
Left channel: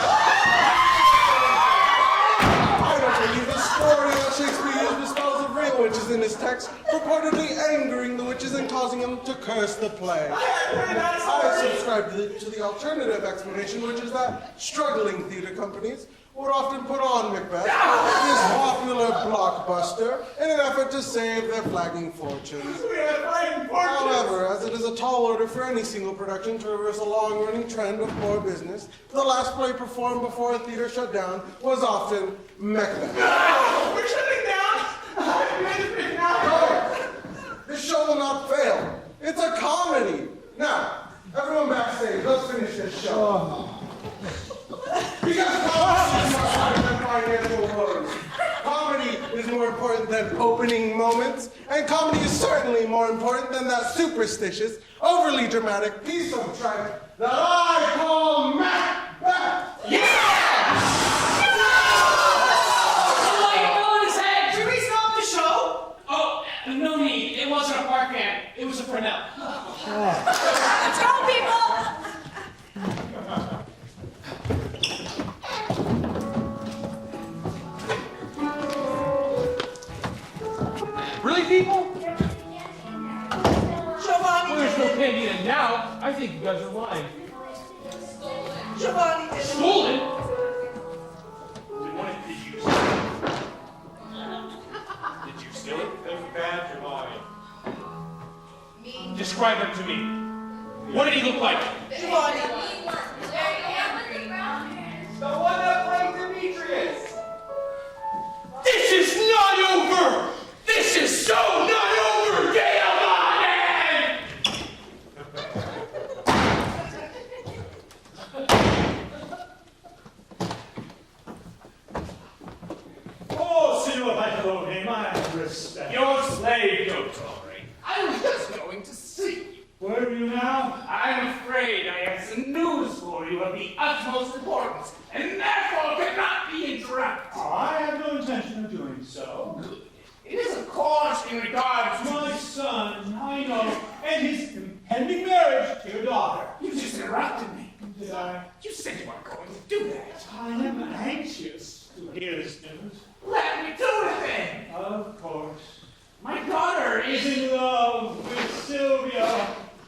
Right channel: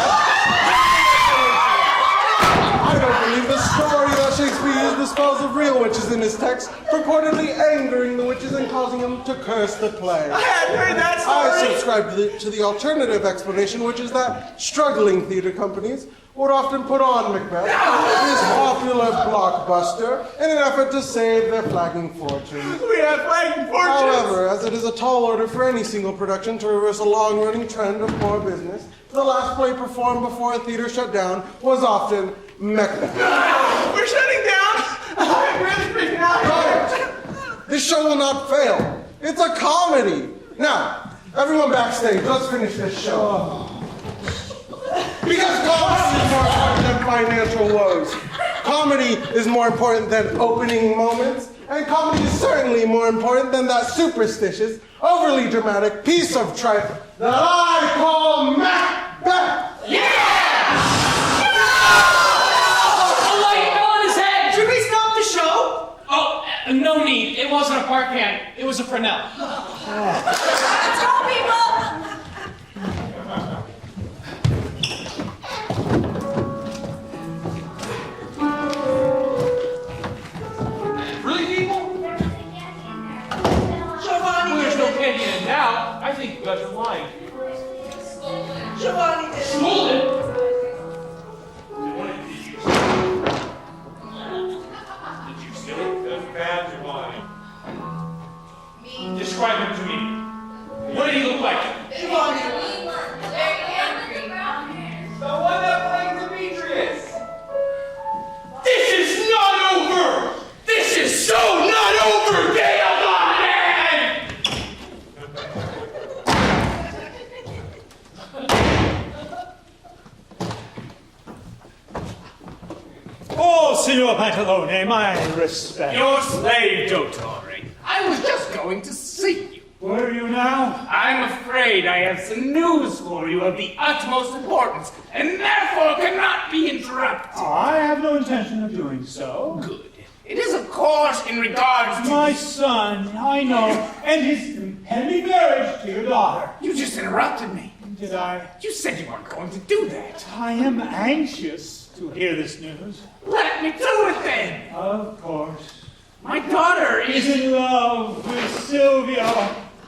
I don't believe the story that Shakespeare used dispels of real witches in his text, purportedly angering the witches and causing them to curse the play. I hadn't heard that I story. subscribe to the alternative explanation, which is that struggling theater companies would often put on Macbeth, this popular blockbuster, in an effort to save their flagging fortunes. We had flagging fortunes. However, as it is a tall order for any single production to reverse a long-running trend of poor business, the last play performed before a theater shut down was often Macbeth. We're shutting down. I'm really freaking out. This show will not fail. It's a comedy. Now, everyone backstage, let's finish this show. Because comedy is more important than financial woes. Comedy is more important than opening moments, and comedy is certainly more important than that superstitious, overly dramatic piece of tripe that I call Macbeth. A light on his head. Should we stop the show? Oh, no need. It wasn't a park can. It was a Fresnel. Tell people! Really, people? Giovanni Well, there's no did it. candy in it now. I think you guys are lying. Giovanni did it. Stolen? Did you steal it? That's bad, Giovanni. describe him to me. What did he look like? The one that played Beatrice. This is not over! This is so not over, Edelman! Oh, Signor Pantalone, my respect. Your slave, Dottore. I was just going to see you. Where are you now? I'm afraid I have some news for you of the utmost importance, and therefore cannot be interrupted. I have no intention of doing so. Good. It is, of course, in regards to... My son, I know, and his impending marriage to your daughter. You just interrupted me. Did I? You said you weren't going to do that. I am anxious to hear this news. Let me do it then. Of course. My daughter Is in love with Silvio.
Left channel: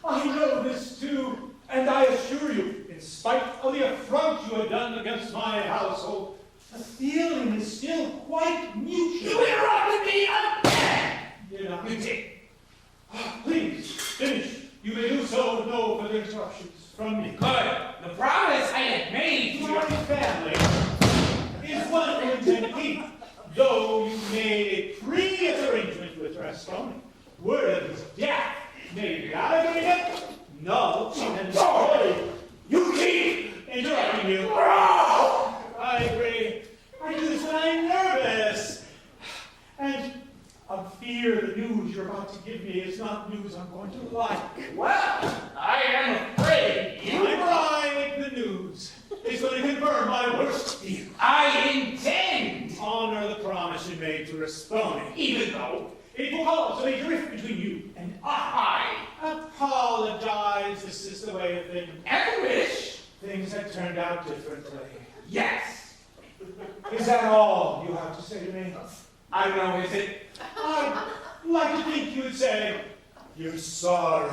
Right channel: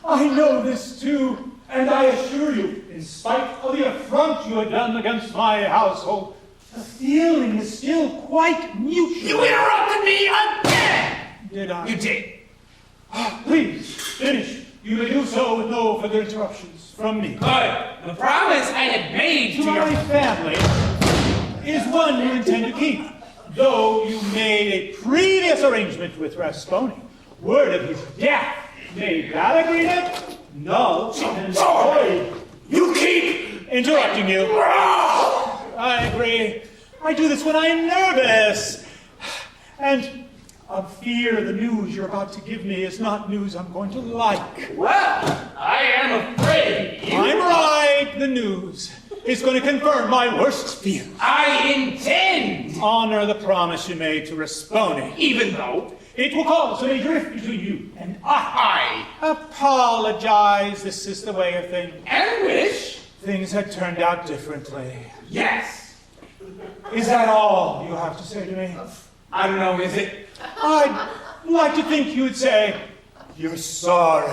I know this too, and I assure you, in spite of the affront you have done against my household, the feeling is still quite mutual. You interrupted me again! Did I? You did. Please, finish. You may do so with no further interruptions from me. Good. The promise I had made to My your... family is one you intend to keep, though you made a previous arrangement with Rasconi. Word of his death made that agreement null and void. You keep Interrupting you. I agree. I do this when I'm nervous. And of fear the news you're about to give me is not news I'm going to like. Well, I am afraid you... I'm right. The news is going to confirm my worst fear. I intend... Honor the promise you made to Rasponi. Even though... It will cause a major rift between you and I. Apologize. This is the way of things. And wish... Things had turned out differently. Yes. Is that all you have to say to me? I know, is it? I'd like to think you'd say, you're sorry.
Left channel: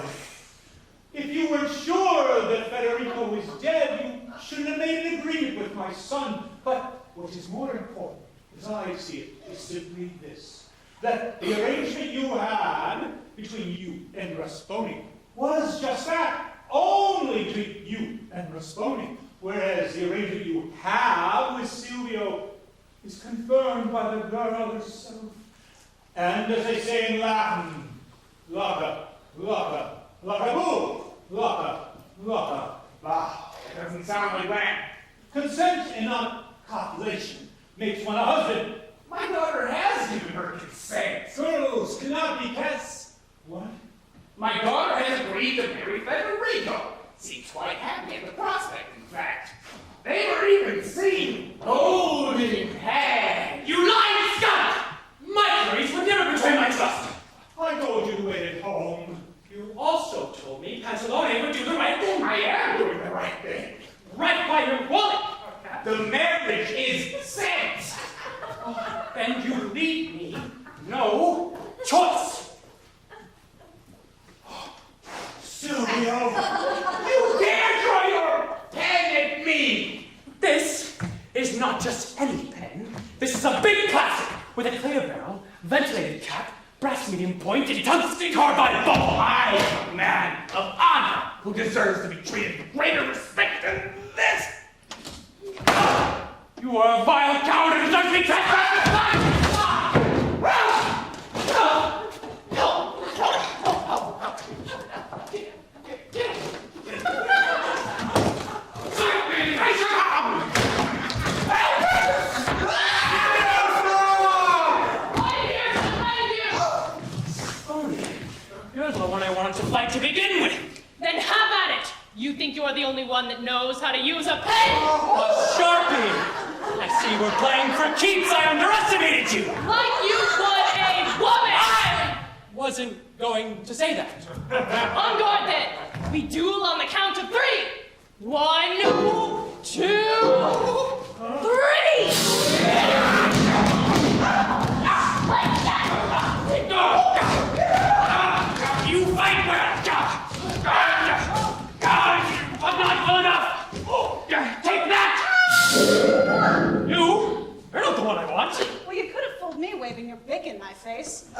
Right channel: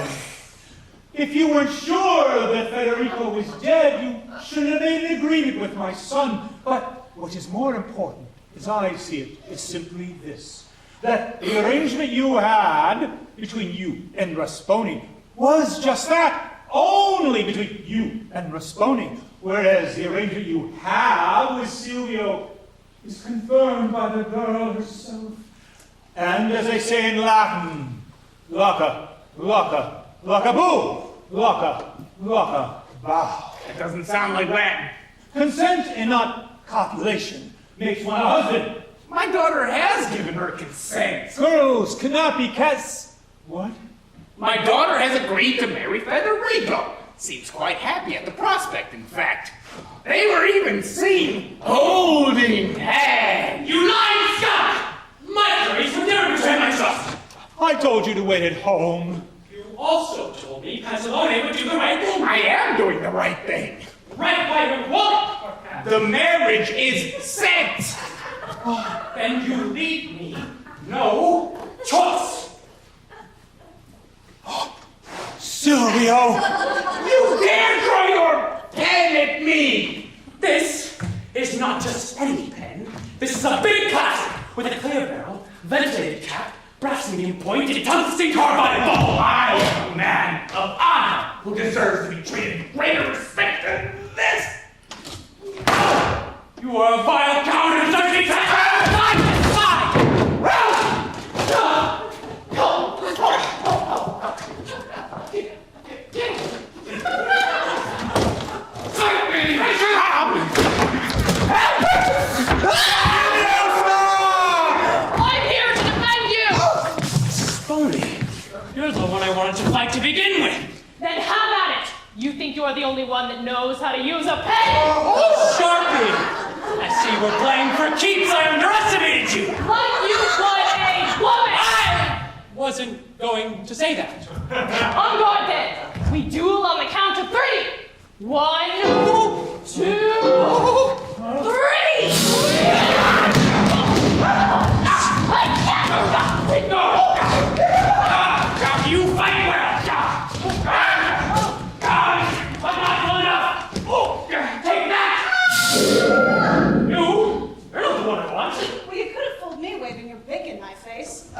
If you weren't sure that Federico was dead, you shouldn't have made an agreement with my son. But what is more important, as I see it, is simply this. That the arrangement you had between you and Rasponi was just that. Only between you and Rasponi. Whereas the arrangement you have with Silvio is confirmed by the girl herself. And as they say in Latin, locka, locka, locka boo, locka, locka, bow. That doesn't sound like that. Consent and not copulation makes one a husband. My daughter has given her consent. Girls cannot be cats. What? My daughter has agreed to marry Federico. Seems quite happy at the prospect, in fact. They were even seen holding hands. You lying skunk! My Clarice would never betray my trust! I told you to wait at home. You also told me Pantalone would do the right thing. I am doing the right thing. Right by your wallet! The marriage is set. Then you leave me no choice. Silvio! You dare throw your pen at me! This is not just any pen. This is a big classic with a clear barrel, ventilated cap, brass medium point, and tungsten carbide ball. I am a man of honor who deserves to be treated with greater respect than this. You are a vile coward and deserve to be transferred. You're the one I wanted to fight to begin with. Then have at it! You think you're the only one that knows how to use a pen? Sharply! I see we're playing for keeps. I underestimated you. Like you would a woman! I wasn't going to say that. On guard then! We duel on the count of 3! 1, 2, 3! You fight well! I'm not good enough! Take that! You're not the one I want. Well, you could have fooled me waving your bick in my face. I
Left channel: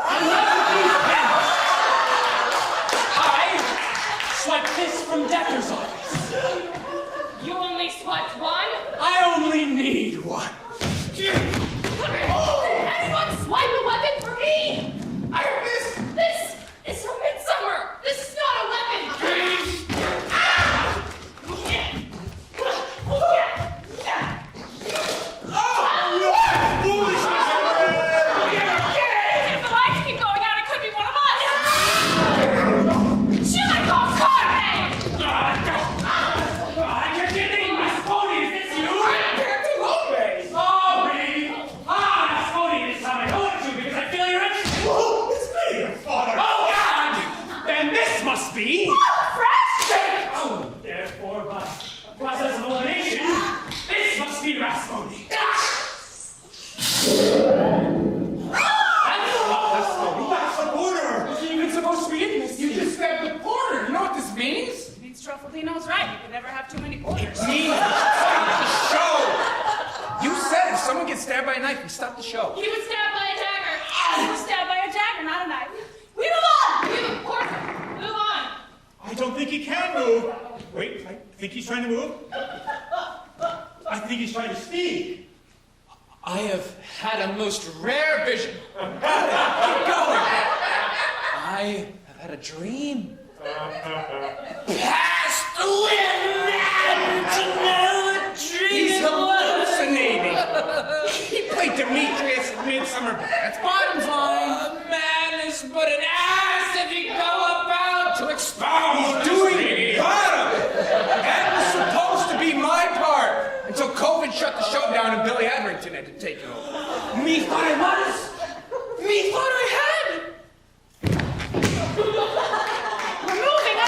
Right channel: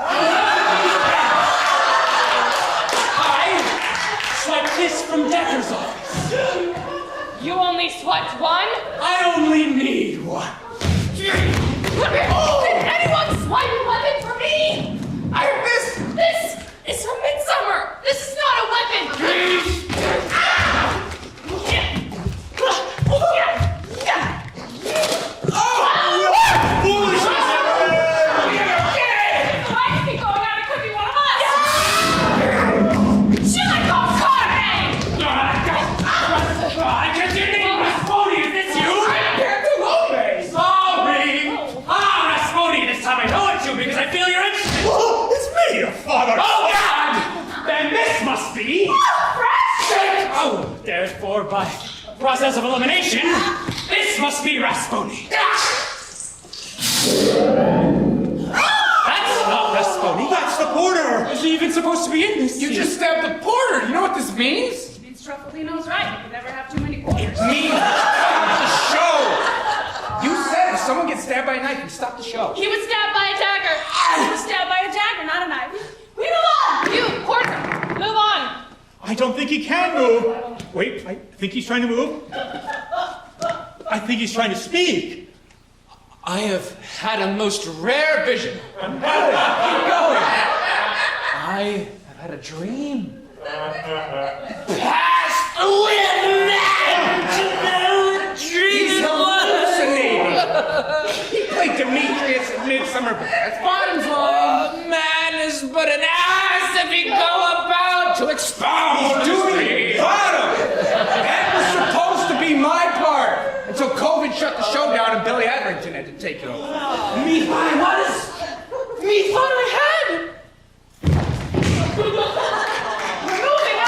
supposed to be in this You scene. just stabbed the porter. You know what this means? Vince Truffaldino's right. You can never have too many quarters. Me? Stop the show! You said if someone gets stabbed by a knife, you stop the show. He was stabbed by a dagger. He was stabbed by a dagger, not a knife. We move on! You, porter, move on! I don't think he can move. Wait, I think he's trying to move. I think he's trying to speak. I have had a most rare vision. Go! I have had a dream. Past with man to know the dream He's was. hallucinating. Like Demetrius at Midsummer Bats. A man is but an ass if he go about to expound. He's doing it. Got him. That was supposed to be my part. Until COVID shut the show down and Billy Edrington had to take it over. Me farmers. Me farmer hand. We're moving on!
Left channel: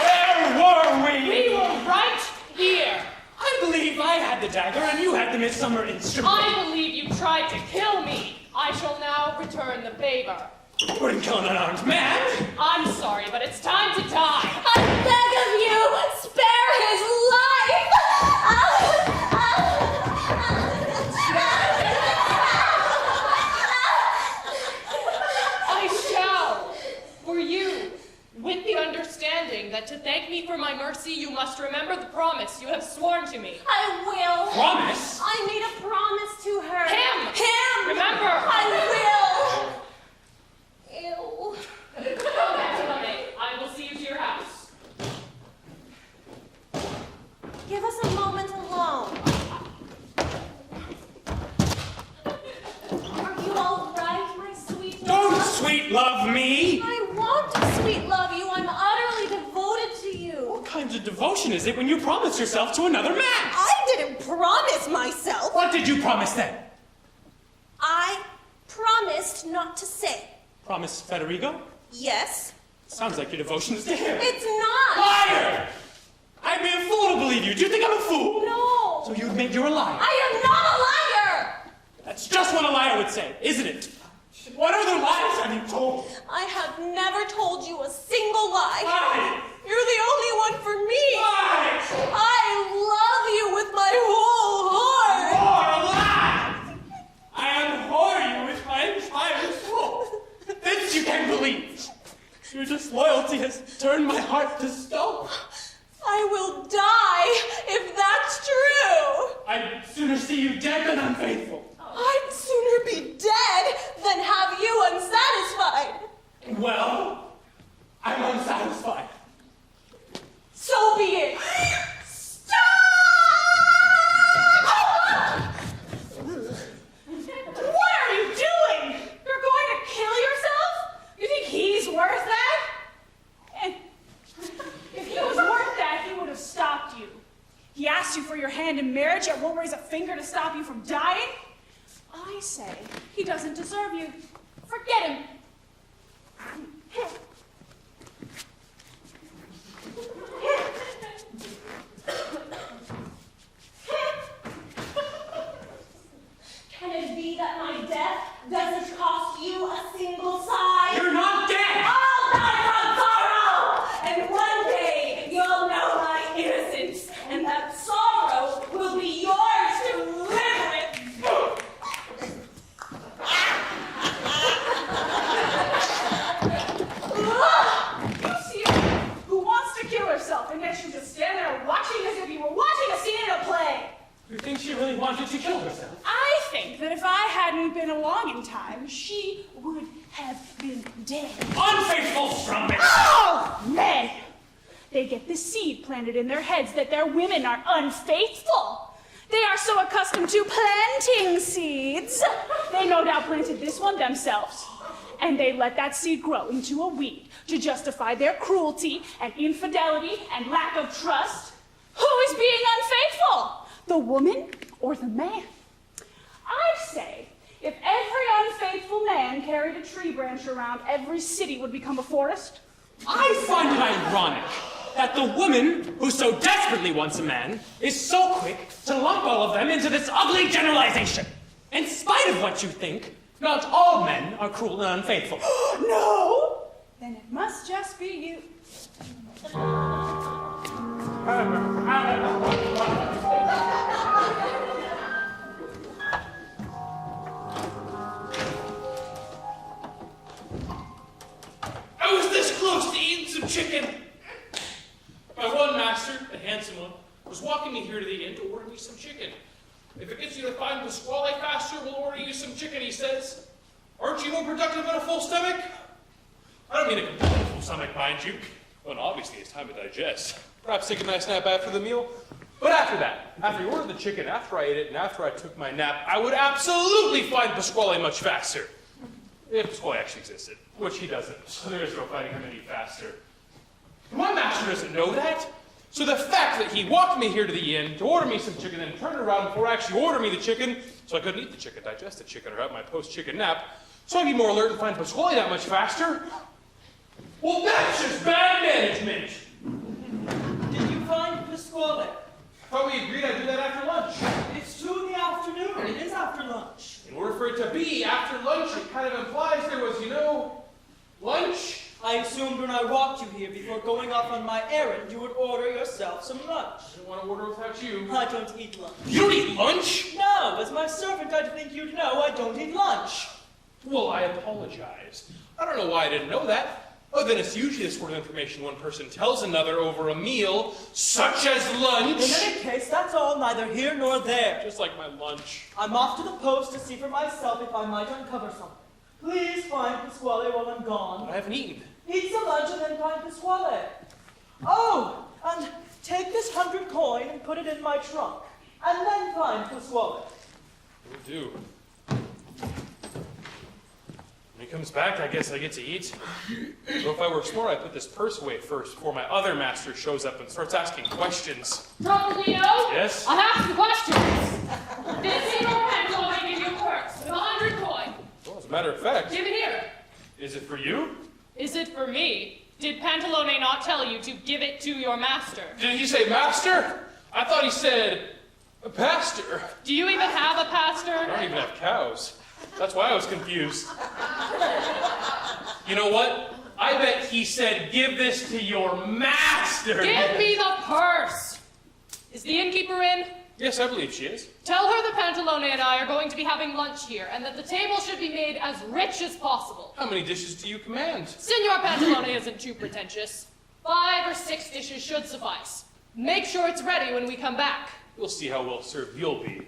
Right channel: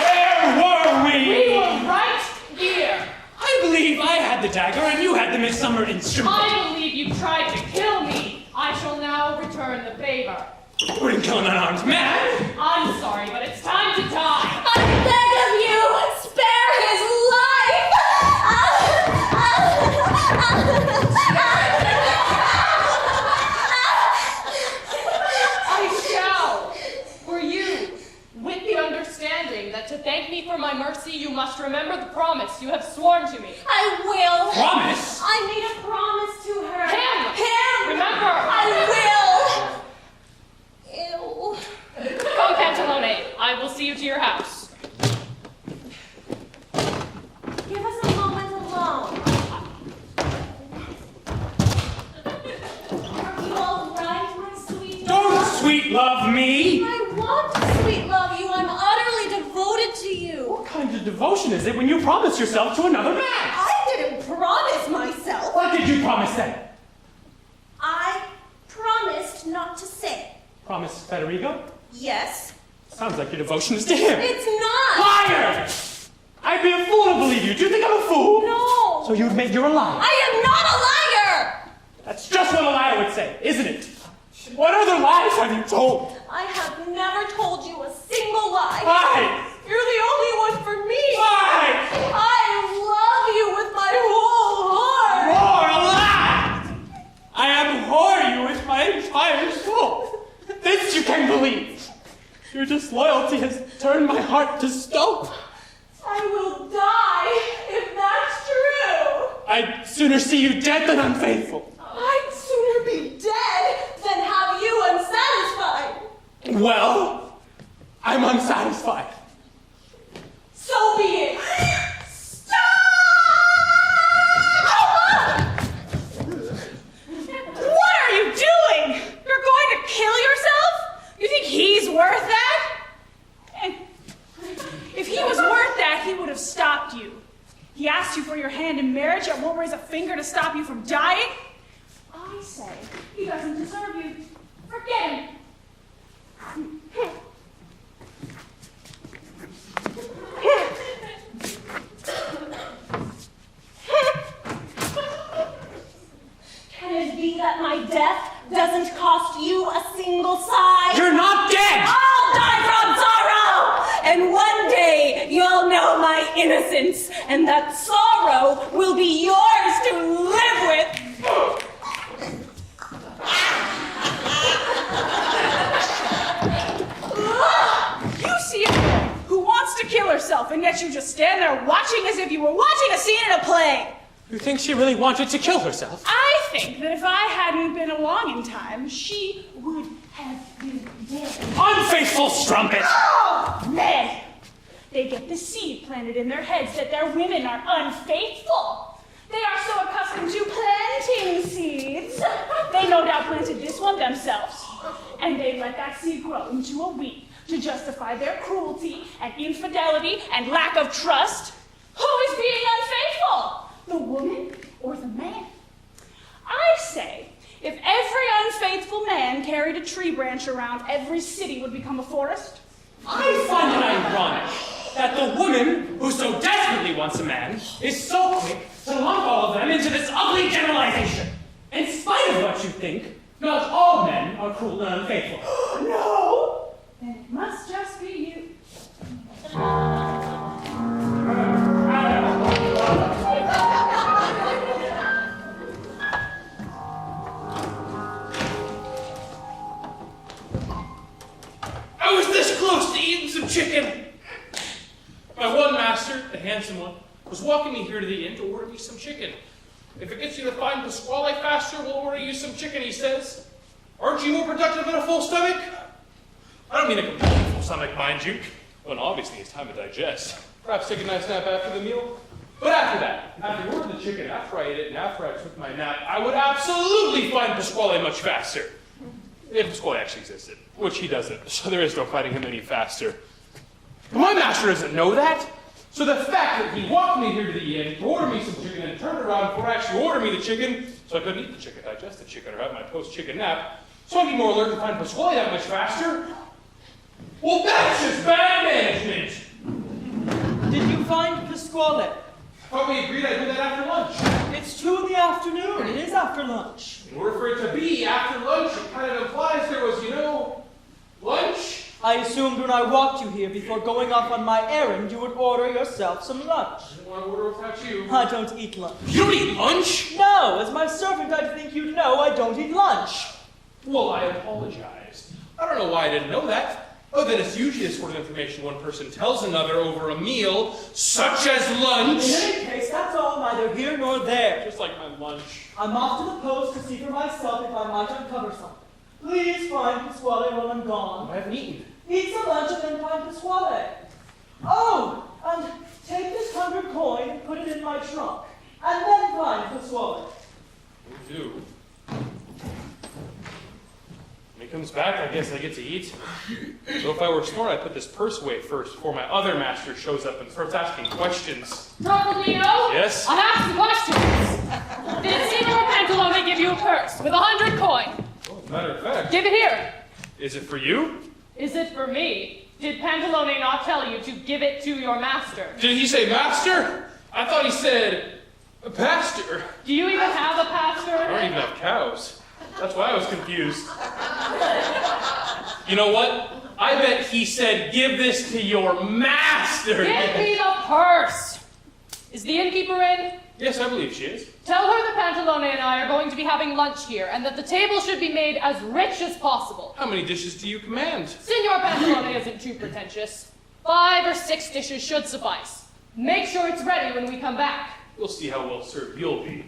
Where were we? We were right here. I believe I had the dagger and you had the midsummer instrument. I believe you tried to kill me. I shall now return the favor. We're killing an armed man. I'm sorry, but it's time to die. I beg of you, spare his life! I shall. For you, with the understanding that to thank me for my mercy, you must remember the promise you have sworn to me. I will. Promise? I made a promise to her. Him! Remember! I will. Ew. Come, Pantalone. I will see you to your house. Give us a moment alone. Are you all right, my sweet? Don't sweet love me. I want to sweet love you. I'm utterly devoted to you. What kind of devotion is it when you promise yourself to another man? I didn't promise myself. What did you promise then? I promised not to say. Promise Federico? Yes. Sounds like your devotion is to him. It's not. Liar! I'd be a fool to believe you. Do you think I'm a fool? No. So you admit you're a liar. I am not a liar. That's just what a liar would say, isn't it? What other lies have you told? I have never told you a single lie. Why? You're the only one for me. Why? I love you with my whole heart. You're a lie! I abhor you with my entire soul. This you can believe. Your disloyalty has turned my heart to stone. I will die if that's true. I'd sooner see you dead than unfaithful. I'd sooner be dead than have you unsatisfied. Well, I'm unsatisfied. So be it. Stop! What are you doing? You're going to kill yourself? You think he's worth that? And if he was worth that, he would have stopped you. He asked you for your hand in marriage and won't raise a finger to stop you from dying? I say he doesn't deserve you. Forget him. Can it be that my death doesn't cost you a single sigh? You're not dead! I'll die from sorrow! And one day you'll know my innocence, and that sorrow will be yours to live with. You see a woman who wants to kill herself, and yet you just stand there watching as if you were watching a scene in a play. You think she really wanted to kill herself? I think that if I hadn't been along in time, she would have been dead. Unfaithful strumpet! Oh, man! They get the seed planted in their heads that their women are unfaithful. They are so accustomed to planting seeds. They no doubt planted this one themselves. And they let that seed grow into a weed to justify their cruelty and infidelity and lack of trust. Who is being unfaithful? The woman or the man? I say, if every unfaithful man carried a tree branch around, every city would become a forest. I find it ironic that the woman who so desperately wants a man is so quick to lump all of them into this ugly generalization. In spite of what you think, not all men are cruel and unfaithful. No! Then it must just be you. I was this close to eating some chicken. My one master, the handsome one, was walking me here to the inn to order me some chicken. If it gets you to find Pasquale faster, we'll order you some chicken, he says. Aren't you more productive in a full stomach? I don't mean a completely full stomach, mind you. Well, obviously it's time to digest. Perhaps take a nice nap after the meal. But after that, after you ordered the chicken, after I ate it, and after I took my nap, I would absolutely find Pasquale much faster. If Pasquale actually existed, which he doesn't, so there is no finding him any faster. My master doesn't know that. So the fact that he walked me here to the inn to order me some chicken and turned around before actually ordering me the chicken, so I couldn't eat the chicken, digest the chicken, or have my post-chicken nap, so I'd be more alert to find Pasquale that much faster. Well, that's just bad management. Did you find Pasquale? Thought we agreed I'd do that after lunch. It's 2 in the afternoon. It is after lunch. In order for it to be after lunch, it kind of implies there was, lunch. I assumed when I walked you here before going off on my errand, you would order yourself some lunch. I didn't want to order without you. I don't eat lunch. You don't eat lunch? No, as my servant, I think you'd know I don't eat lunch. Well, I apologize. I don't know why I didn't know that. Other than it's usually the sort of information one person tells another over a meal, such as lunch. In any case, that's all neither here nor there. Just like my lunch. I'm off to the post to see for myself if I might uncover something. Please find Pasquale while I'm gone. I haven't eaten. Eat some lunch and then find Pasquale. Oh, and take this 100 coin and put it in my trunk. And then find Pasquale. Will do. When he comes back, I guess I get to eat. So if I were smart, I'd put this purse away first before my other master shows up and starts asking questions. Truffaldino? Yes? I have some questions. Did Signor Pantalone give you a purse with 100 coin? Well, as a matter of fact. Give it here. Is it for you? Is it for me? Did Pantalone not tell you to give it to your master? Did he say master? I thought he said a pastor. Do you even have a pastor? I don't even have cows. That's why I was confused. You know what? I bet he said, give this to your master. Give me the purse. Is the innkeeper in? Yes, I believe she is. Tell her that Pantalone and I are going to be having lunch here, and that the table should be made as rich as possible. How many dishes do you command? Signor Pantalone isn't too pretentious. 5 or 6 dishes should suffice. Make sure it's ready when we come back. We'll see how well served you'll be.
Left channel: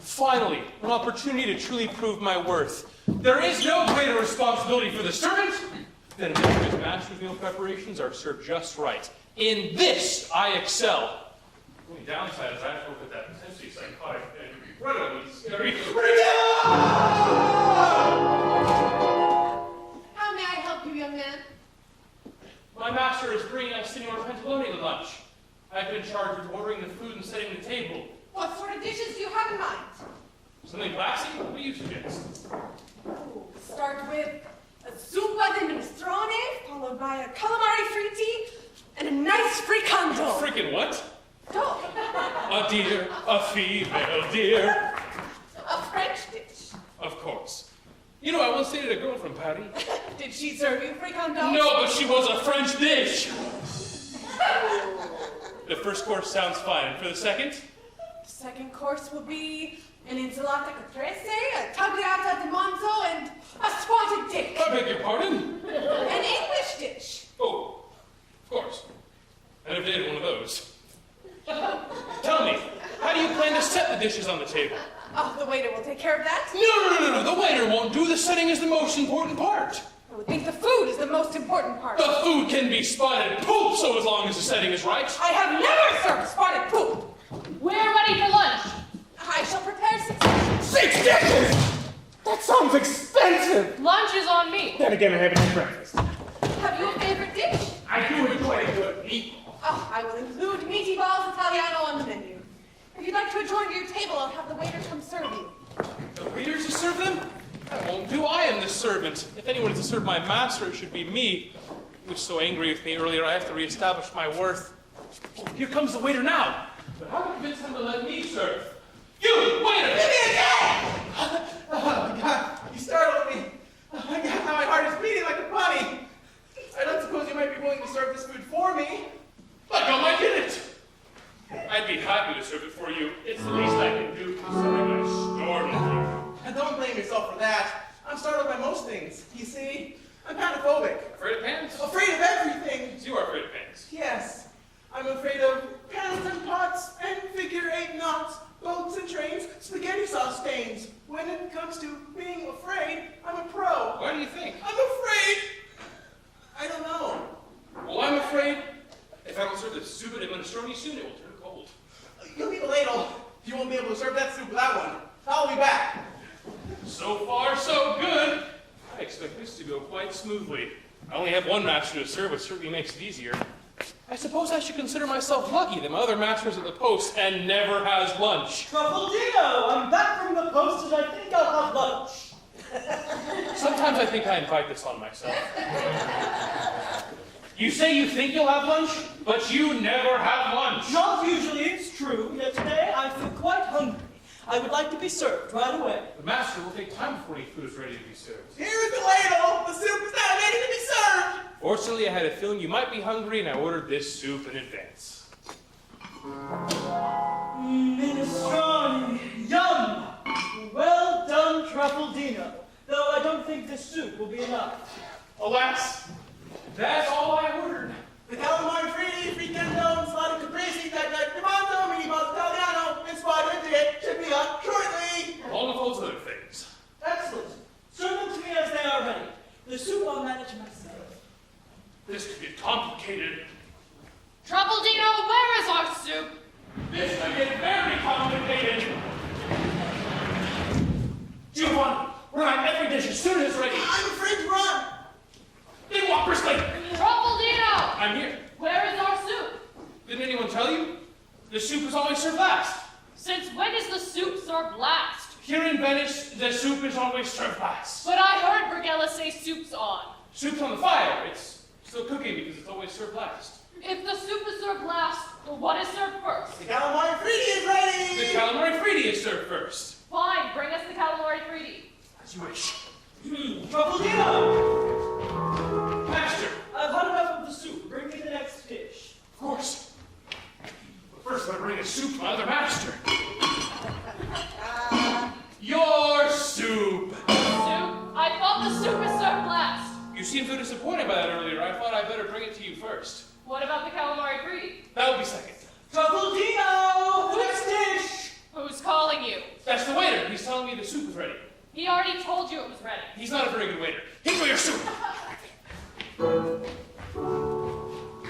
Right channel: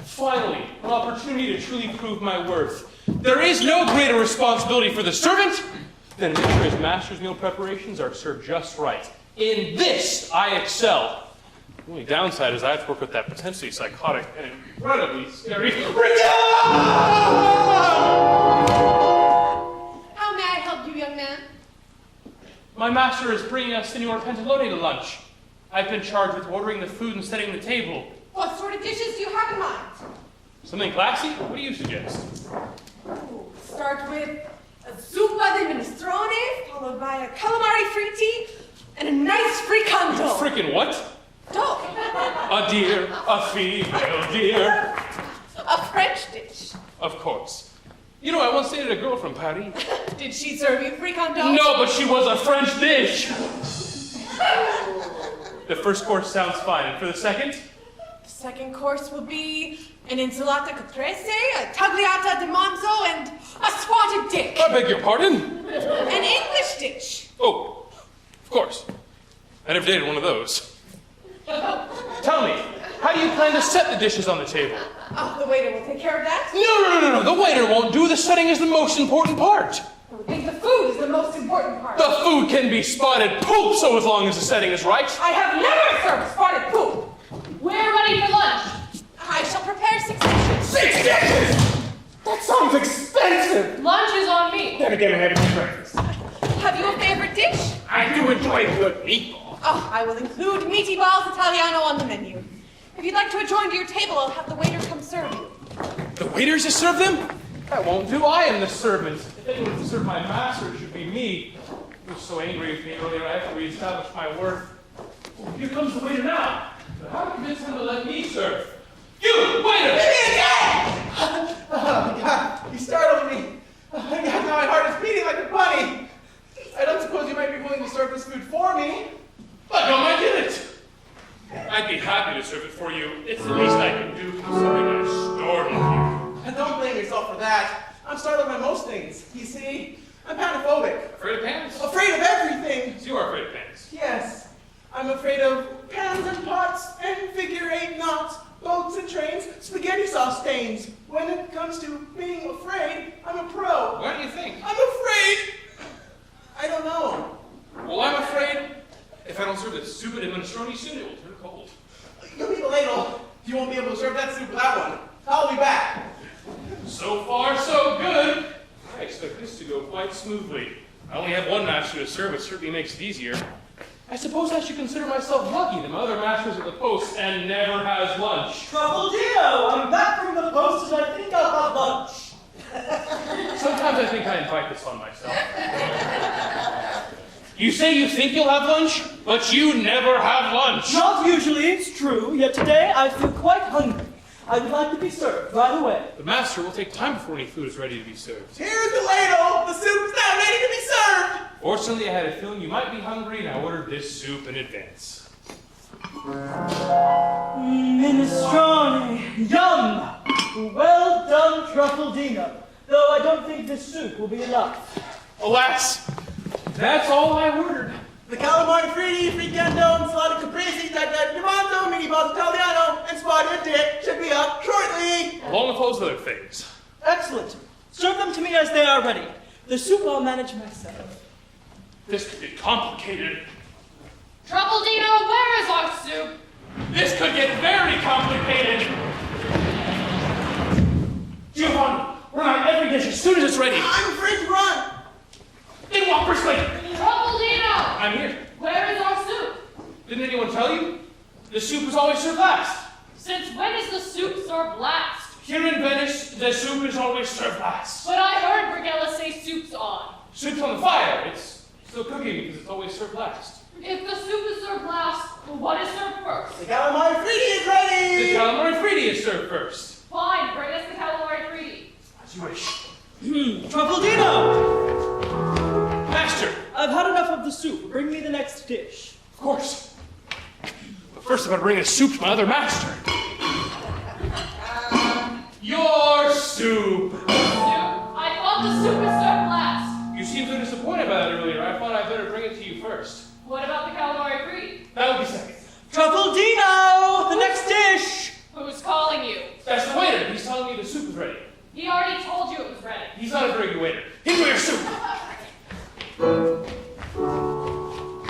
Finally, an opportunity to truly prove my worth. There is no greater responsibility for the servant than to make sure his master's meal preparations are served just right. In this, I excel. The only downside is I have to work with that potentially psychotic and incredibly scary How may I help you, young man? My master is bringing us Signor Pantalone to lunch. I've been charged with ordering the food and setting the table. What sort of dishes do you have in mind? Something classy? What do you suggest? Start with a zuppa di minestrone, followed by a calamari fritti, and a nice fricanto. Frickin' what? Dog. A deer, a female deer. A French dish. Of course. You know, I once dated a girl from Paris. Did she serve you fricanto? No, but she was a French dish. The first course sounds fine. And for the second? The second course will be an insalata caprese, a tagliata di manzo, and a swatted dick. I beg your pardon? An English dish. Oh, of course. I never dated one of those. Tell me, how do you plan to set the dishes on the table? Oh, the waiter will take care of that. No. The waiter won't do. The setting is the most important part. I think the food is the most important part. The food can be spotted poop, so as long as the setting is right. I have never served spotted poop. We're ready for lunch. I shall prepare 6 dishes. 6 dishes? That sounds expensive. Lunch is on me. Then again, I haven't had breakfast. Have you a favorite dish? I do enjoy a good meatball. Oh, I will include meaty balls Italiano on the menu. If you'd like to adjourn to your table, I'll have the waiter come serve you. The waiters to serve them? That won't do. I am the servant. If anyone's to serve my master, it should be me. He was so angry with me earlier, I have to reestablish my worth. Oh, here comes the waiter now. But how to convince him to let me serve? You, waiter! Give me again! Oh, God, you startled me. Now my heart is beating like a bunny. I don't suppose you might be willing to serve this food for me. But no, I did it. I'd be happy to serve it for you. It's the least I can do for something that startled you. And don't blame yourself for that. I'm startled by most things. You see, I'm panophobic. Afraid of pans? Afraid of everything. You are afraid of pans. Yes. I'm afraid of pans and pots and figure-8 knots, boats and trains, spaghetti sauce stains. When it comes to being afraid, I'm a pro. Why do you think? I'm afraid. I don't know. Well, I'm afraid if I don't serve this soup and Mendocino soon, it will turn cold. You'll need a ladle. You won't be able to serve that soup without one. I'll be back. So far, so good. I expect this to go quite smoothly. I only have one master to serve, which certainly makes it easier. I suppose I should consider myself lucky that my other master's at the post and never has lunch. Truffaldino, I'm back from the post and I think I'll have lunch. Sometimes I think I invite this on myself. You say you think you'll have lunch, but you never have lunch. Not usually, it's true, yet today I feel quite hungry. I would like to be served right away. The master will take time before any food is ready to be served. Here's the ladle. The soup is now ready to be served. Fortunately, I had a feeling you might be hungry, and I ordered this soup in advance. Minestrone, yum! Well done, Truffaldino. Though I don't think this soup will be enough. Alas, that's all I ordered. The calamari fritti, frittando, ensalada caprese, dimanto, mini balls italiano, and spotted dick should be up shortly. Along with those other things. Excellent. Serve them to me as they are ready. The soup I'll manage myself. This could be complicated. Truffaldino, where is our soup? This could get very complicated. Giovanni, run on every dish as soon as it's ready. I'm afraid to run. They walk briskly. Truffaldino! I'm here. Where is our soup? Didn't anyone tell you? The soup is always served last. Since when is the soup served last? Here in Venice, the soup is always served last. But I heard Brigella say soup's on. Soup's on the fire. It's still cooking because it's always served last. If the soup is served last, what is served first? The calamari fritti is ready. The calamari fritti is served first. Fine, bring us the calamari fritti. As you wish. Truffaldino! Master! I've had enough of the soup. Bring me the next dish. Of course. But first I'm going to bring a soup to my other master. Your soup! Soup? I thought the soup was served last. You seemed so disappointed by that earlier. I thought I'd better bring it to you first. What about the calamari fritti? That will be second. Truffaldino! The next dish! Who's calling you? That's the waiter. He's telling me the soup is ready. He already told you it was ready. He's not a very good waiter. Give me your soup!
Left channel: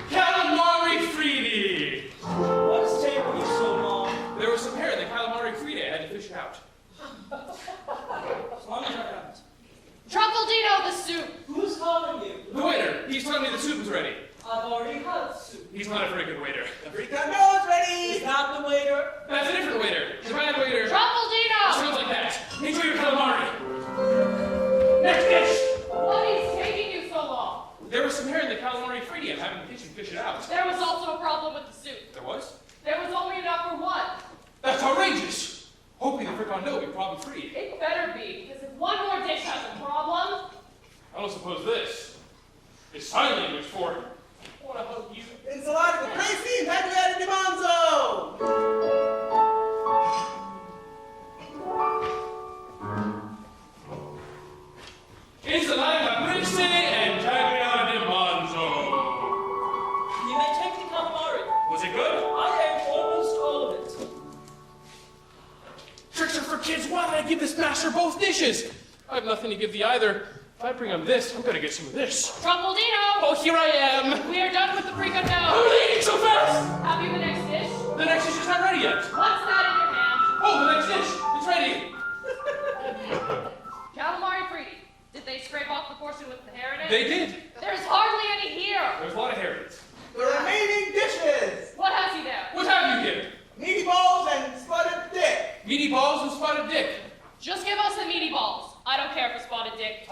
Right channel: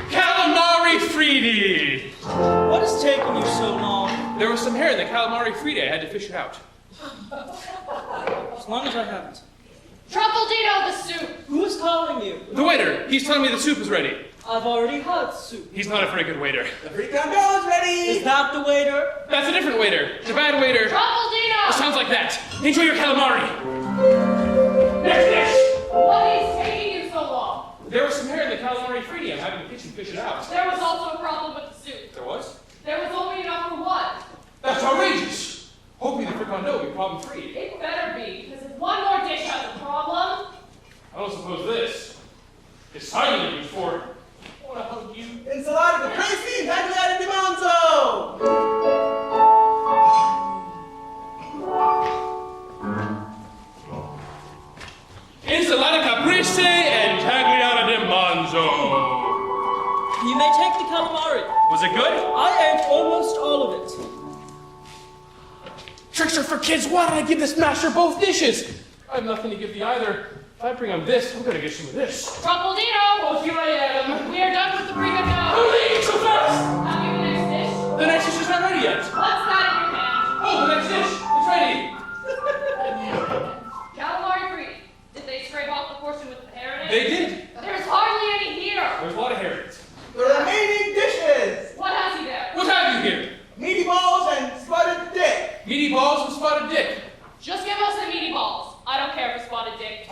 Calamari fritti! What is taking you so long? There was some hair in the calamari fritti. I had to fish it out. As long as I haven't. Truffaldino, the soup! Who's calling you? The waiter. He's telling me the soup is ready. I've already had soup. He's not a very good waiter. The frittando is ready. Is that the waiter? That's a different waiter. It's a bad waiter. It Truffaldino! sounds like that. Enjoy your calamari. Next dish! What is taking you so long? There was some hair in the calamari fritti. I'm having the kitchen fish it out. There was also a problem with the soup. There was? There was only enough for one. That's outrageous. Hopefully the frittando will be problem free. It better be, because if one more dish has a problem... I don't suppose this is sign language for... I want to hug you. Ensalada caprese, tagliata di manzo. Ensalada caprese and tagliata di manzo. You may take the calamari. Was it good? I ate almost all of it. Tricks are for kids. Why don't I give this master both dishes? I have nothing to give the either. If I bring him this, I'm gonna get some of this. Truffaldino! Oh, here I am. We are done with the frittando. Who ate so fast? Have you the next dish? The next dish is not ready yet. What's that in your hand? Oh, the next dish is ready. Calamari fritti. Did they scrape off the portion with the hair in it? They did. There's hardly any here. There's a lot of hair in it. The remaining dishes. What has he there? What have you here? Meaty balls and spotted dick. Meaty balls and spotted dick. Just give us the meaty balls. I don't care for spotted dick.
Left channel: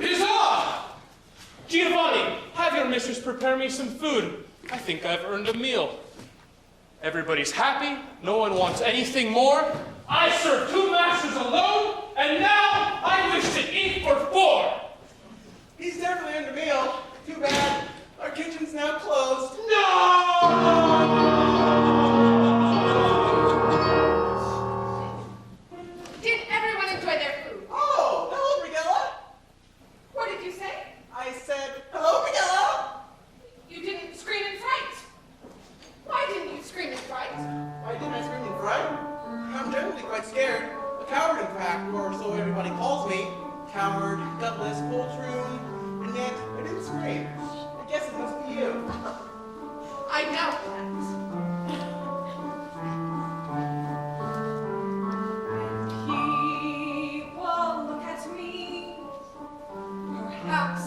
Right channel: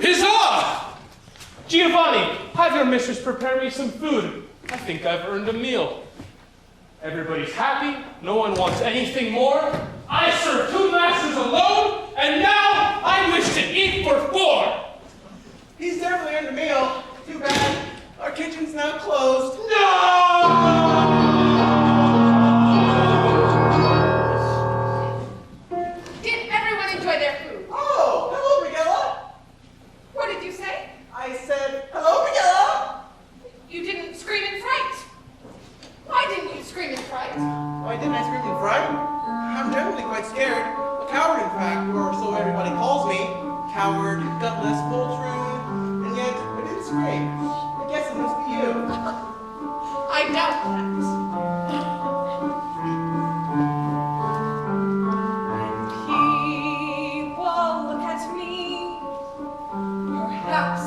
Huzzah! Giovanni, have your mistress prepare me some food. I think I've earned a meal. Everybody's happy. No one wants anything more. I serve 2 masters alone, and now I wish to eat for 4. He's definitely earned a meal. Too bad. Our kitchen's now closed. No! Did everyone enjoy their food? Oh, hello, Brigella. What did you say? I said, hello, Brigella. You didn't scream in fright. Why didn't you scream in fright? Why didn't I scream in fright? I'm generally quite scared. A coward, in fact, or so everybody calls me. Coward, gutless, poltroon, and yet I didn't scream. I guess it must be you. I doubt that. People look at me, perhaps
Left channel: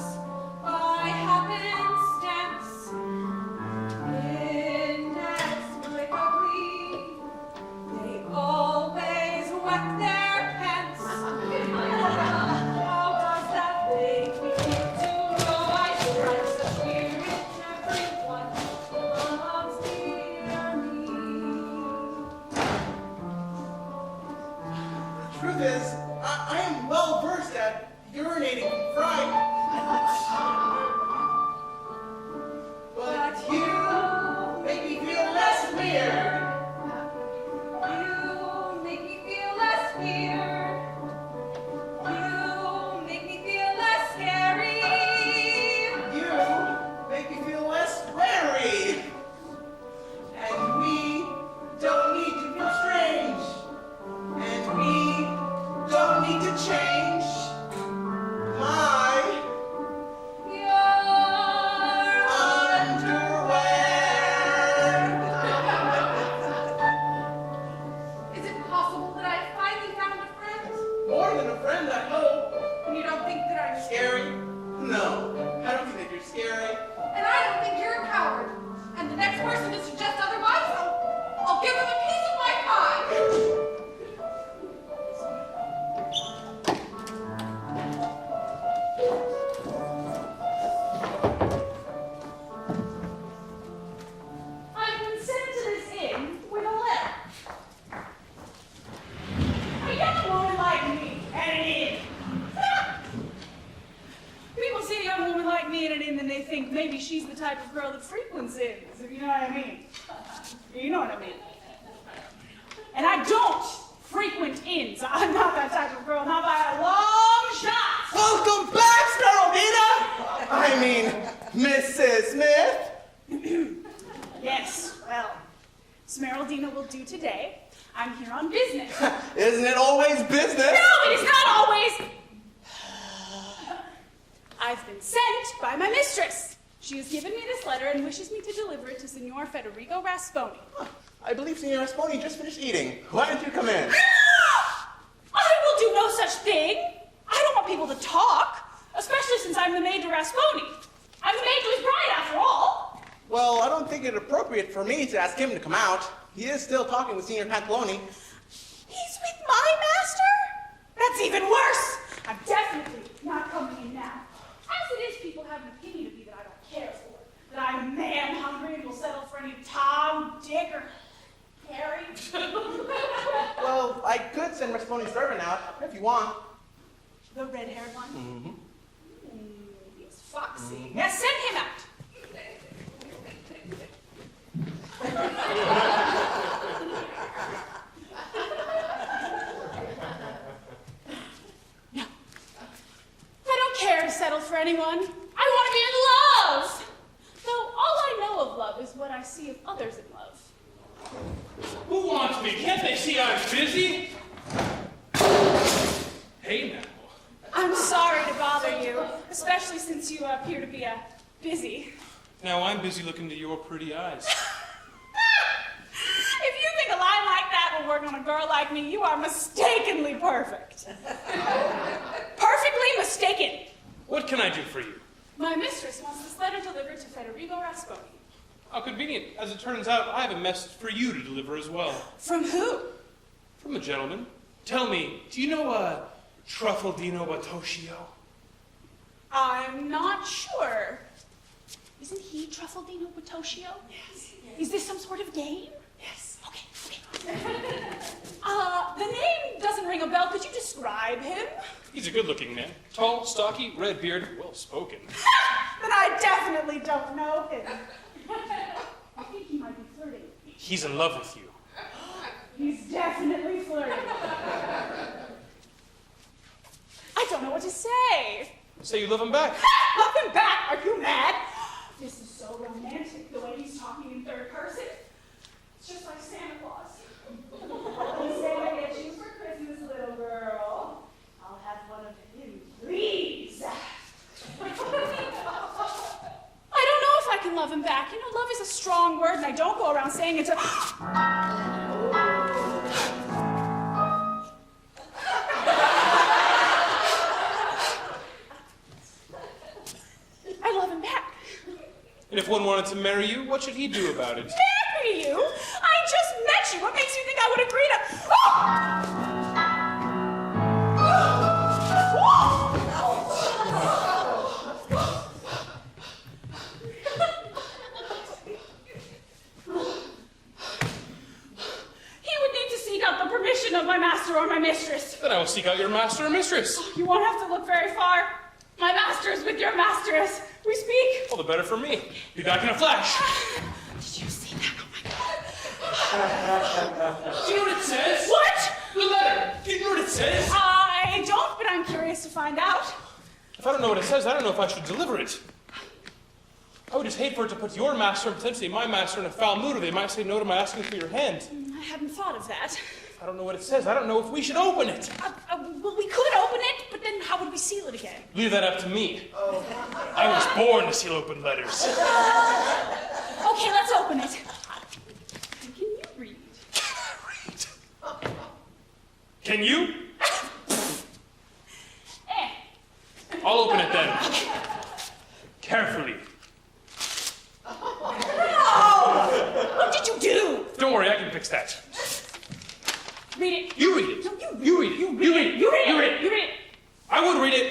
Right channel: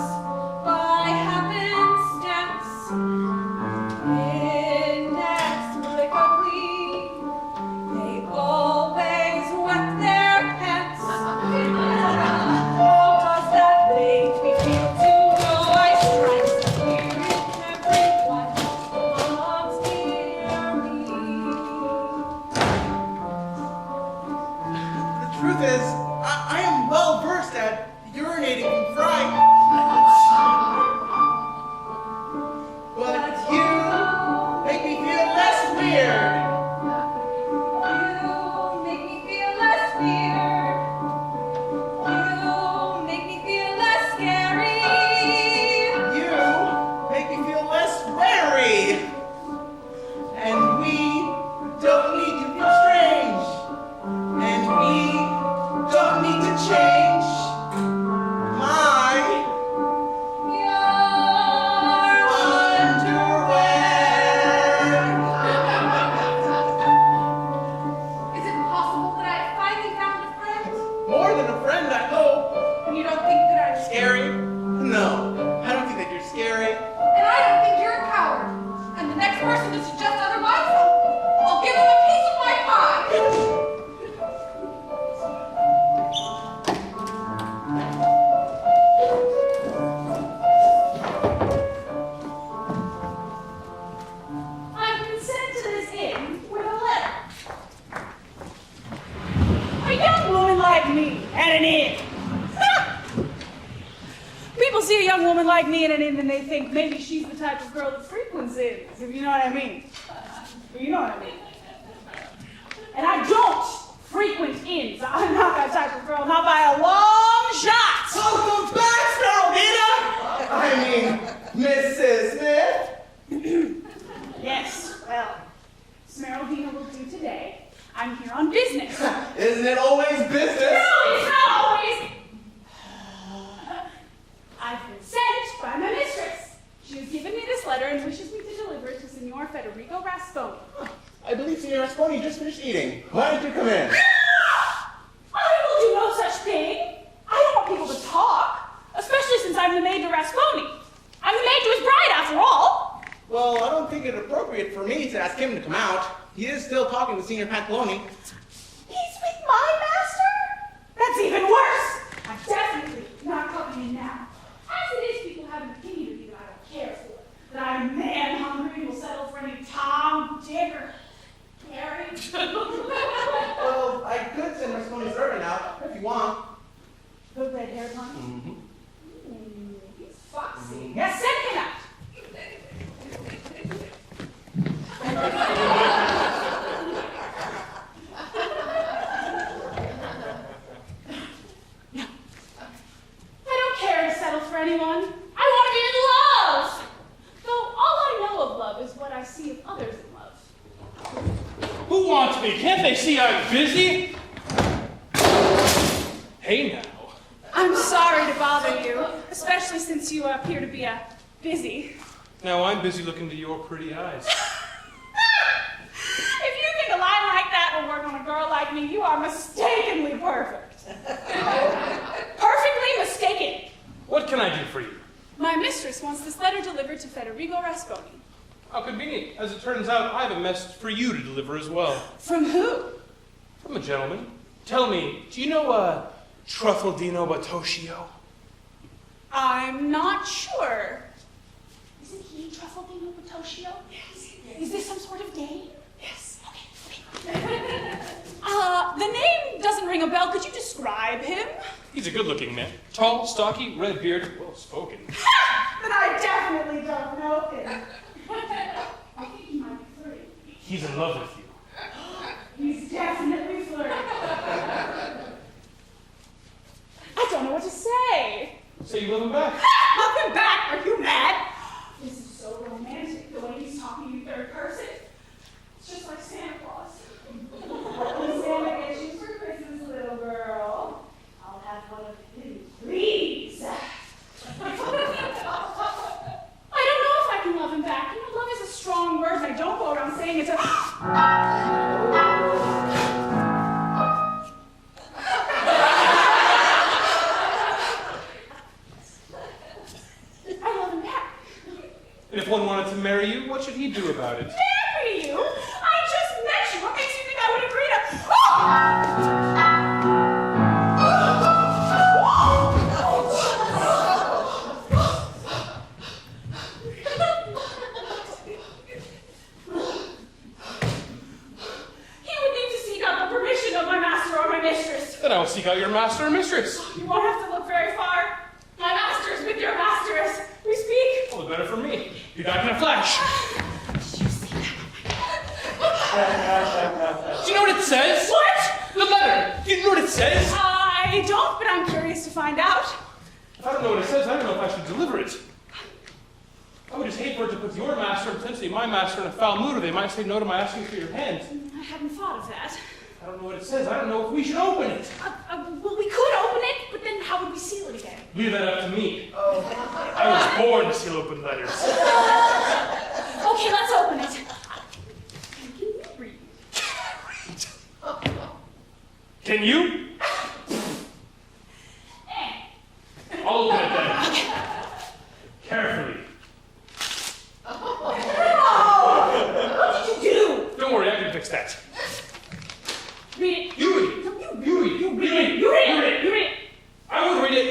by happenstance, inexplicably, they always wet their pants. Oh, does that make me feel to know I strike everyone loves dearly? The truth is, I am well versed at urinating from fright. But you make me feel less weird. You make me feel less weird. You make me feel less scary. You make me feel less wary. And we don't need to feel strange. And we don't need to change. My Is it possible that I finally found a friend? more than a friend, I hope. And you don't think that I'm Scary? No, I don't think that you're scary. And I don't think you're a coward. And the next person to suggest otherwise, I'll give them a piece of my pie. I've been sent to this inn with a letter. A young woman like me at an inn. People see a young woman like me at an inn and they think maybe she's the type of girl that frequents inns, if you know what I mean. You know what I mean. And I don't frequent inns. I'm not that type of girl, not by a long shot. Welcome back, Truffaldino! I mean, Mrs. Smith. Yes, well, Smeraldina will do today. I'm here on business. Isn't it always business? No, it's not always. I've been sent by my mistress. She has given me this letter and wishes me to deliver it to Signor Federico Rasponi. I believe Signor Rasponi just finished eating. Why don't you come in? I will do no such thing. I don't want people to talk, especially since I'm the maid to Rasponi. I'm the maid to his bride, after all. Well, I don't think it appropriate for me to ask him to come out. He is still talking with Signor Pacloni. He's with my master? That's even worse. I'm definitely not coming in now. As it is, people have an opinion of me that I don't care for. That I'm man hungry and will settle for any Tom, Dick, or Gary. Well, I could send Rasponi's servant out if you want. The red-haired one? He's foxy. Yes, send him out. I don't care to settle for anyone. I want to be in love. Though all I know of love is what I see of others in love. Who wants me? Can't they see I'm busy? Hey now. I'm sorry to bother you, especially since you appear to be busy. Now I'm busy looking to your pretty eyes. If you think a line like that will work on a girl like me, you are mistakenly perfect. Perfectly mistaken. What can I do for you? My mistress wants this letter delivered to Federico Rasponi. How convenient. As it turns out, I have a message for you to deliver as well. From who? From a gentleman. Tell me, do you know Truffaldino Batocchio? I'm not sure. Isn't he Truffaldino Batocchio? Yes. Is this some sort of game? Yes. Okay. The name doesn't ring a bell. Could you describe him? He's a good-looking man. Tall, stocky, red-bearded, well-spoken. Then I definitely don't know him. I think he might be flirting. He's in love with you. He's definitely flirting. I don't know what to say. Say you love him back. Love him back? Are you mad? This is so romantic, the way he's talking in third person. It's just like Santa Claus. When Santa gets you for Christmas, little girl, I'll have one of his trees. I don't know if I can love him back. You know, love is a strong word, and I don't go around saying it to... I love him back. If one wanted to marry you, what should he do about it? Marry you? I just met you. What makes you think I would agree to... He would need to seek out the permission of my master or my mistress. Then I will seek out your master or mistress. You won't have to look very far. My master is with your master as we speak. All the better for me. You're back in a flash. Did you see that? Do you know what it says? What? The letter. Do you know what it says? I don't, but I'm curious to find out. If I don't know what it says, I don't know if I should deliver it. I would just hate for it to put your master and potentially my master in a foul mood, or they might say no to my asking for your hand. I hadn't thought of that. I don't know what it says. I don't know if we should open it. Well, we could open it, but then how would we seal it again? Leave that up to me. I was born to seal open letters. Okay, let's open it. Can you read? Can you? I'll open it then. Carefully. What did you do? Don't worry, I can fix that. Read it. You read it. You read it. You read it. You read it. You read it. You read it. I would read it,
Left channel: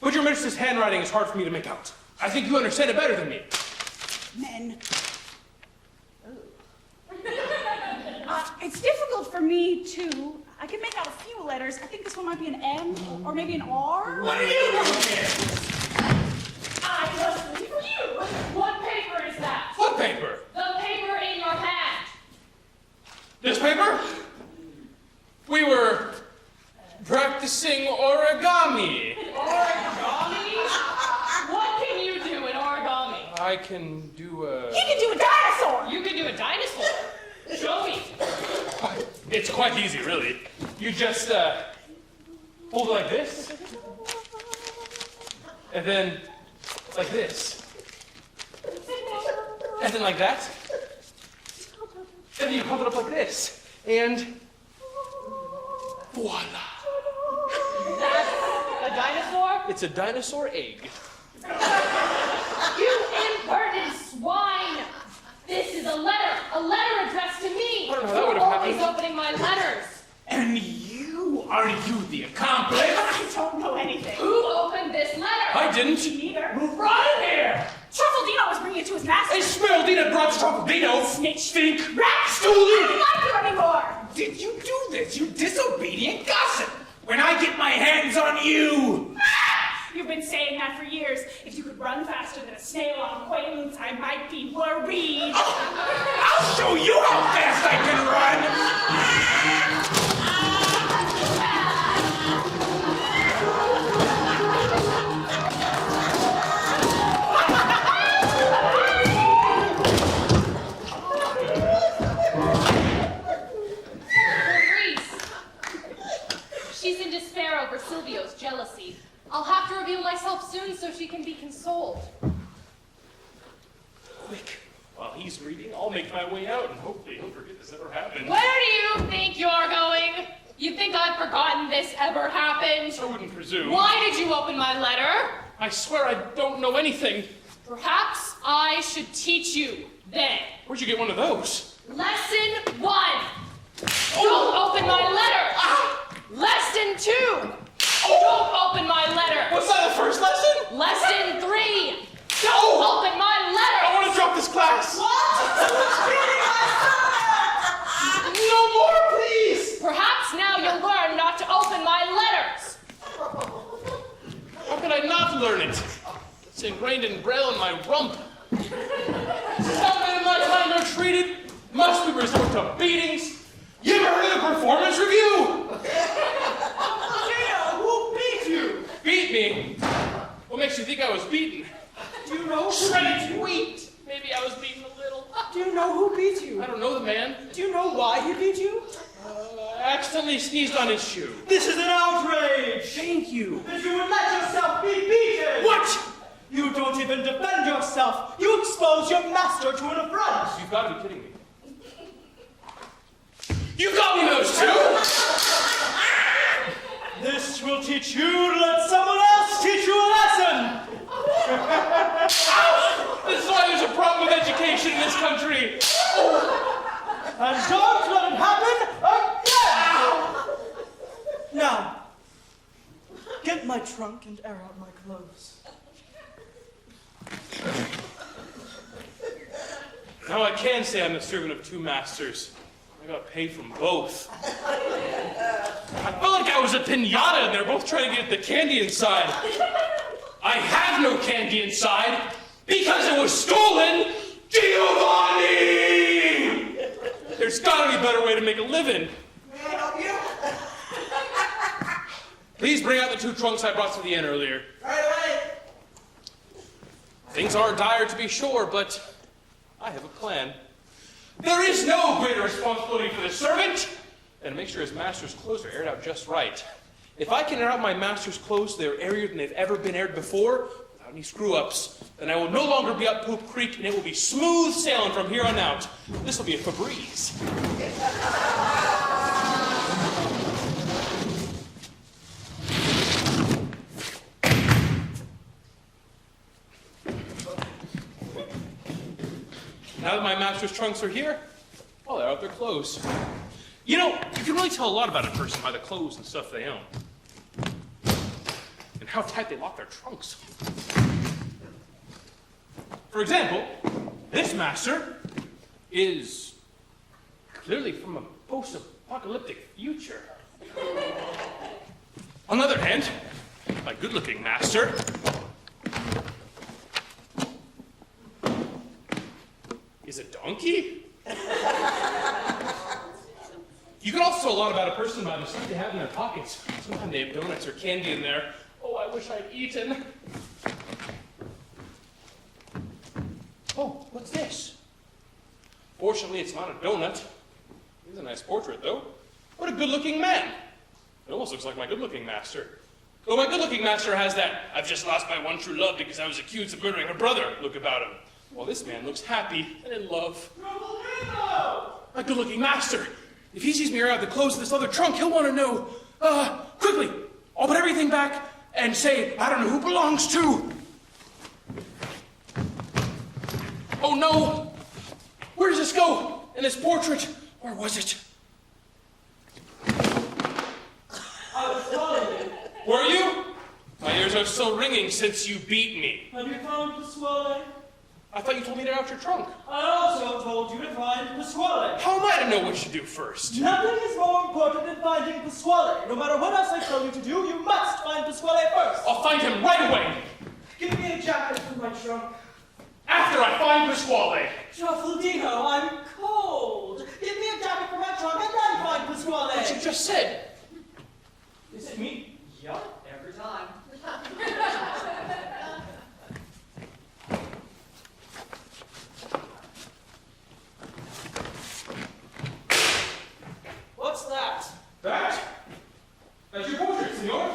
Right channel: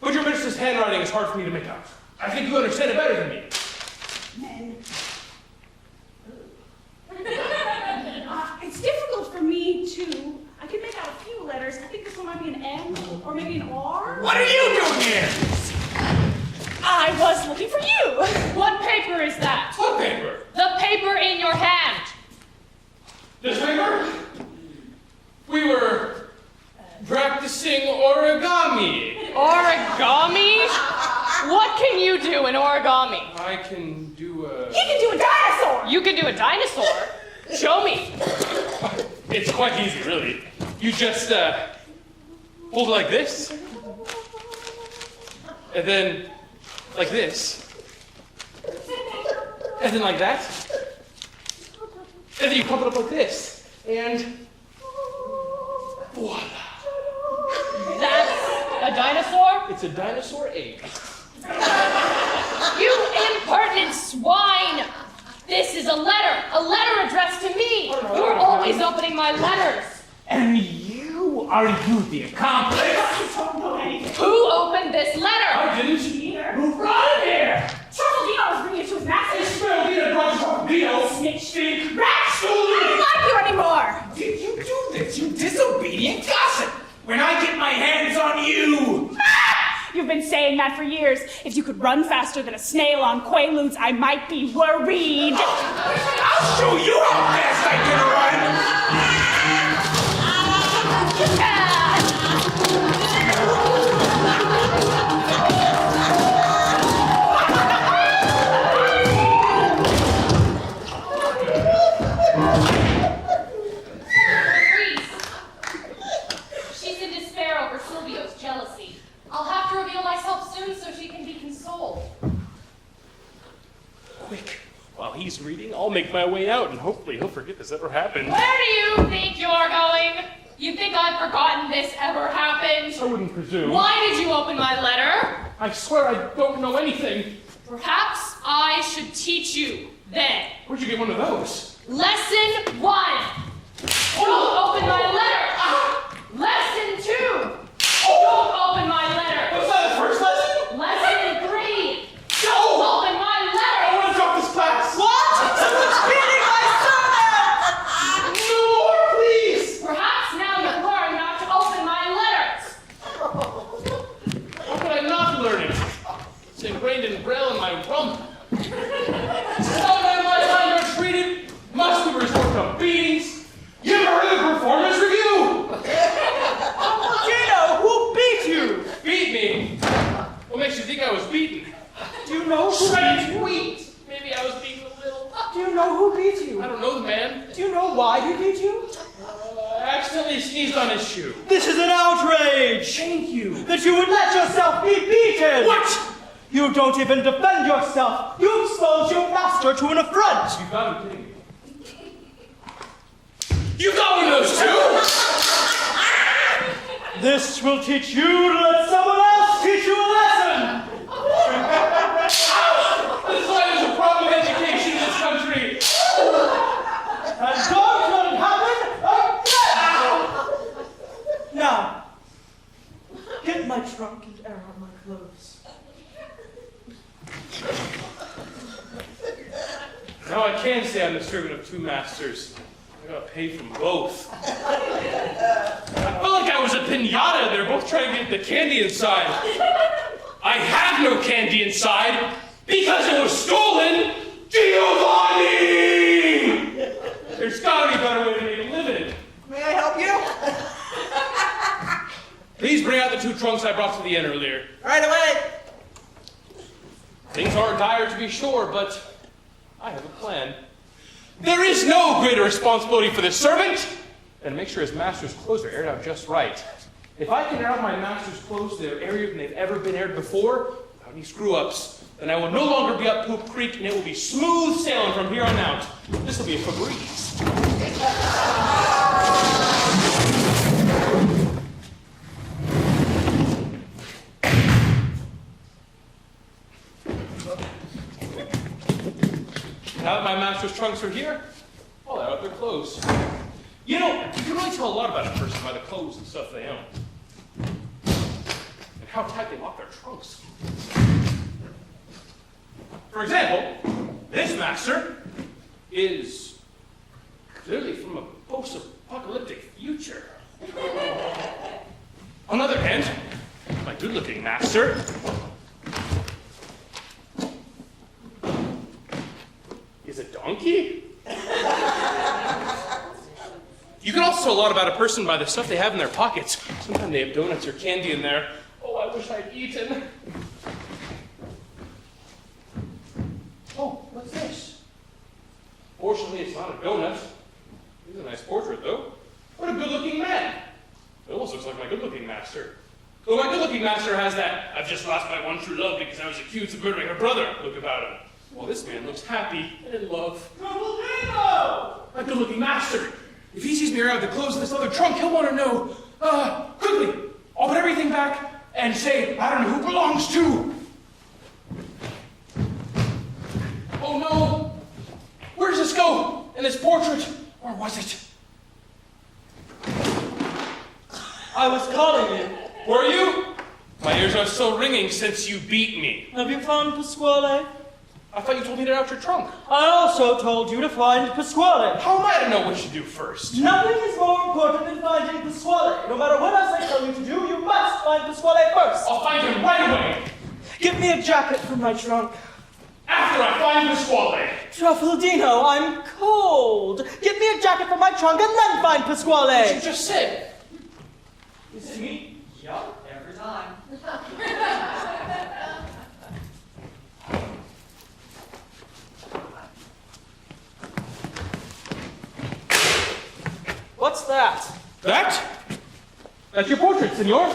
but your mistress's handwriting is hard for me to make out. I think you understand it better than me. Men. It's difficult for me to... I can make out a few letters. I think this one might be an M or maybe an R. What are you doing here? I was looking for you. What paper is that? What paper? The paper in your hand. This paper? We were practicing origami. Origami? What can you do in origami? I can do a... He can do a dinosaur. You can do a dinosaur. Show me. It's quite easy, really. You just, hold it like this. And then, like this. And then like that. And then you pop it up like this. And... voila. That's a dinosaur? It's a dinosaur egg. You impertinent swine! This is a letter addressed to me. You're always opening my letters. And you? Are you the accomplice? I don't know anything. Who opened this letter? I didn't. Neither. Who brought it here? Truffaldino was bringing it to his master. Truffaldino brought Truffaldino. Snitch. Stink. Rat. I don't like you anymore. Did you do this, you disobedient gossip? When I get my hands on you! You've been saying that for years. If you could run faster than a snail on Quaaludes, I might be worried. I'll show you how fast I can run! She's in despair over Silvio's jealousy. I'll have to reveal myself soon so she can be consoled. Quick. While he's reading, I'll make my way out, and hopefully he'll forget this ever happened. Where do you think you're going? You think I've forgotten this ever happened? I wouldn't presume. Why did you open my letter? I swear I don't know anything. Perhaps I should teach you then. Where'd you get one of those? Lesson 1. Don't open my letter. Lesson 2. hate you, that you would let yourself be beaten. What? You don't even defend yourself. You expose your master to an affront. You gotta be kidding me. You got me those two! This will teach you to let someone else teach you a lesson. This is why there's a problem with education in this country. And don't let it happen again. Now, get my trunk and air out my clothes. Now I can say I'm the servant of two masters. I gotta pay from both. I felt like I was a pinata and they're both trying to get the candy inside. I have no candy inside because it was stolen! Giovanni! There's gotta be a better way to make a living. May I help you? Please bring out the two trunks I brought to the inn earlier. Right away. Things are dire to be sure, but I have a plan. There is no greater responsibility for the servant than to make sure his master's clothes are aired out just right. If I can air out my master's clothes so they're airier than they've ever been aired before, without any screw-ups, then I will no longer be up Poop Creek and it will be smooth sailing from here on out. This will be a Febreze. Now that my master's trunks are here, I'll air out their clothes. You know, you can really tell a lot about a person by the clothes and stuff they own. And how tight they lock their trunks. For example, this master is clearly from a post-apocalyptic future. On the other hand, my good-looking master is a donkey? You can also tell a lot about a person by the stuff they have in their pockets. Sometimes they have donuts or candy in there. Oh, I wish I'd eaten. Oh, what's this? Fortunately, it's not a donut. It's a nice portrait, though. What a good-looking man. It almost looks like my good-looking master. Though my good-looking master has that "I've just lost my one true love because I was accused of murdering her brother" look about him. Well, this man looks happy and in love. Truffaldino! My good-looking master. If he sees me air out the clothes in this other trunk, he'll want to know. Quickly, I'll put everything back and say, I don't know who it belongs to. Oh no! Where does this go? In this portrait? Or was it? I was calling you. Were you? My ears are still ringing since you beat me. Have you found Pasquale? I thought you told me to air out your trunk. I also told you to find Pasquale. How am I to know what you do first? Nothing is more important than finding Pasquale. No matter what else I tell you to do, you must find Pasquale first. I'll find him right away. Give me a jacket from my trunk. After I find Pasquale. Truffaldino, I'm cold. Give me a jacket from my trunk and then find Pasquale. What you just said. Is it me? Yup, every time. What's that? That? That's your portrait, senor.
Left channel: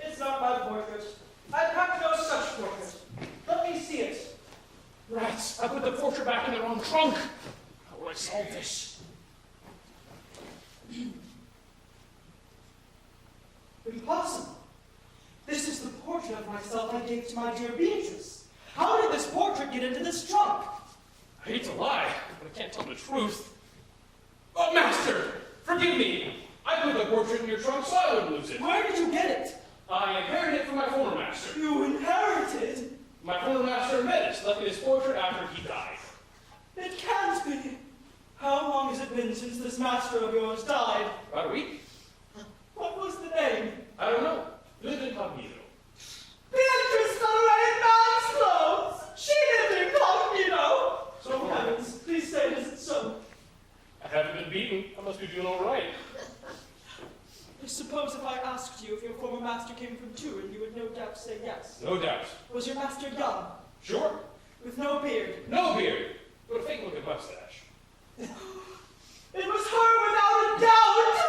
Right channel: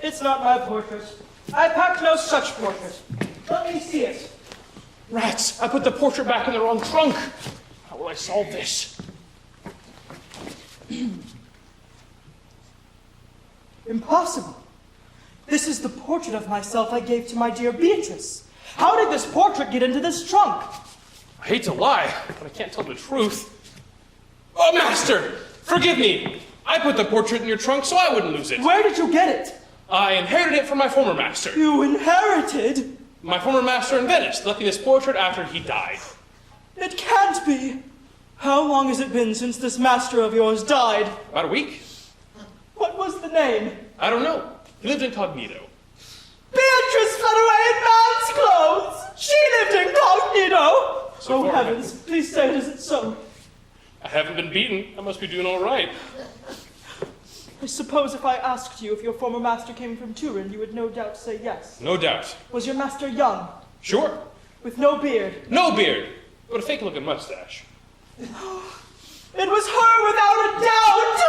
It's not my portrait. I packed no such portrait. Let me see it. Rats, I put the portrait back in the wrong trunk. How will I solve this? Impossible. This is the portrait of myself I gave to my dear Beatrice. How did this portrait get into this trunk? I hate to lie, but I can't tell the truth. Oh, master, forgive me. I put the portrait in your trunk so I wouldn't lose it. Where did you get it? I inherited it from my former master. You inherited? My former master in Venice left me this portrait after he died. It can't be. How long has it been since this master of yours died? About a week. What was the name? I don't know. He lived incognito. Beatrice fled away in man's clothes! She lived incognito! So Oh heavens, please say it isn't so. I haven't been beaten. I must be doing all right. I suppose if I asked you if your former master came from Turin, you would no doubt say yes. No doubt. Was your master young? Sure. With no beard? No beard, but a fake-looking mustache. It was her without a doubt!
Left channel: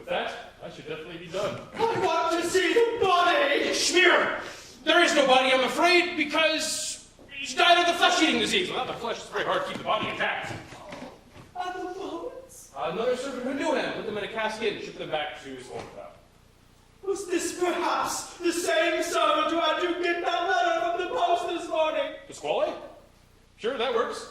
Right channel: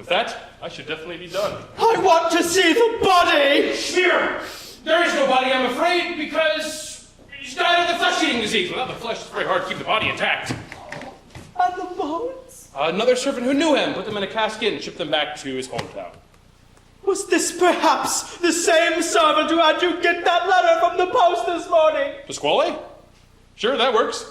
With that, I should definitely be done. I want to see the body! Schmear! There is no body, I'm afraid, because she died of the flesh-eating disease. Without the flesh, it's very hard to keep the body intact. And the bones? Another servant who knew him put them in a casket and shipped them back to his hometown. Was this perhaps the same servant who had you get that letter from the post this morning? Pasquale? Sure, that works.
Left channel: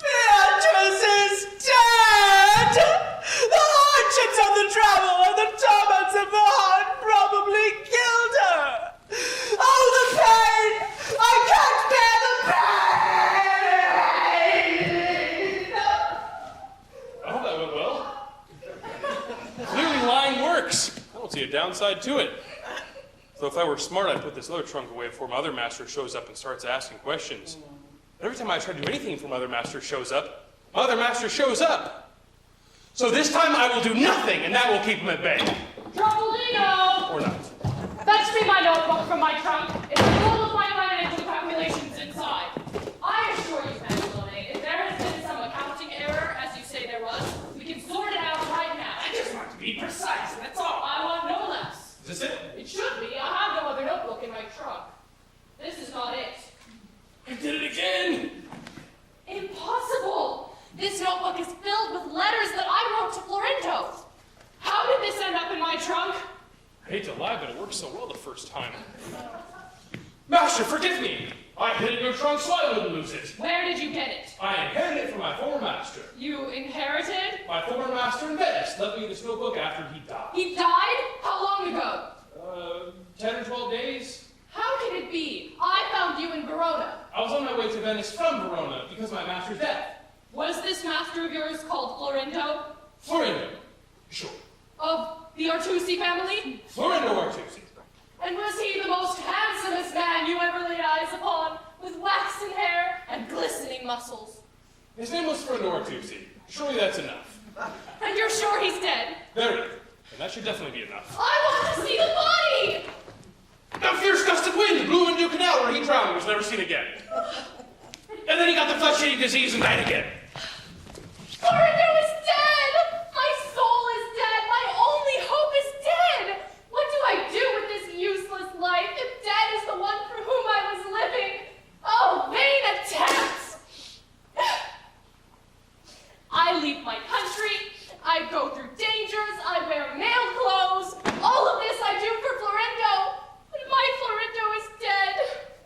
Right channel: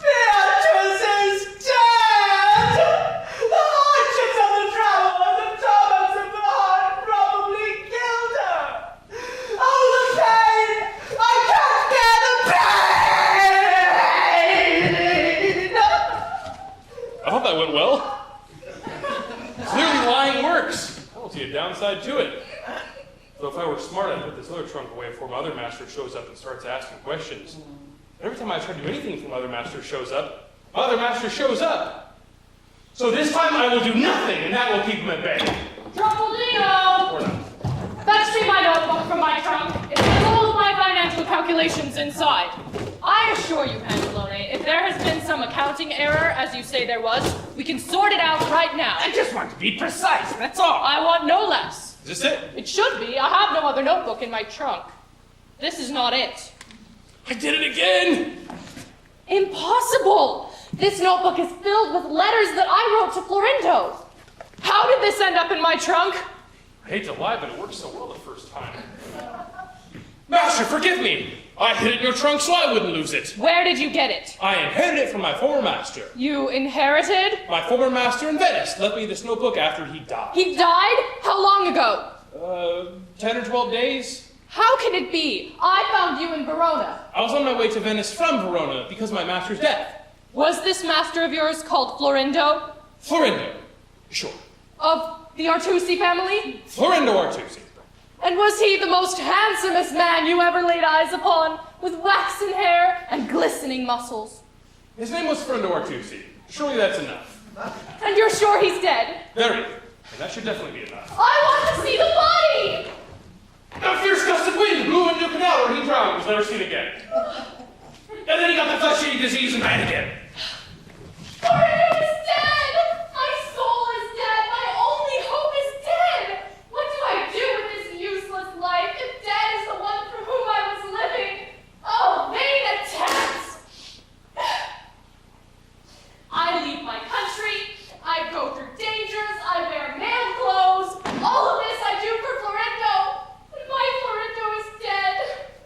Beatrice is dead! The hardships of the travel and the torments of the heart probably killed her! Oh, the pain! I can't bear the pain! I hope that went well. Clearly lying works. I don't see a downside to it. Though if I were smart, I'd put this other trunk away before my other master shows up and starts asking questions. But every time I try to do anything before my other master shows up, my other master shows up. So this time I will do nothing, and that will keep him at bay. Truffaldino! Or not. Fetch me my notebook from my trunk. It's full of my financial calculations inside. I assure you, Mandelone, if there has been some accounting error, as you say there was, we can sort it out right now. I just want to be precise, that's all. I want no less. Is this it? It should be. I have no other notebook in my trunk. This is not it. I did it again! Impossible! This notebook is filled with letters that I wrote to Florindo. How did this end up in my trunk? I hate to lie, but it worked so well the first time. Master, forgive me! I hid it in your trunk so I wouldn't lose it. Where did you get it? I inherited it from my former master. You inherited? My former master in Venice left me this notebook after he died. He died? How long ago? 10 or 12 days. How can it be? I found you in Verona. I was on my way to Venice from Verona because of my master's death. Was this master of yours called Florindo? Florindo. Sure. Of the Artusi family? Florindo Artusi. And was he the most handsomest man you ever laid eyes upon, with waxen hair and glistening muscles? His name was Florindo Artusi. Surely that's enough. And you're sure he's dead? Very. And that should definitely be enough. I want to see the body! A fierce gust of wind blew into a canal where he drowned and was never seen again. And then he got the flesh-eating disease and died again. Florindo is dead! My soul is dead! My only hope is dead! What do I do with this useless life if dead is the one for whom I was living? Oh, vain attempts! I leave my country, I go through dangers, I wear male clothes. All of this I do for Florindo. And my Florindo is dead.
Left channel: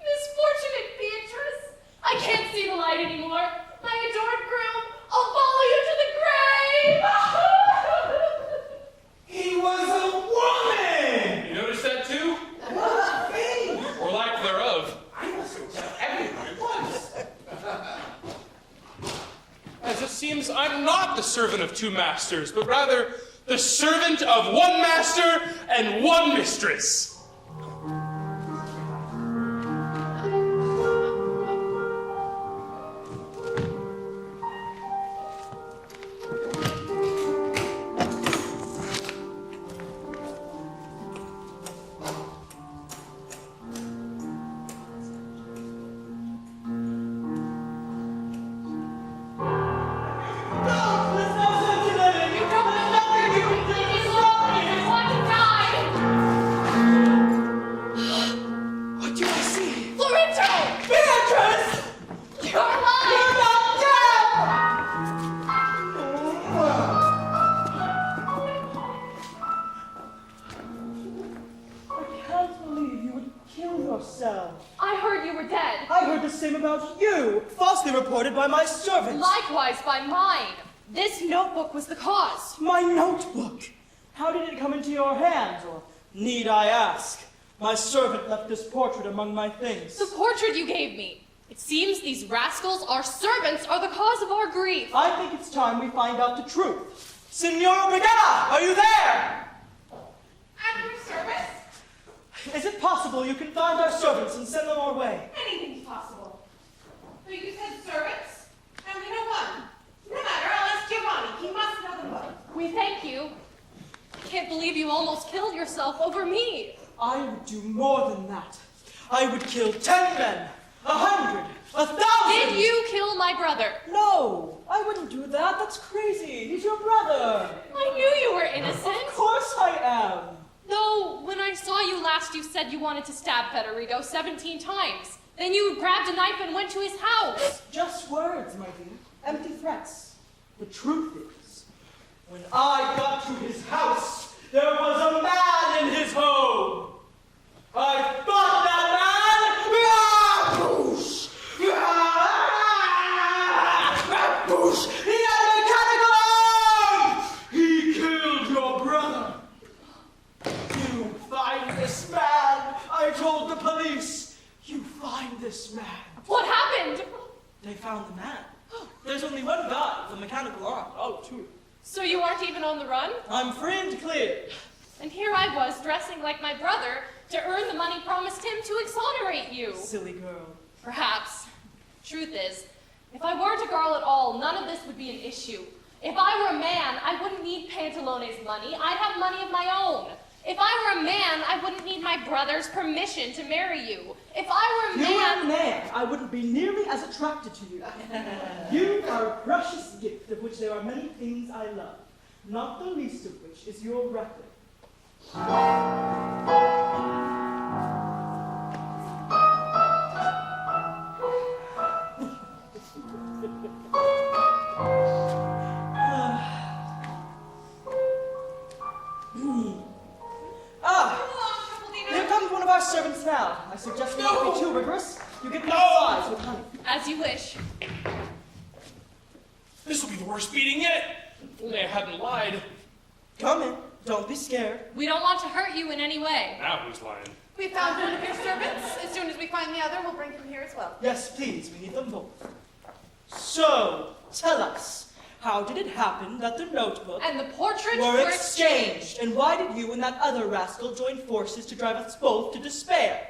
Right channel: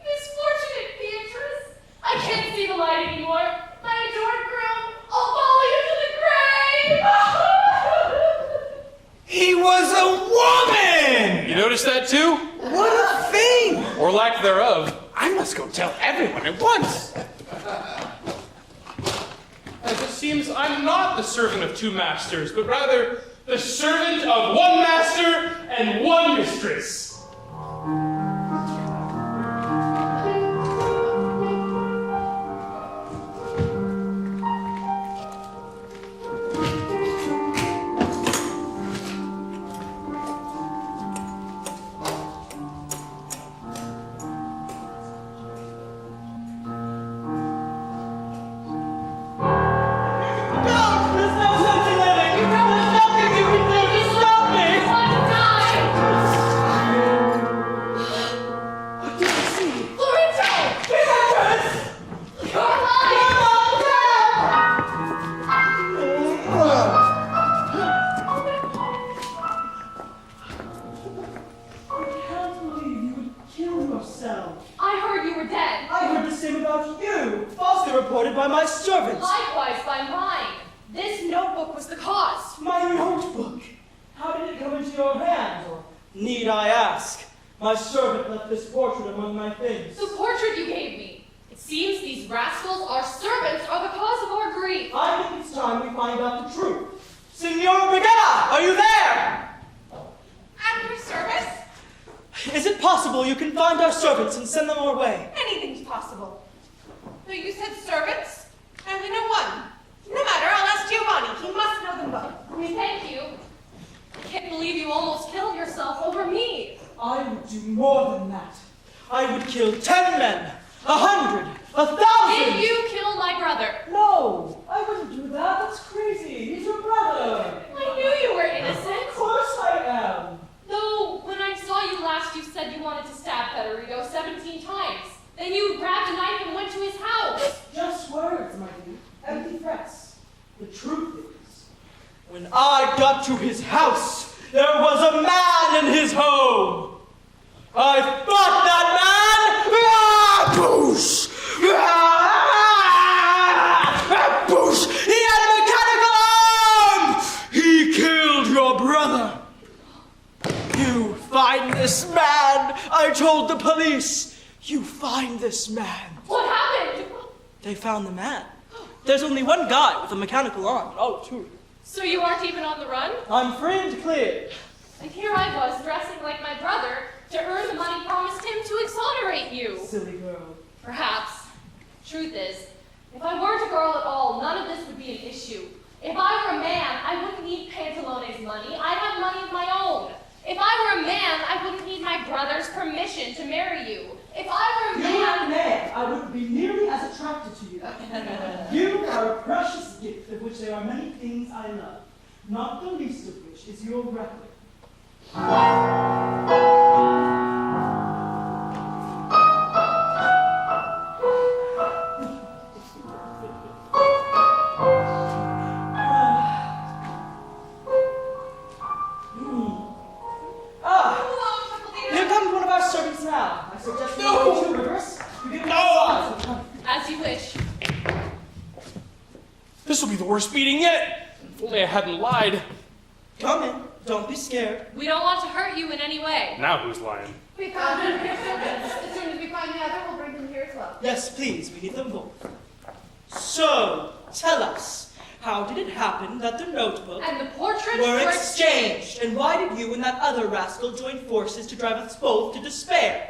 Misfortunate Beatrice. I can't see the light anymore. My adored groom, I'll follow you to the grave. He was a woman! You notice that too? What a thing! Or lack thereof. I must go tell everyone at once. As it seems, I'm not the servant of two masters, but rather the servant of one master and one mistress. I heard you were dead. I heard the same about you, falsely reported by my servants. Likewise by mine. This notebook was the cause. My notebook. How did it come into your hands, or need I ask? My servant left this portrait among my things. The portrait you gave me. It seems these rascals, our servants, are the cause of our grief. I think it's time we find out the truth. Signor Brigada, are you there? At your service? Is it possible you can find our servants and send them our way? Anything's possible. So you said servants? And we know one. No matter, I'll ask Giovanni. He must know them both. We thank you. I can't believe you almost killed yourself over me. I would do more than that. I would kill 10 men, 100, 1,000. Did you kill my truth is, when I got to his house, there was a man in his home. I thought that man, boosh, boosh, he had mechanical arms. He killed your brother. You find this man. I told the police. You find this man. What happened? They found the man. There's only one guy with a mechanical arm. Oh, two. So you aren't even on the run? I'm free and clear. And here I was, dressing like my brother, to earn the money promised him to exonerate you. Silly girl. Perhaps. Truth is, if I weren't a girl at all, none of this would be an issue. If I were a man, I wouldn't need Pantalone's money. I'd have money of my own. If I were a man, I wouldn't need my brother's permission to marry you. If I were a If you were a man... man, I wouldn't be nearly as attracted to you. You are a precious gift of which there are many things I love, not the least of which is your record. Here comes one of our servants now. I suggest you go to reverse. You get outside. As you wish. This will be the worst meeting yet. If only I hadn't lied. Come in. Don't be scared. We don't want to hurt you in any way. Now who's lying? We found one of your servants. As soon as we find the other, we'll bring them here as well. Yes, please, we need them both. So, tell us, how did it happen that the notebook And the portraits were exchanged? And why did you and that other rascal join forces to drive us both to despair?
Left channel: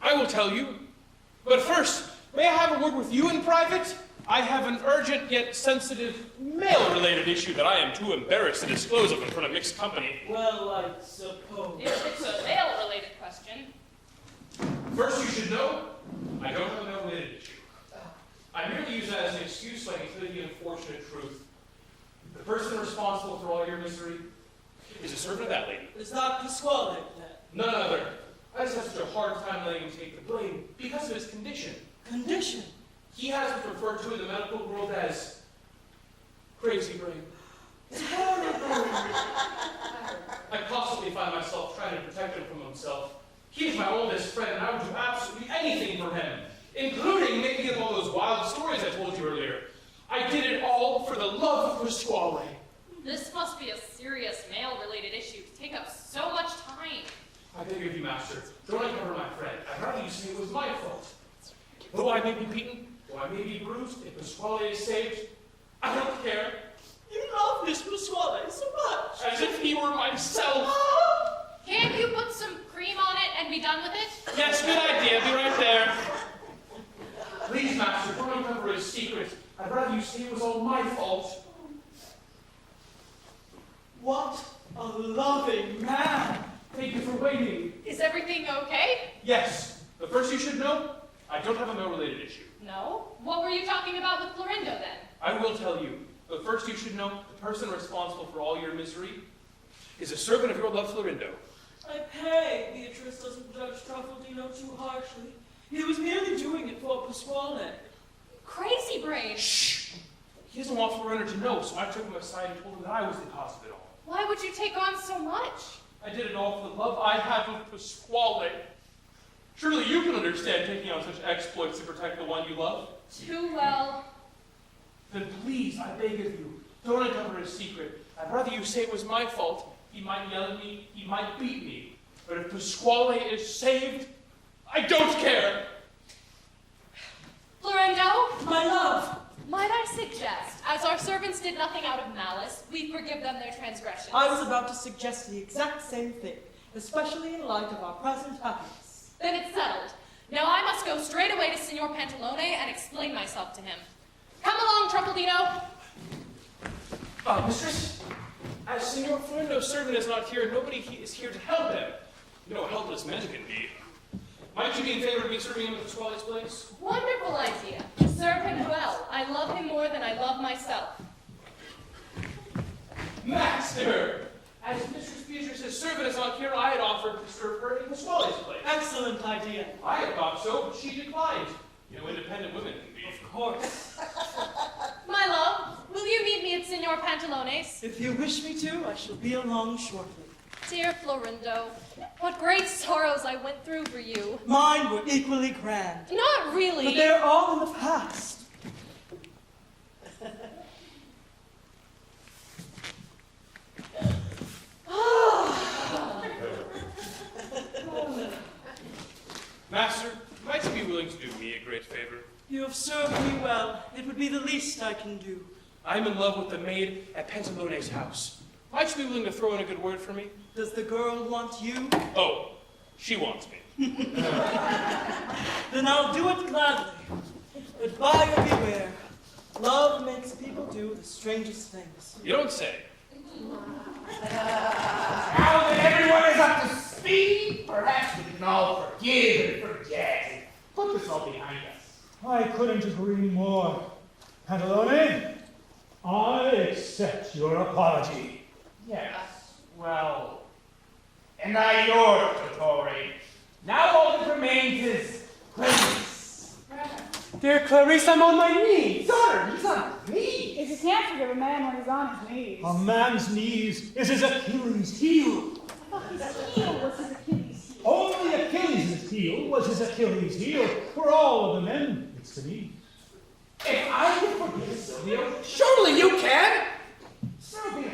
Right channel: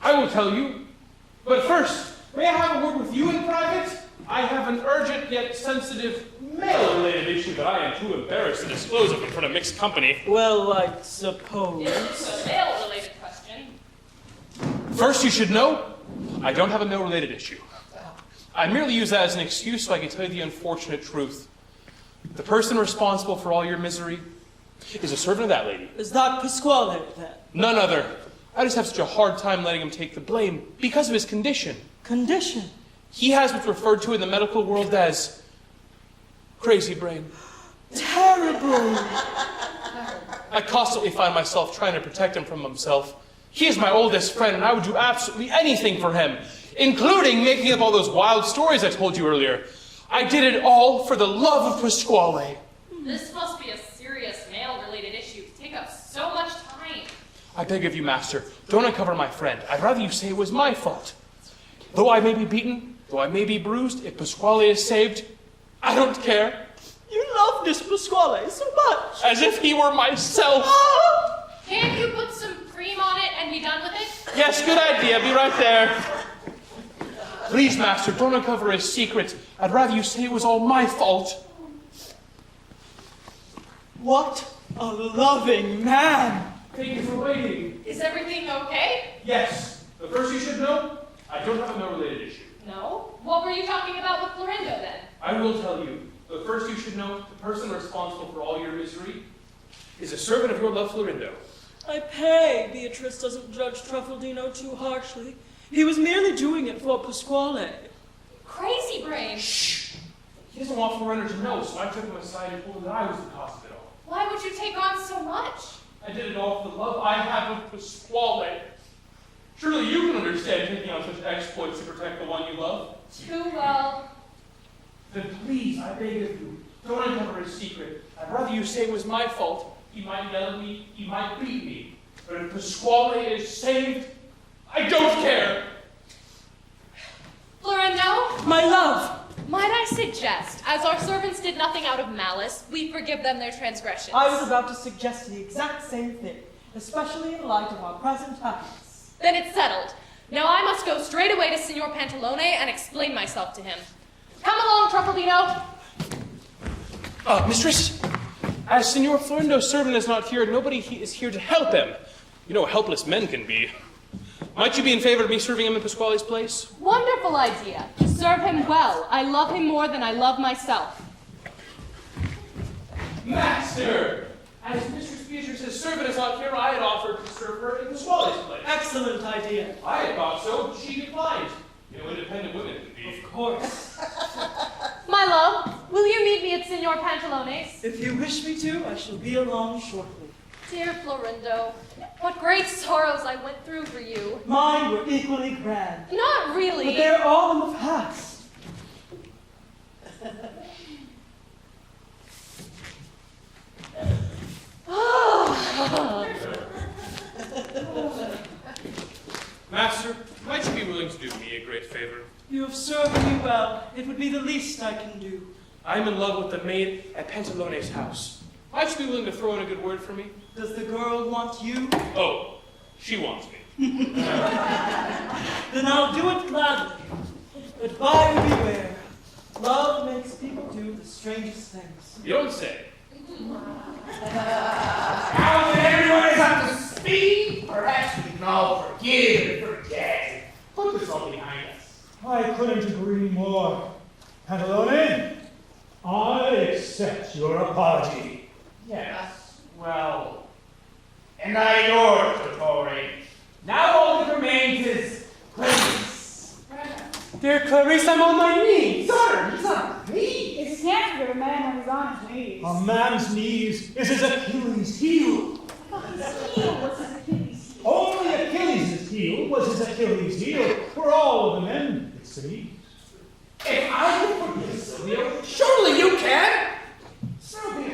I will tell you. But first, may I have a word with you in private? I have an urgent yet sensitive male-related issue that I am too embarrassed to disclose in front of mixed company. Well, I suppose. It's a male-related question. First, you should know, I don't have a male-related issue. I merely use that as an excuse so I can tell you the unfortunate truth. The person responsible for all your misery is a servant of that lady. Is that Pasquale, then? None other. I just have such a hard time letting him take the blame because of his condition. Condition? He has what's referred to in the medical world as crazy brain. Terrible. I constantly find myself trying to protect him from himself. He is my oldest friend, and I would do absolutely anything for him, including making up all those wild stories I told you earlier. I did it all for the love of Pasquale. This must be a serious male-related issue. Take up so much time. I beg of you, master, don't uncover my friend. I'd rather you say it was my fault. Though I may be beaten, though I may be bruised, if Pasquale is saved, I don't care. You love this Pasquale so much. As if he were myself. Can't you put some cream on it and be done with it? Yes, good idea. Be right there. Please, master, don't uncover his secret. I'd rather you say it was all my fault. What a loving man. Thank you for waiting. Is everything okay? Yes. But first you should know, I don't have a male-related issue. No? What were you talking about with Florindo then? I will tell you. But first you should know, the person responsible for all your misery is a servant of your love, Florindo. I pray Beatrice doesn't judge Truffaldino too harshly. He was merely doing it for Pasquale. Crazy brain. Shh! He doesn't want Florindo to know, so I took him aside and told him that I was the cause of it all. Why would you take on so much? I did it all for the love I have of Pasquale. Surely you can understand taking on such exploits to protect the one you love. Too well. Then please, I beg of you, don't uncover his secret. I'd rather you say it was my fault. He might yell at me, he might beat me. But if Pasquale is saved, I don't care. Florindo? My love. Might I suggest, as our servants did nothing out of malice, we forgive them their transgressions. I was about to suggest the exact same thing, especially in light of our present happiness. Then it's settled. Now I must go straight away to Signor Pantalone and explain myself to him. Come along, Truffaldino. Mistress, as Signor Florindo's servant is not here, nobody is here to help him. You know how helpless men can be. Might you be in favor of me serving him in Pasquale's place? Wonderful idea. Serve him well. I love him more than I love myself. Master! As Mistress Beatrice's servant is not here, I had offered to serve her in Pasquale's place. Excellent idea. I had thought so, but she declined. You know, independent women can be. Of course. My love, will you meet me at Signor wish me to, I shall be along shortly. Dear Florindo, what great sorrows I went through for you. Mine were equally grand. Not really. But they're all in the past. Master, might you be willing to do me a great favor? You have served me well. It would be the least I can do. I'm in love with the maid at Pantalone's house. Might you be willing to throw in a good word for me? Does the girl want you? Oh, she wants me. Then I'll do it gladly. But buyer beware. Love makes people do the strangest things. You don't say. Now that everyone is up to speed, perhaps we can all forgive and forget. Put this all behind us. I couldn't agree more. Pantalone, I accept your apology. Yes, well, and I yours, Dottore. Now all that remains is Clarice. Dear Clarice, I'm on my knees. Daughter, he's on his knees. If you can't forgive a man when he's on his knees. A man's knees is his Achilles' heel. I thought his heel was his Achilles heel. Only Achilles' heel was his Achilles' heel for all of the men, it seems. If I could forgive Silvio, surely you can. Silvio,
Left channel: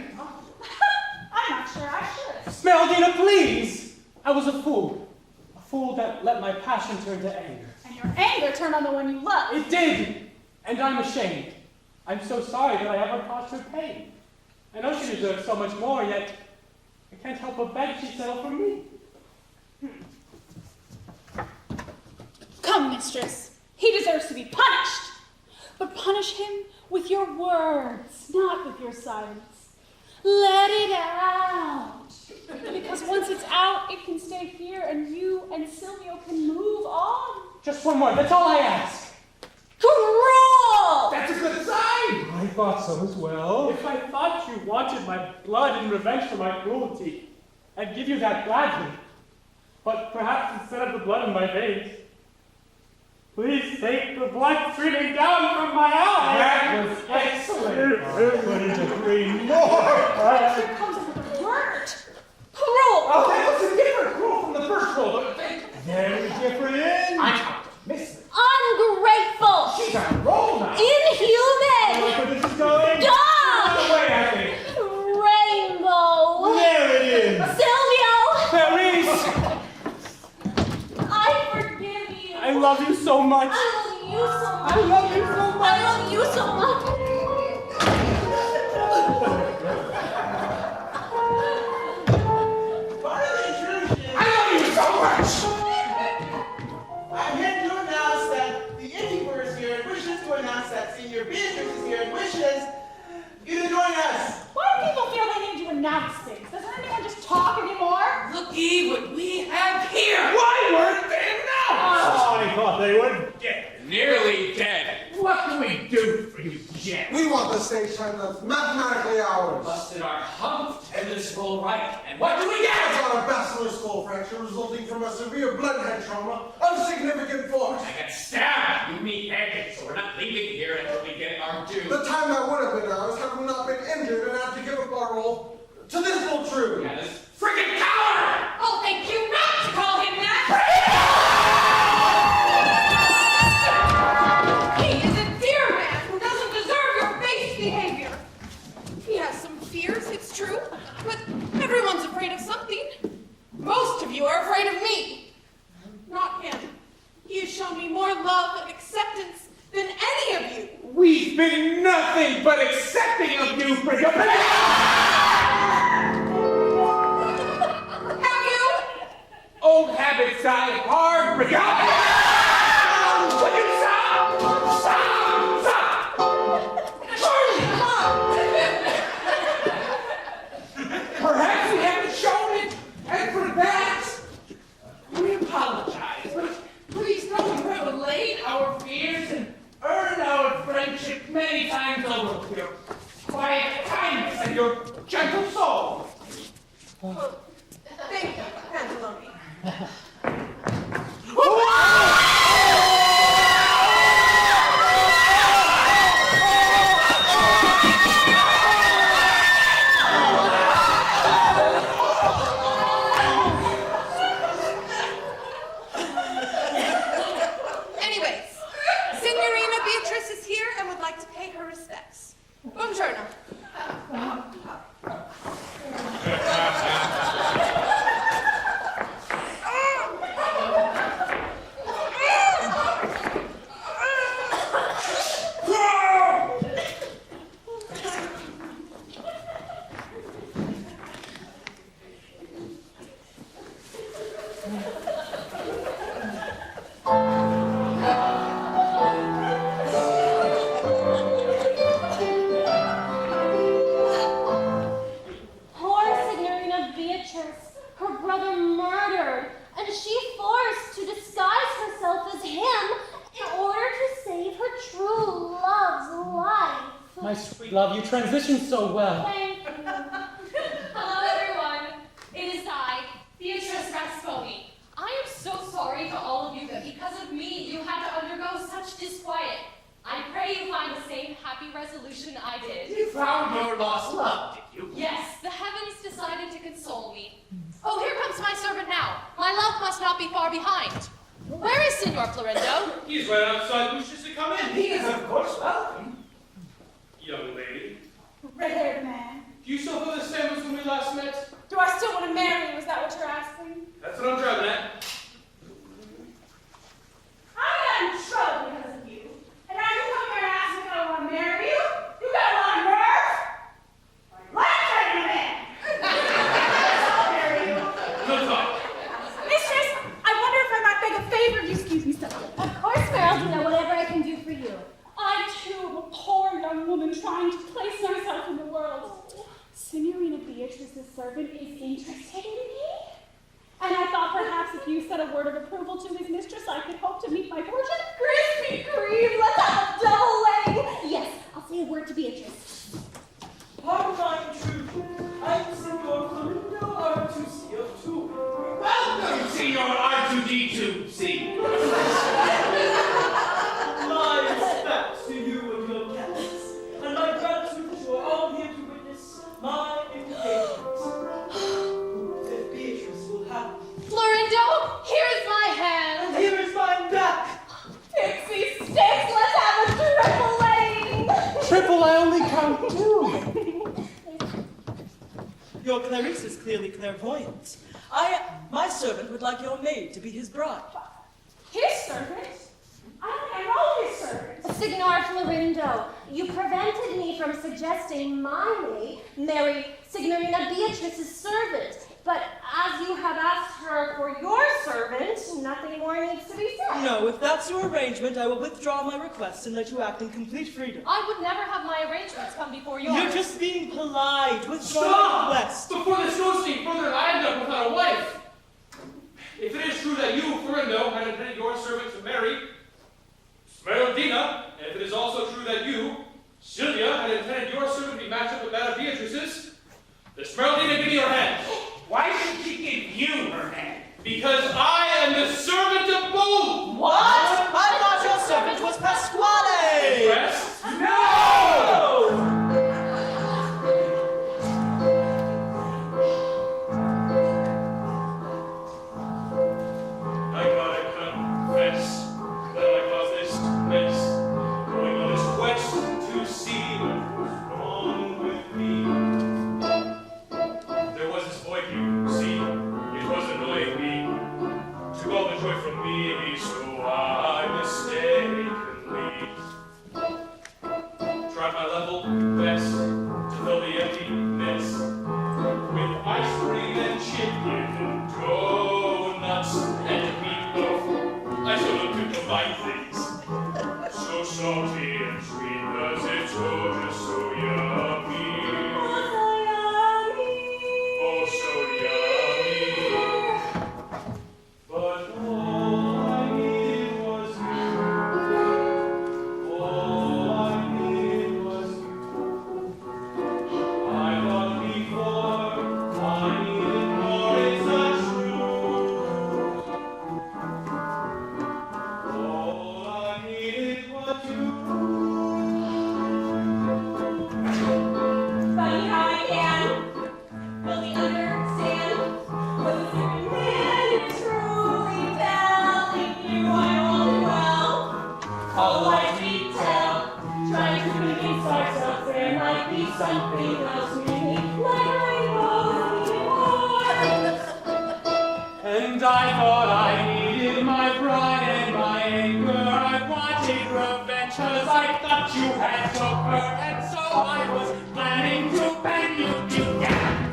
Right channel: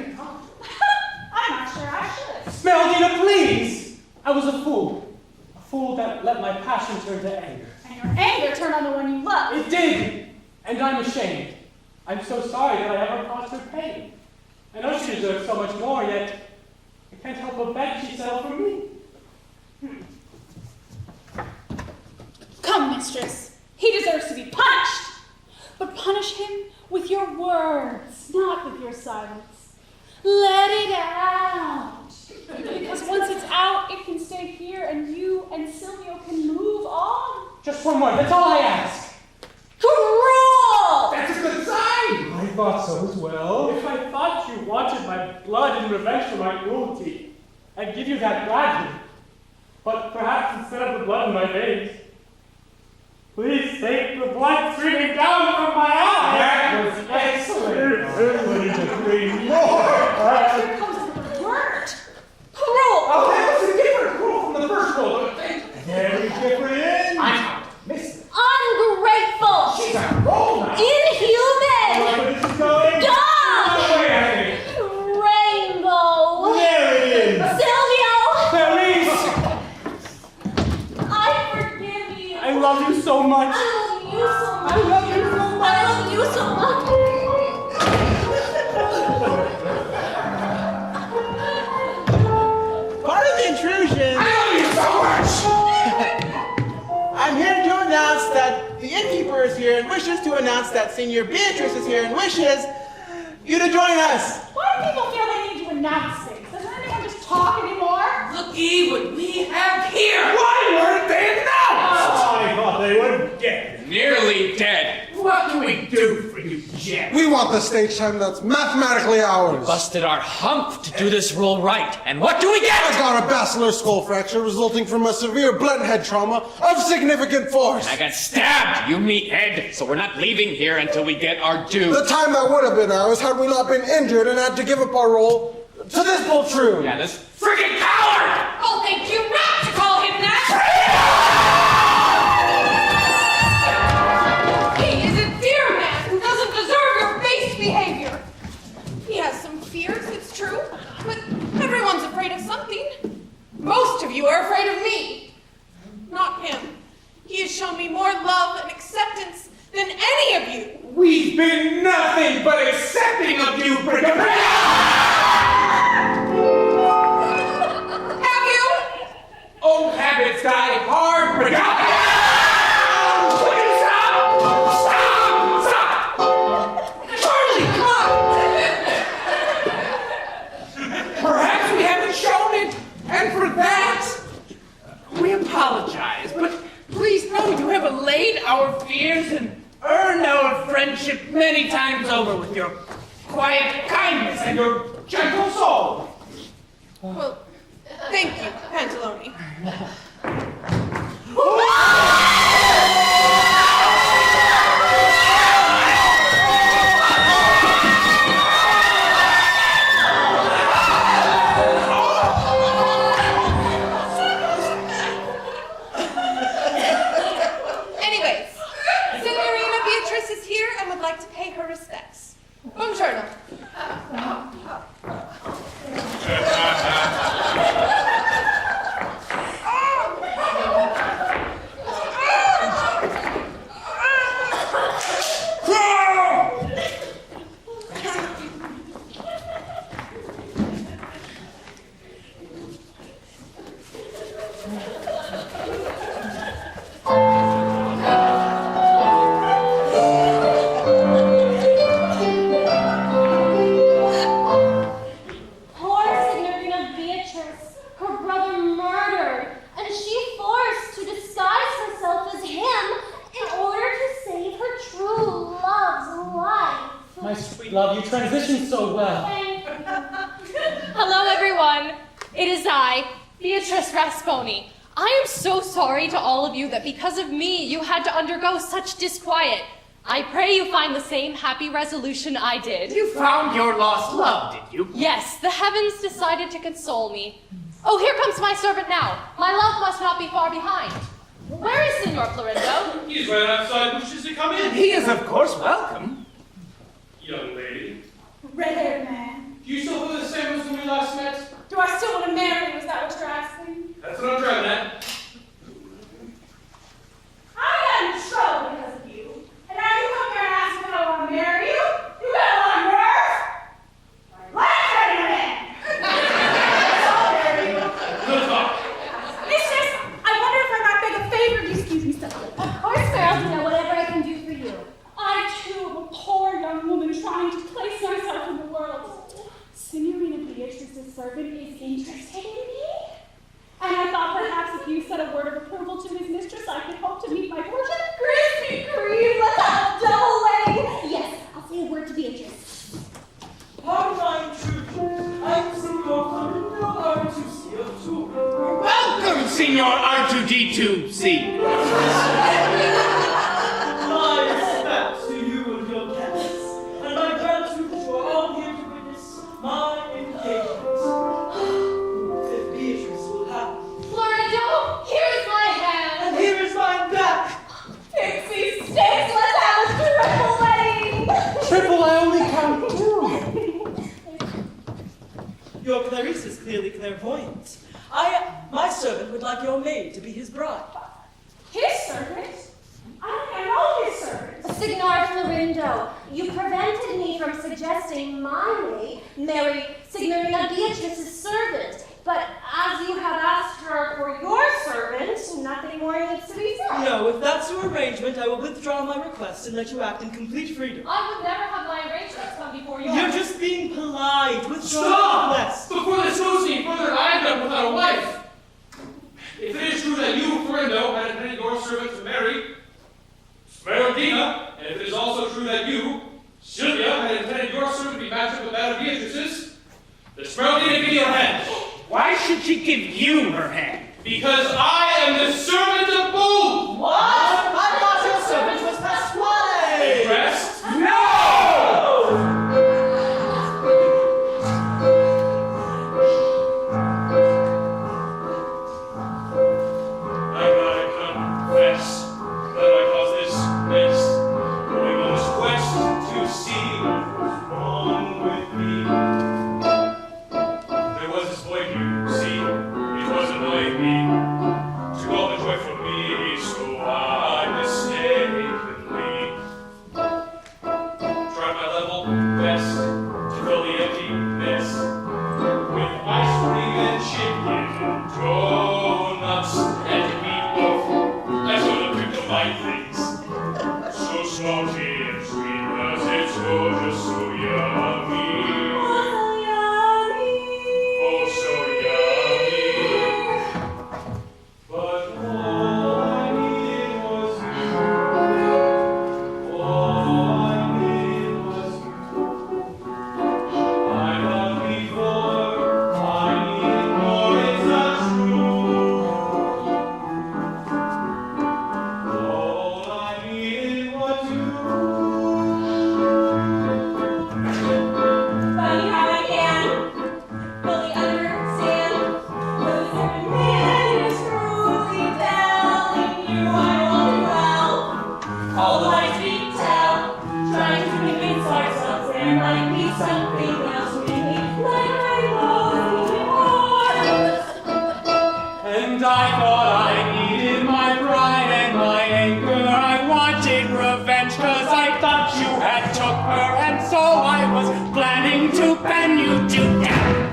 I'm not sure I should. Smeraldina, please! I was a fool. A fool that let my passion turn to anger. And your anger turned on the one you love. It did! And I'm ashamed. I'm so sorry that I ever caused her pain. I know she deserves so much more, yet I can't help but beg she settle for me. Come, mistress. He deserves to be punished. But punish him with your words, not with your silence. Let it out. Because once it's out, it can stay here, and you and Silvio can move on. Just one more, that's all I ask. Cruel! that's a good sign. I thought so as well. If I thought you wanted my blood in revenge for my cruelty, I'd give you that gladly. But perhaps instead of the blood in my veins, please take the blood streaming down from my eyes. That was excellent. I couldn't agree more. Here comes another word. Cruel! Oh, that was a different rule from the first rule, don't you think? Very different. I'm out to miss it. Ungrateful! She's on a roll now. Inhuman! Like where this is going? Dog! Wait, I think. Rainbow! There it is. Silvio! Clarice! I forgive you. I love you so much. I love you so much. I love you so much. I love you so much. Pardon the intrusion. I love you so much. I'm here to announce that the innkeeper is here and wishes to announce that Senior Beatrice is here and wishes you to join us. Why do people feel they need to announce things? Doesn't anyone just talk anymore? Looky what we have here. Why weren't they announced? I thought they were dead. Nearly dead. What can we do for you, Jet? We want the stage time that's mathematically ours. Busted our hump to do this role right. And what do we I get? got a basilar skull fracture resulting from a severe blunt head trauma of significant force. I got stabbed, you meathead. So we're not leaving here until we get our due. The time that would have been ours had we not been injured and had to give up our role to this poltroon. Yeah, this freaking coward! I'll thank you not to call him that! He is a dear man who doesn't deserve your base behavior. He has some fears, it's true, but everyone's afraid of something. Most of you are afraid of me, not him. He has shown me more love and acceptance than any of you. We've been nothing but accepting of you, Brigham. Have you? Old habits die hard, Brigham. Will you stop? Stop! Charlie, come on! Perhaps we haven't shown it, and for that, we apologize. But please know you have allayed our fears and earned our friendship many times over with your quiet kindness and your gentle soul. Well, thank you, Pantalone. turn. Poor Signorina Beatrice, her brother murdered, and she forced to disguise herself as him in order to save her true love's life. My sweet love, you transitioned so well. Thank you. Hello, everyone. It is I, Beatrice Rasponi. I am so sorry to all of you that because of me, you had to undergo such disquiet. I pray you find the same happy resolution I did. You found your lost love, did you? Yes, the heavens decided to console me. Oh, here comes my servant now. My love must not be far behind. Where is Signor Florenzo? He's right outside. Wishes to come in. He is, of course, welcome. Young lady, Red-haired man. do you still feel the same as when we last met? Do I still want to marry you? Is that what you're asking? That's what I'm driving at. I got in trouble because of you. And now you come here and ask me if I want to marry you? You got a lot of nerve? Let's marry you then! I'll marry you. Good talk. Mistress, I wonder if I might beg a favor of you. Excuse me, stop. Of course, Feraldina, whatever I can do for you. I, too, am a poor young woman trying to place myself in the world. Signorina Beatrice's servant is interested in me? And I thought perhaps if you said a word of approval to his mistress, I could hope to meet my fortune. Krispy Kreme, let's have a double wedding. Yes, I'll say a word to Beatrice. Pardon my intrusion. I'm Signor Florinda R2C02. Welcome, Signor R2D2C. My respects to you and your guests, and my gratitude that you are all here to witness my engagement. If Beatrice will have me. Florindo, here is my hand. And here is my back. Pixie sticks, let's have a triple wedding. Triple, I only count two. Your Clarice is clearly clairvoyant. My servant would like your maid to be his bride. His servant? I don't think I know his servant. Signor Florindo, you prevented me from suggesting my maid marry Signorina Beatrice's servant. But as you have asked her for your servant, nothing more needs to be said. No, if that's your arrangement, I will withdraw my request and let you act in complete freedom. I would never have my arrangements come before yours. You're just being polite. Withdraw your Stop! request. Before this goes any further, I end up without a wife. If it is true that you, Florindo, had intended your servant to marry Smeraldina, and if it is also true that you, Sylvia, had intended your servant to be matched up with that of Beatrice's, then Smeraldina, give me your hand. Why should she give you her hand? Because I am the servant of both! What? I thought your servant was Pasquale! Impressed? No! I gotta confess that I caused this mess, going on this quest to see what was wrong with me. There was this boy here, see, it was annoying me. Took all the joy something else we need, like rainbows or And I thought I needed my pride and my anger. I wanted revenge, cause I thought you had took her, and so I was planning to pen you to death.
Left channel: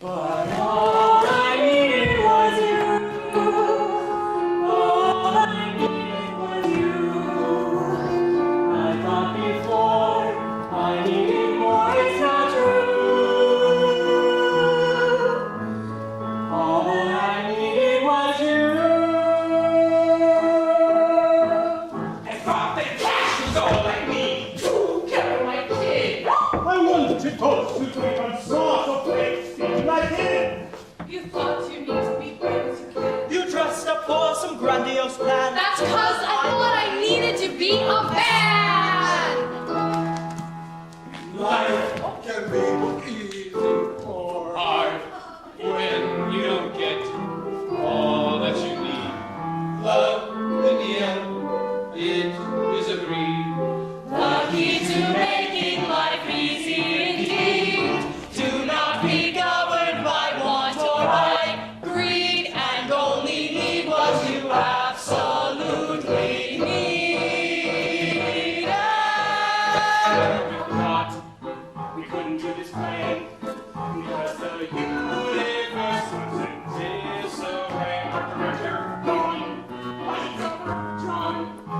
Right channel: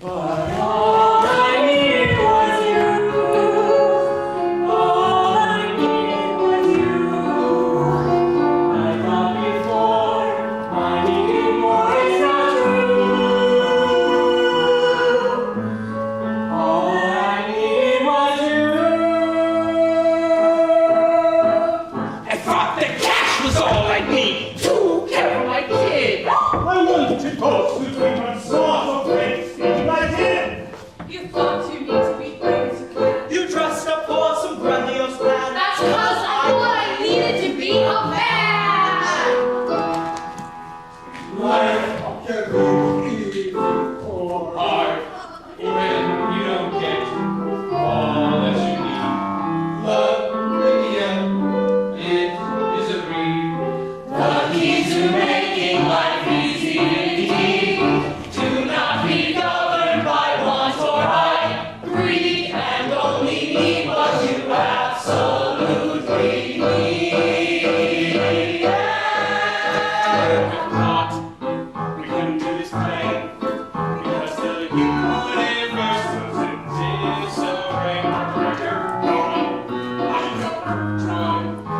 But all I needed was you. All I needed was you. I thought before I needed more, it's not true. All I needed was you. I thought that cash was all I need to care for my kid. I wanted to toast to drink on sauce of great speed like him. You thought you need to be brave as you can. you dressed up for some grandiose plan. That's cause I thought I needed to be a man! Life can be easy or Hard when you don't get all that you need. Love, again, it is agreed. The key to making life easy indeed. Do not be governed by want or right, greed, and only need what you absolutely need. If not, we couldn't do this play, because the universe was in disarray.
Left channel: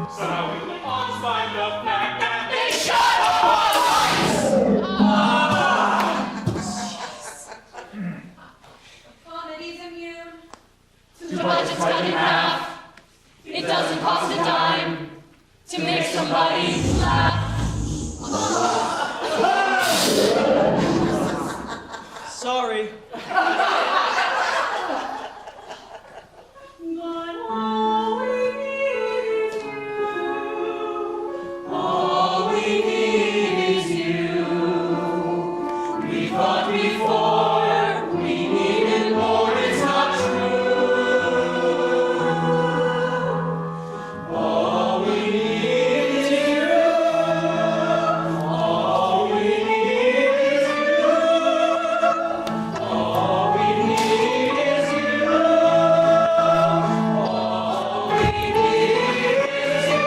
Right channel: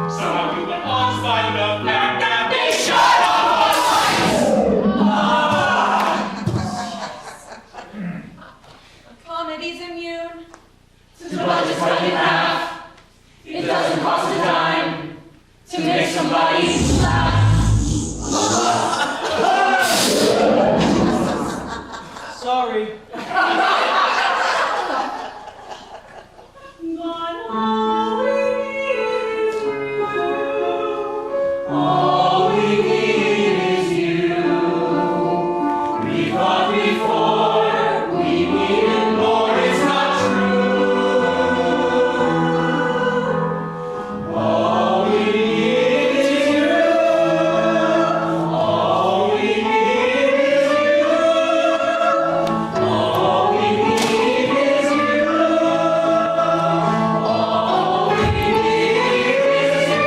Somehow we went on to find enough adaptation. Comedy's immune To multiply in half, it doesn't cost a dime to make somebody laugh. Sorry. All we need is you. We thought before we needed more, it's not true. All we need is you. All we need is you. All we need is you. All we need is you.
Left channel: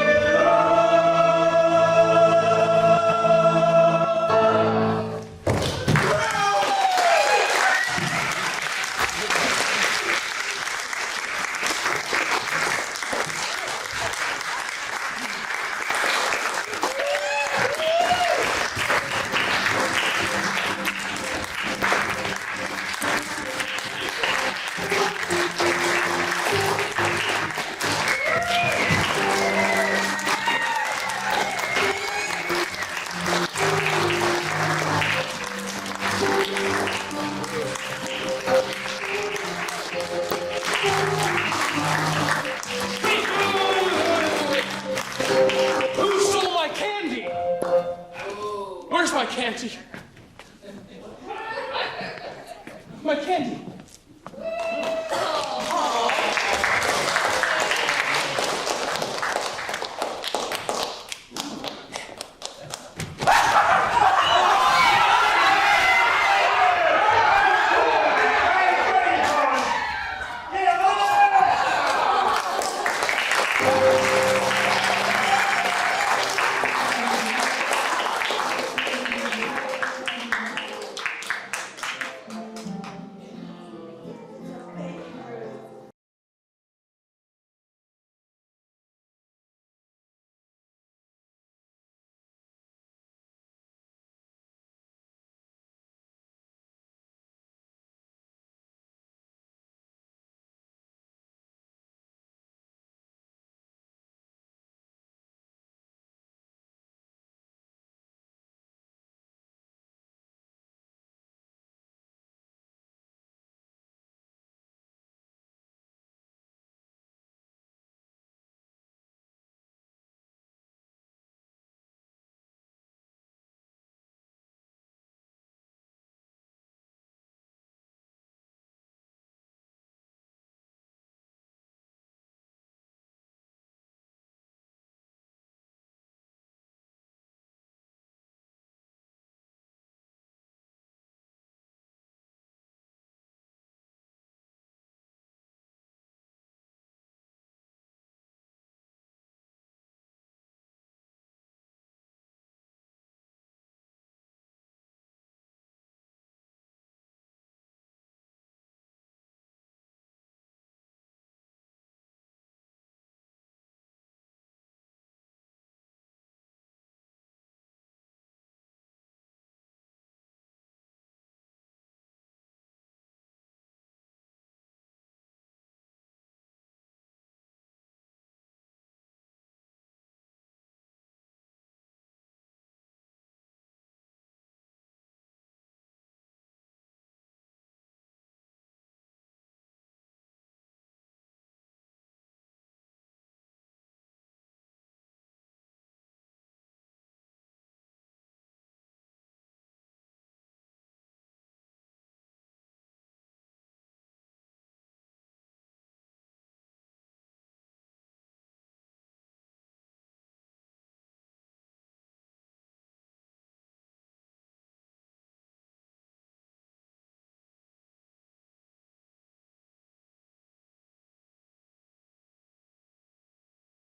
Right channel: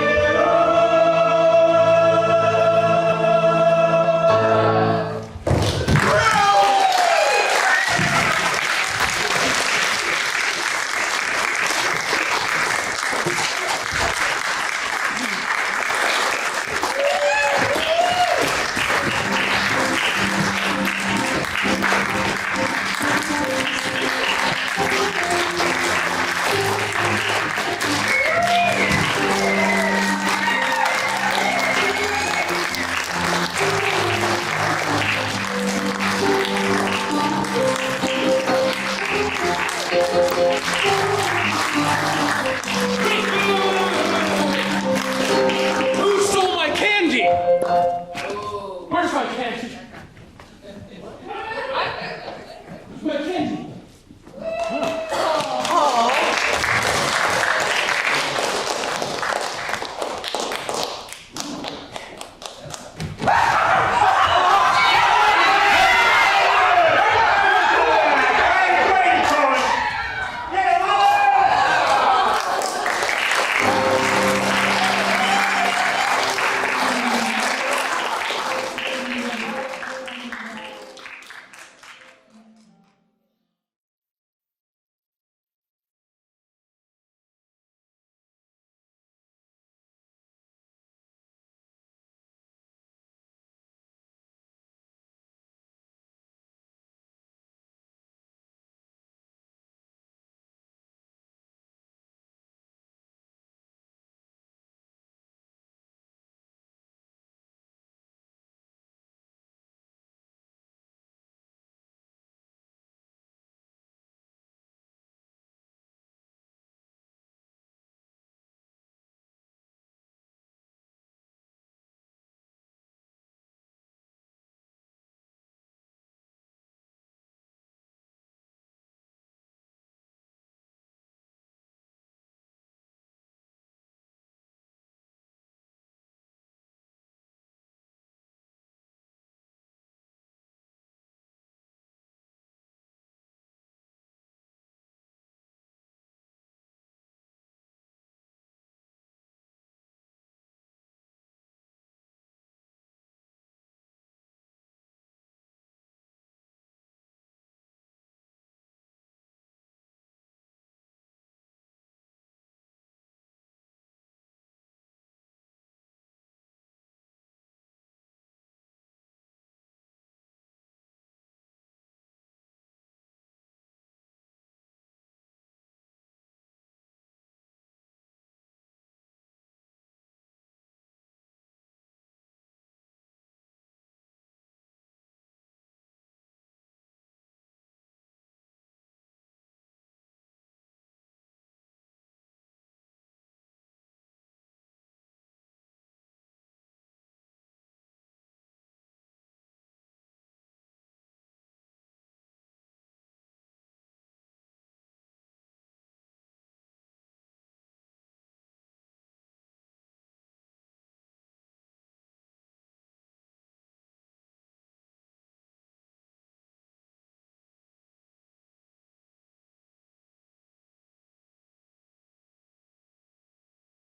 Who stole my candy? Where's my candy?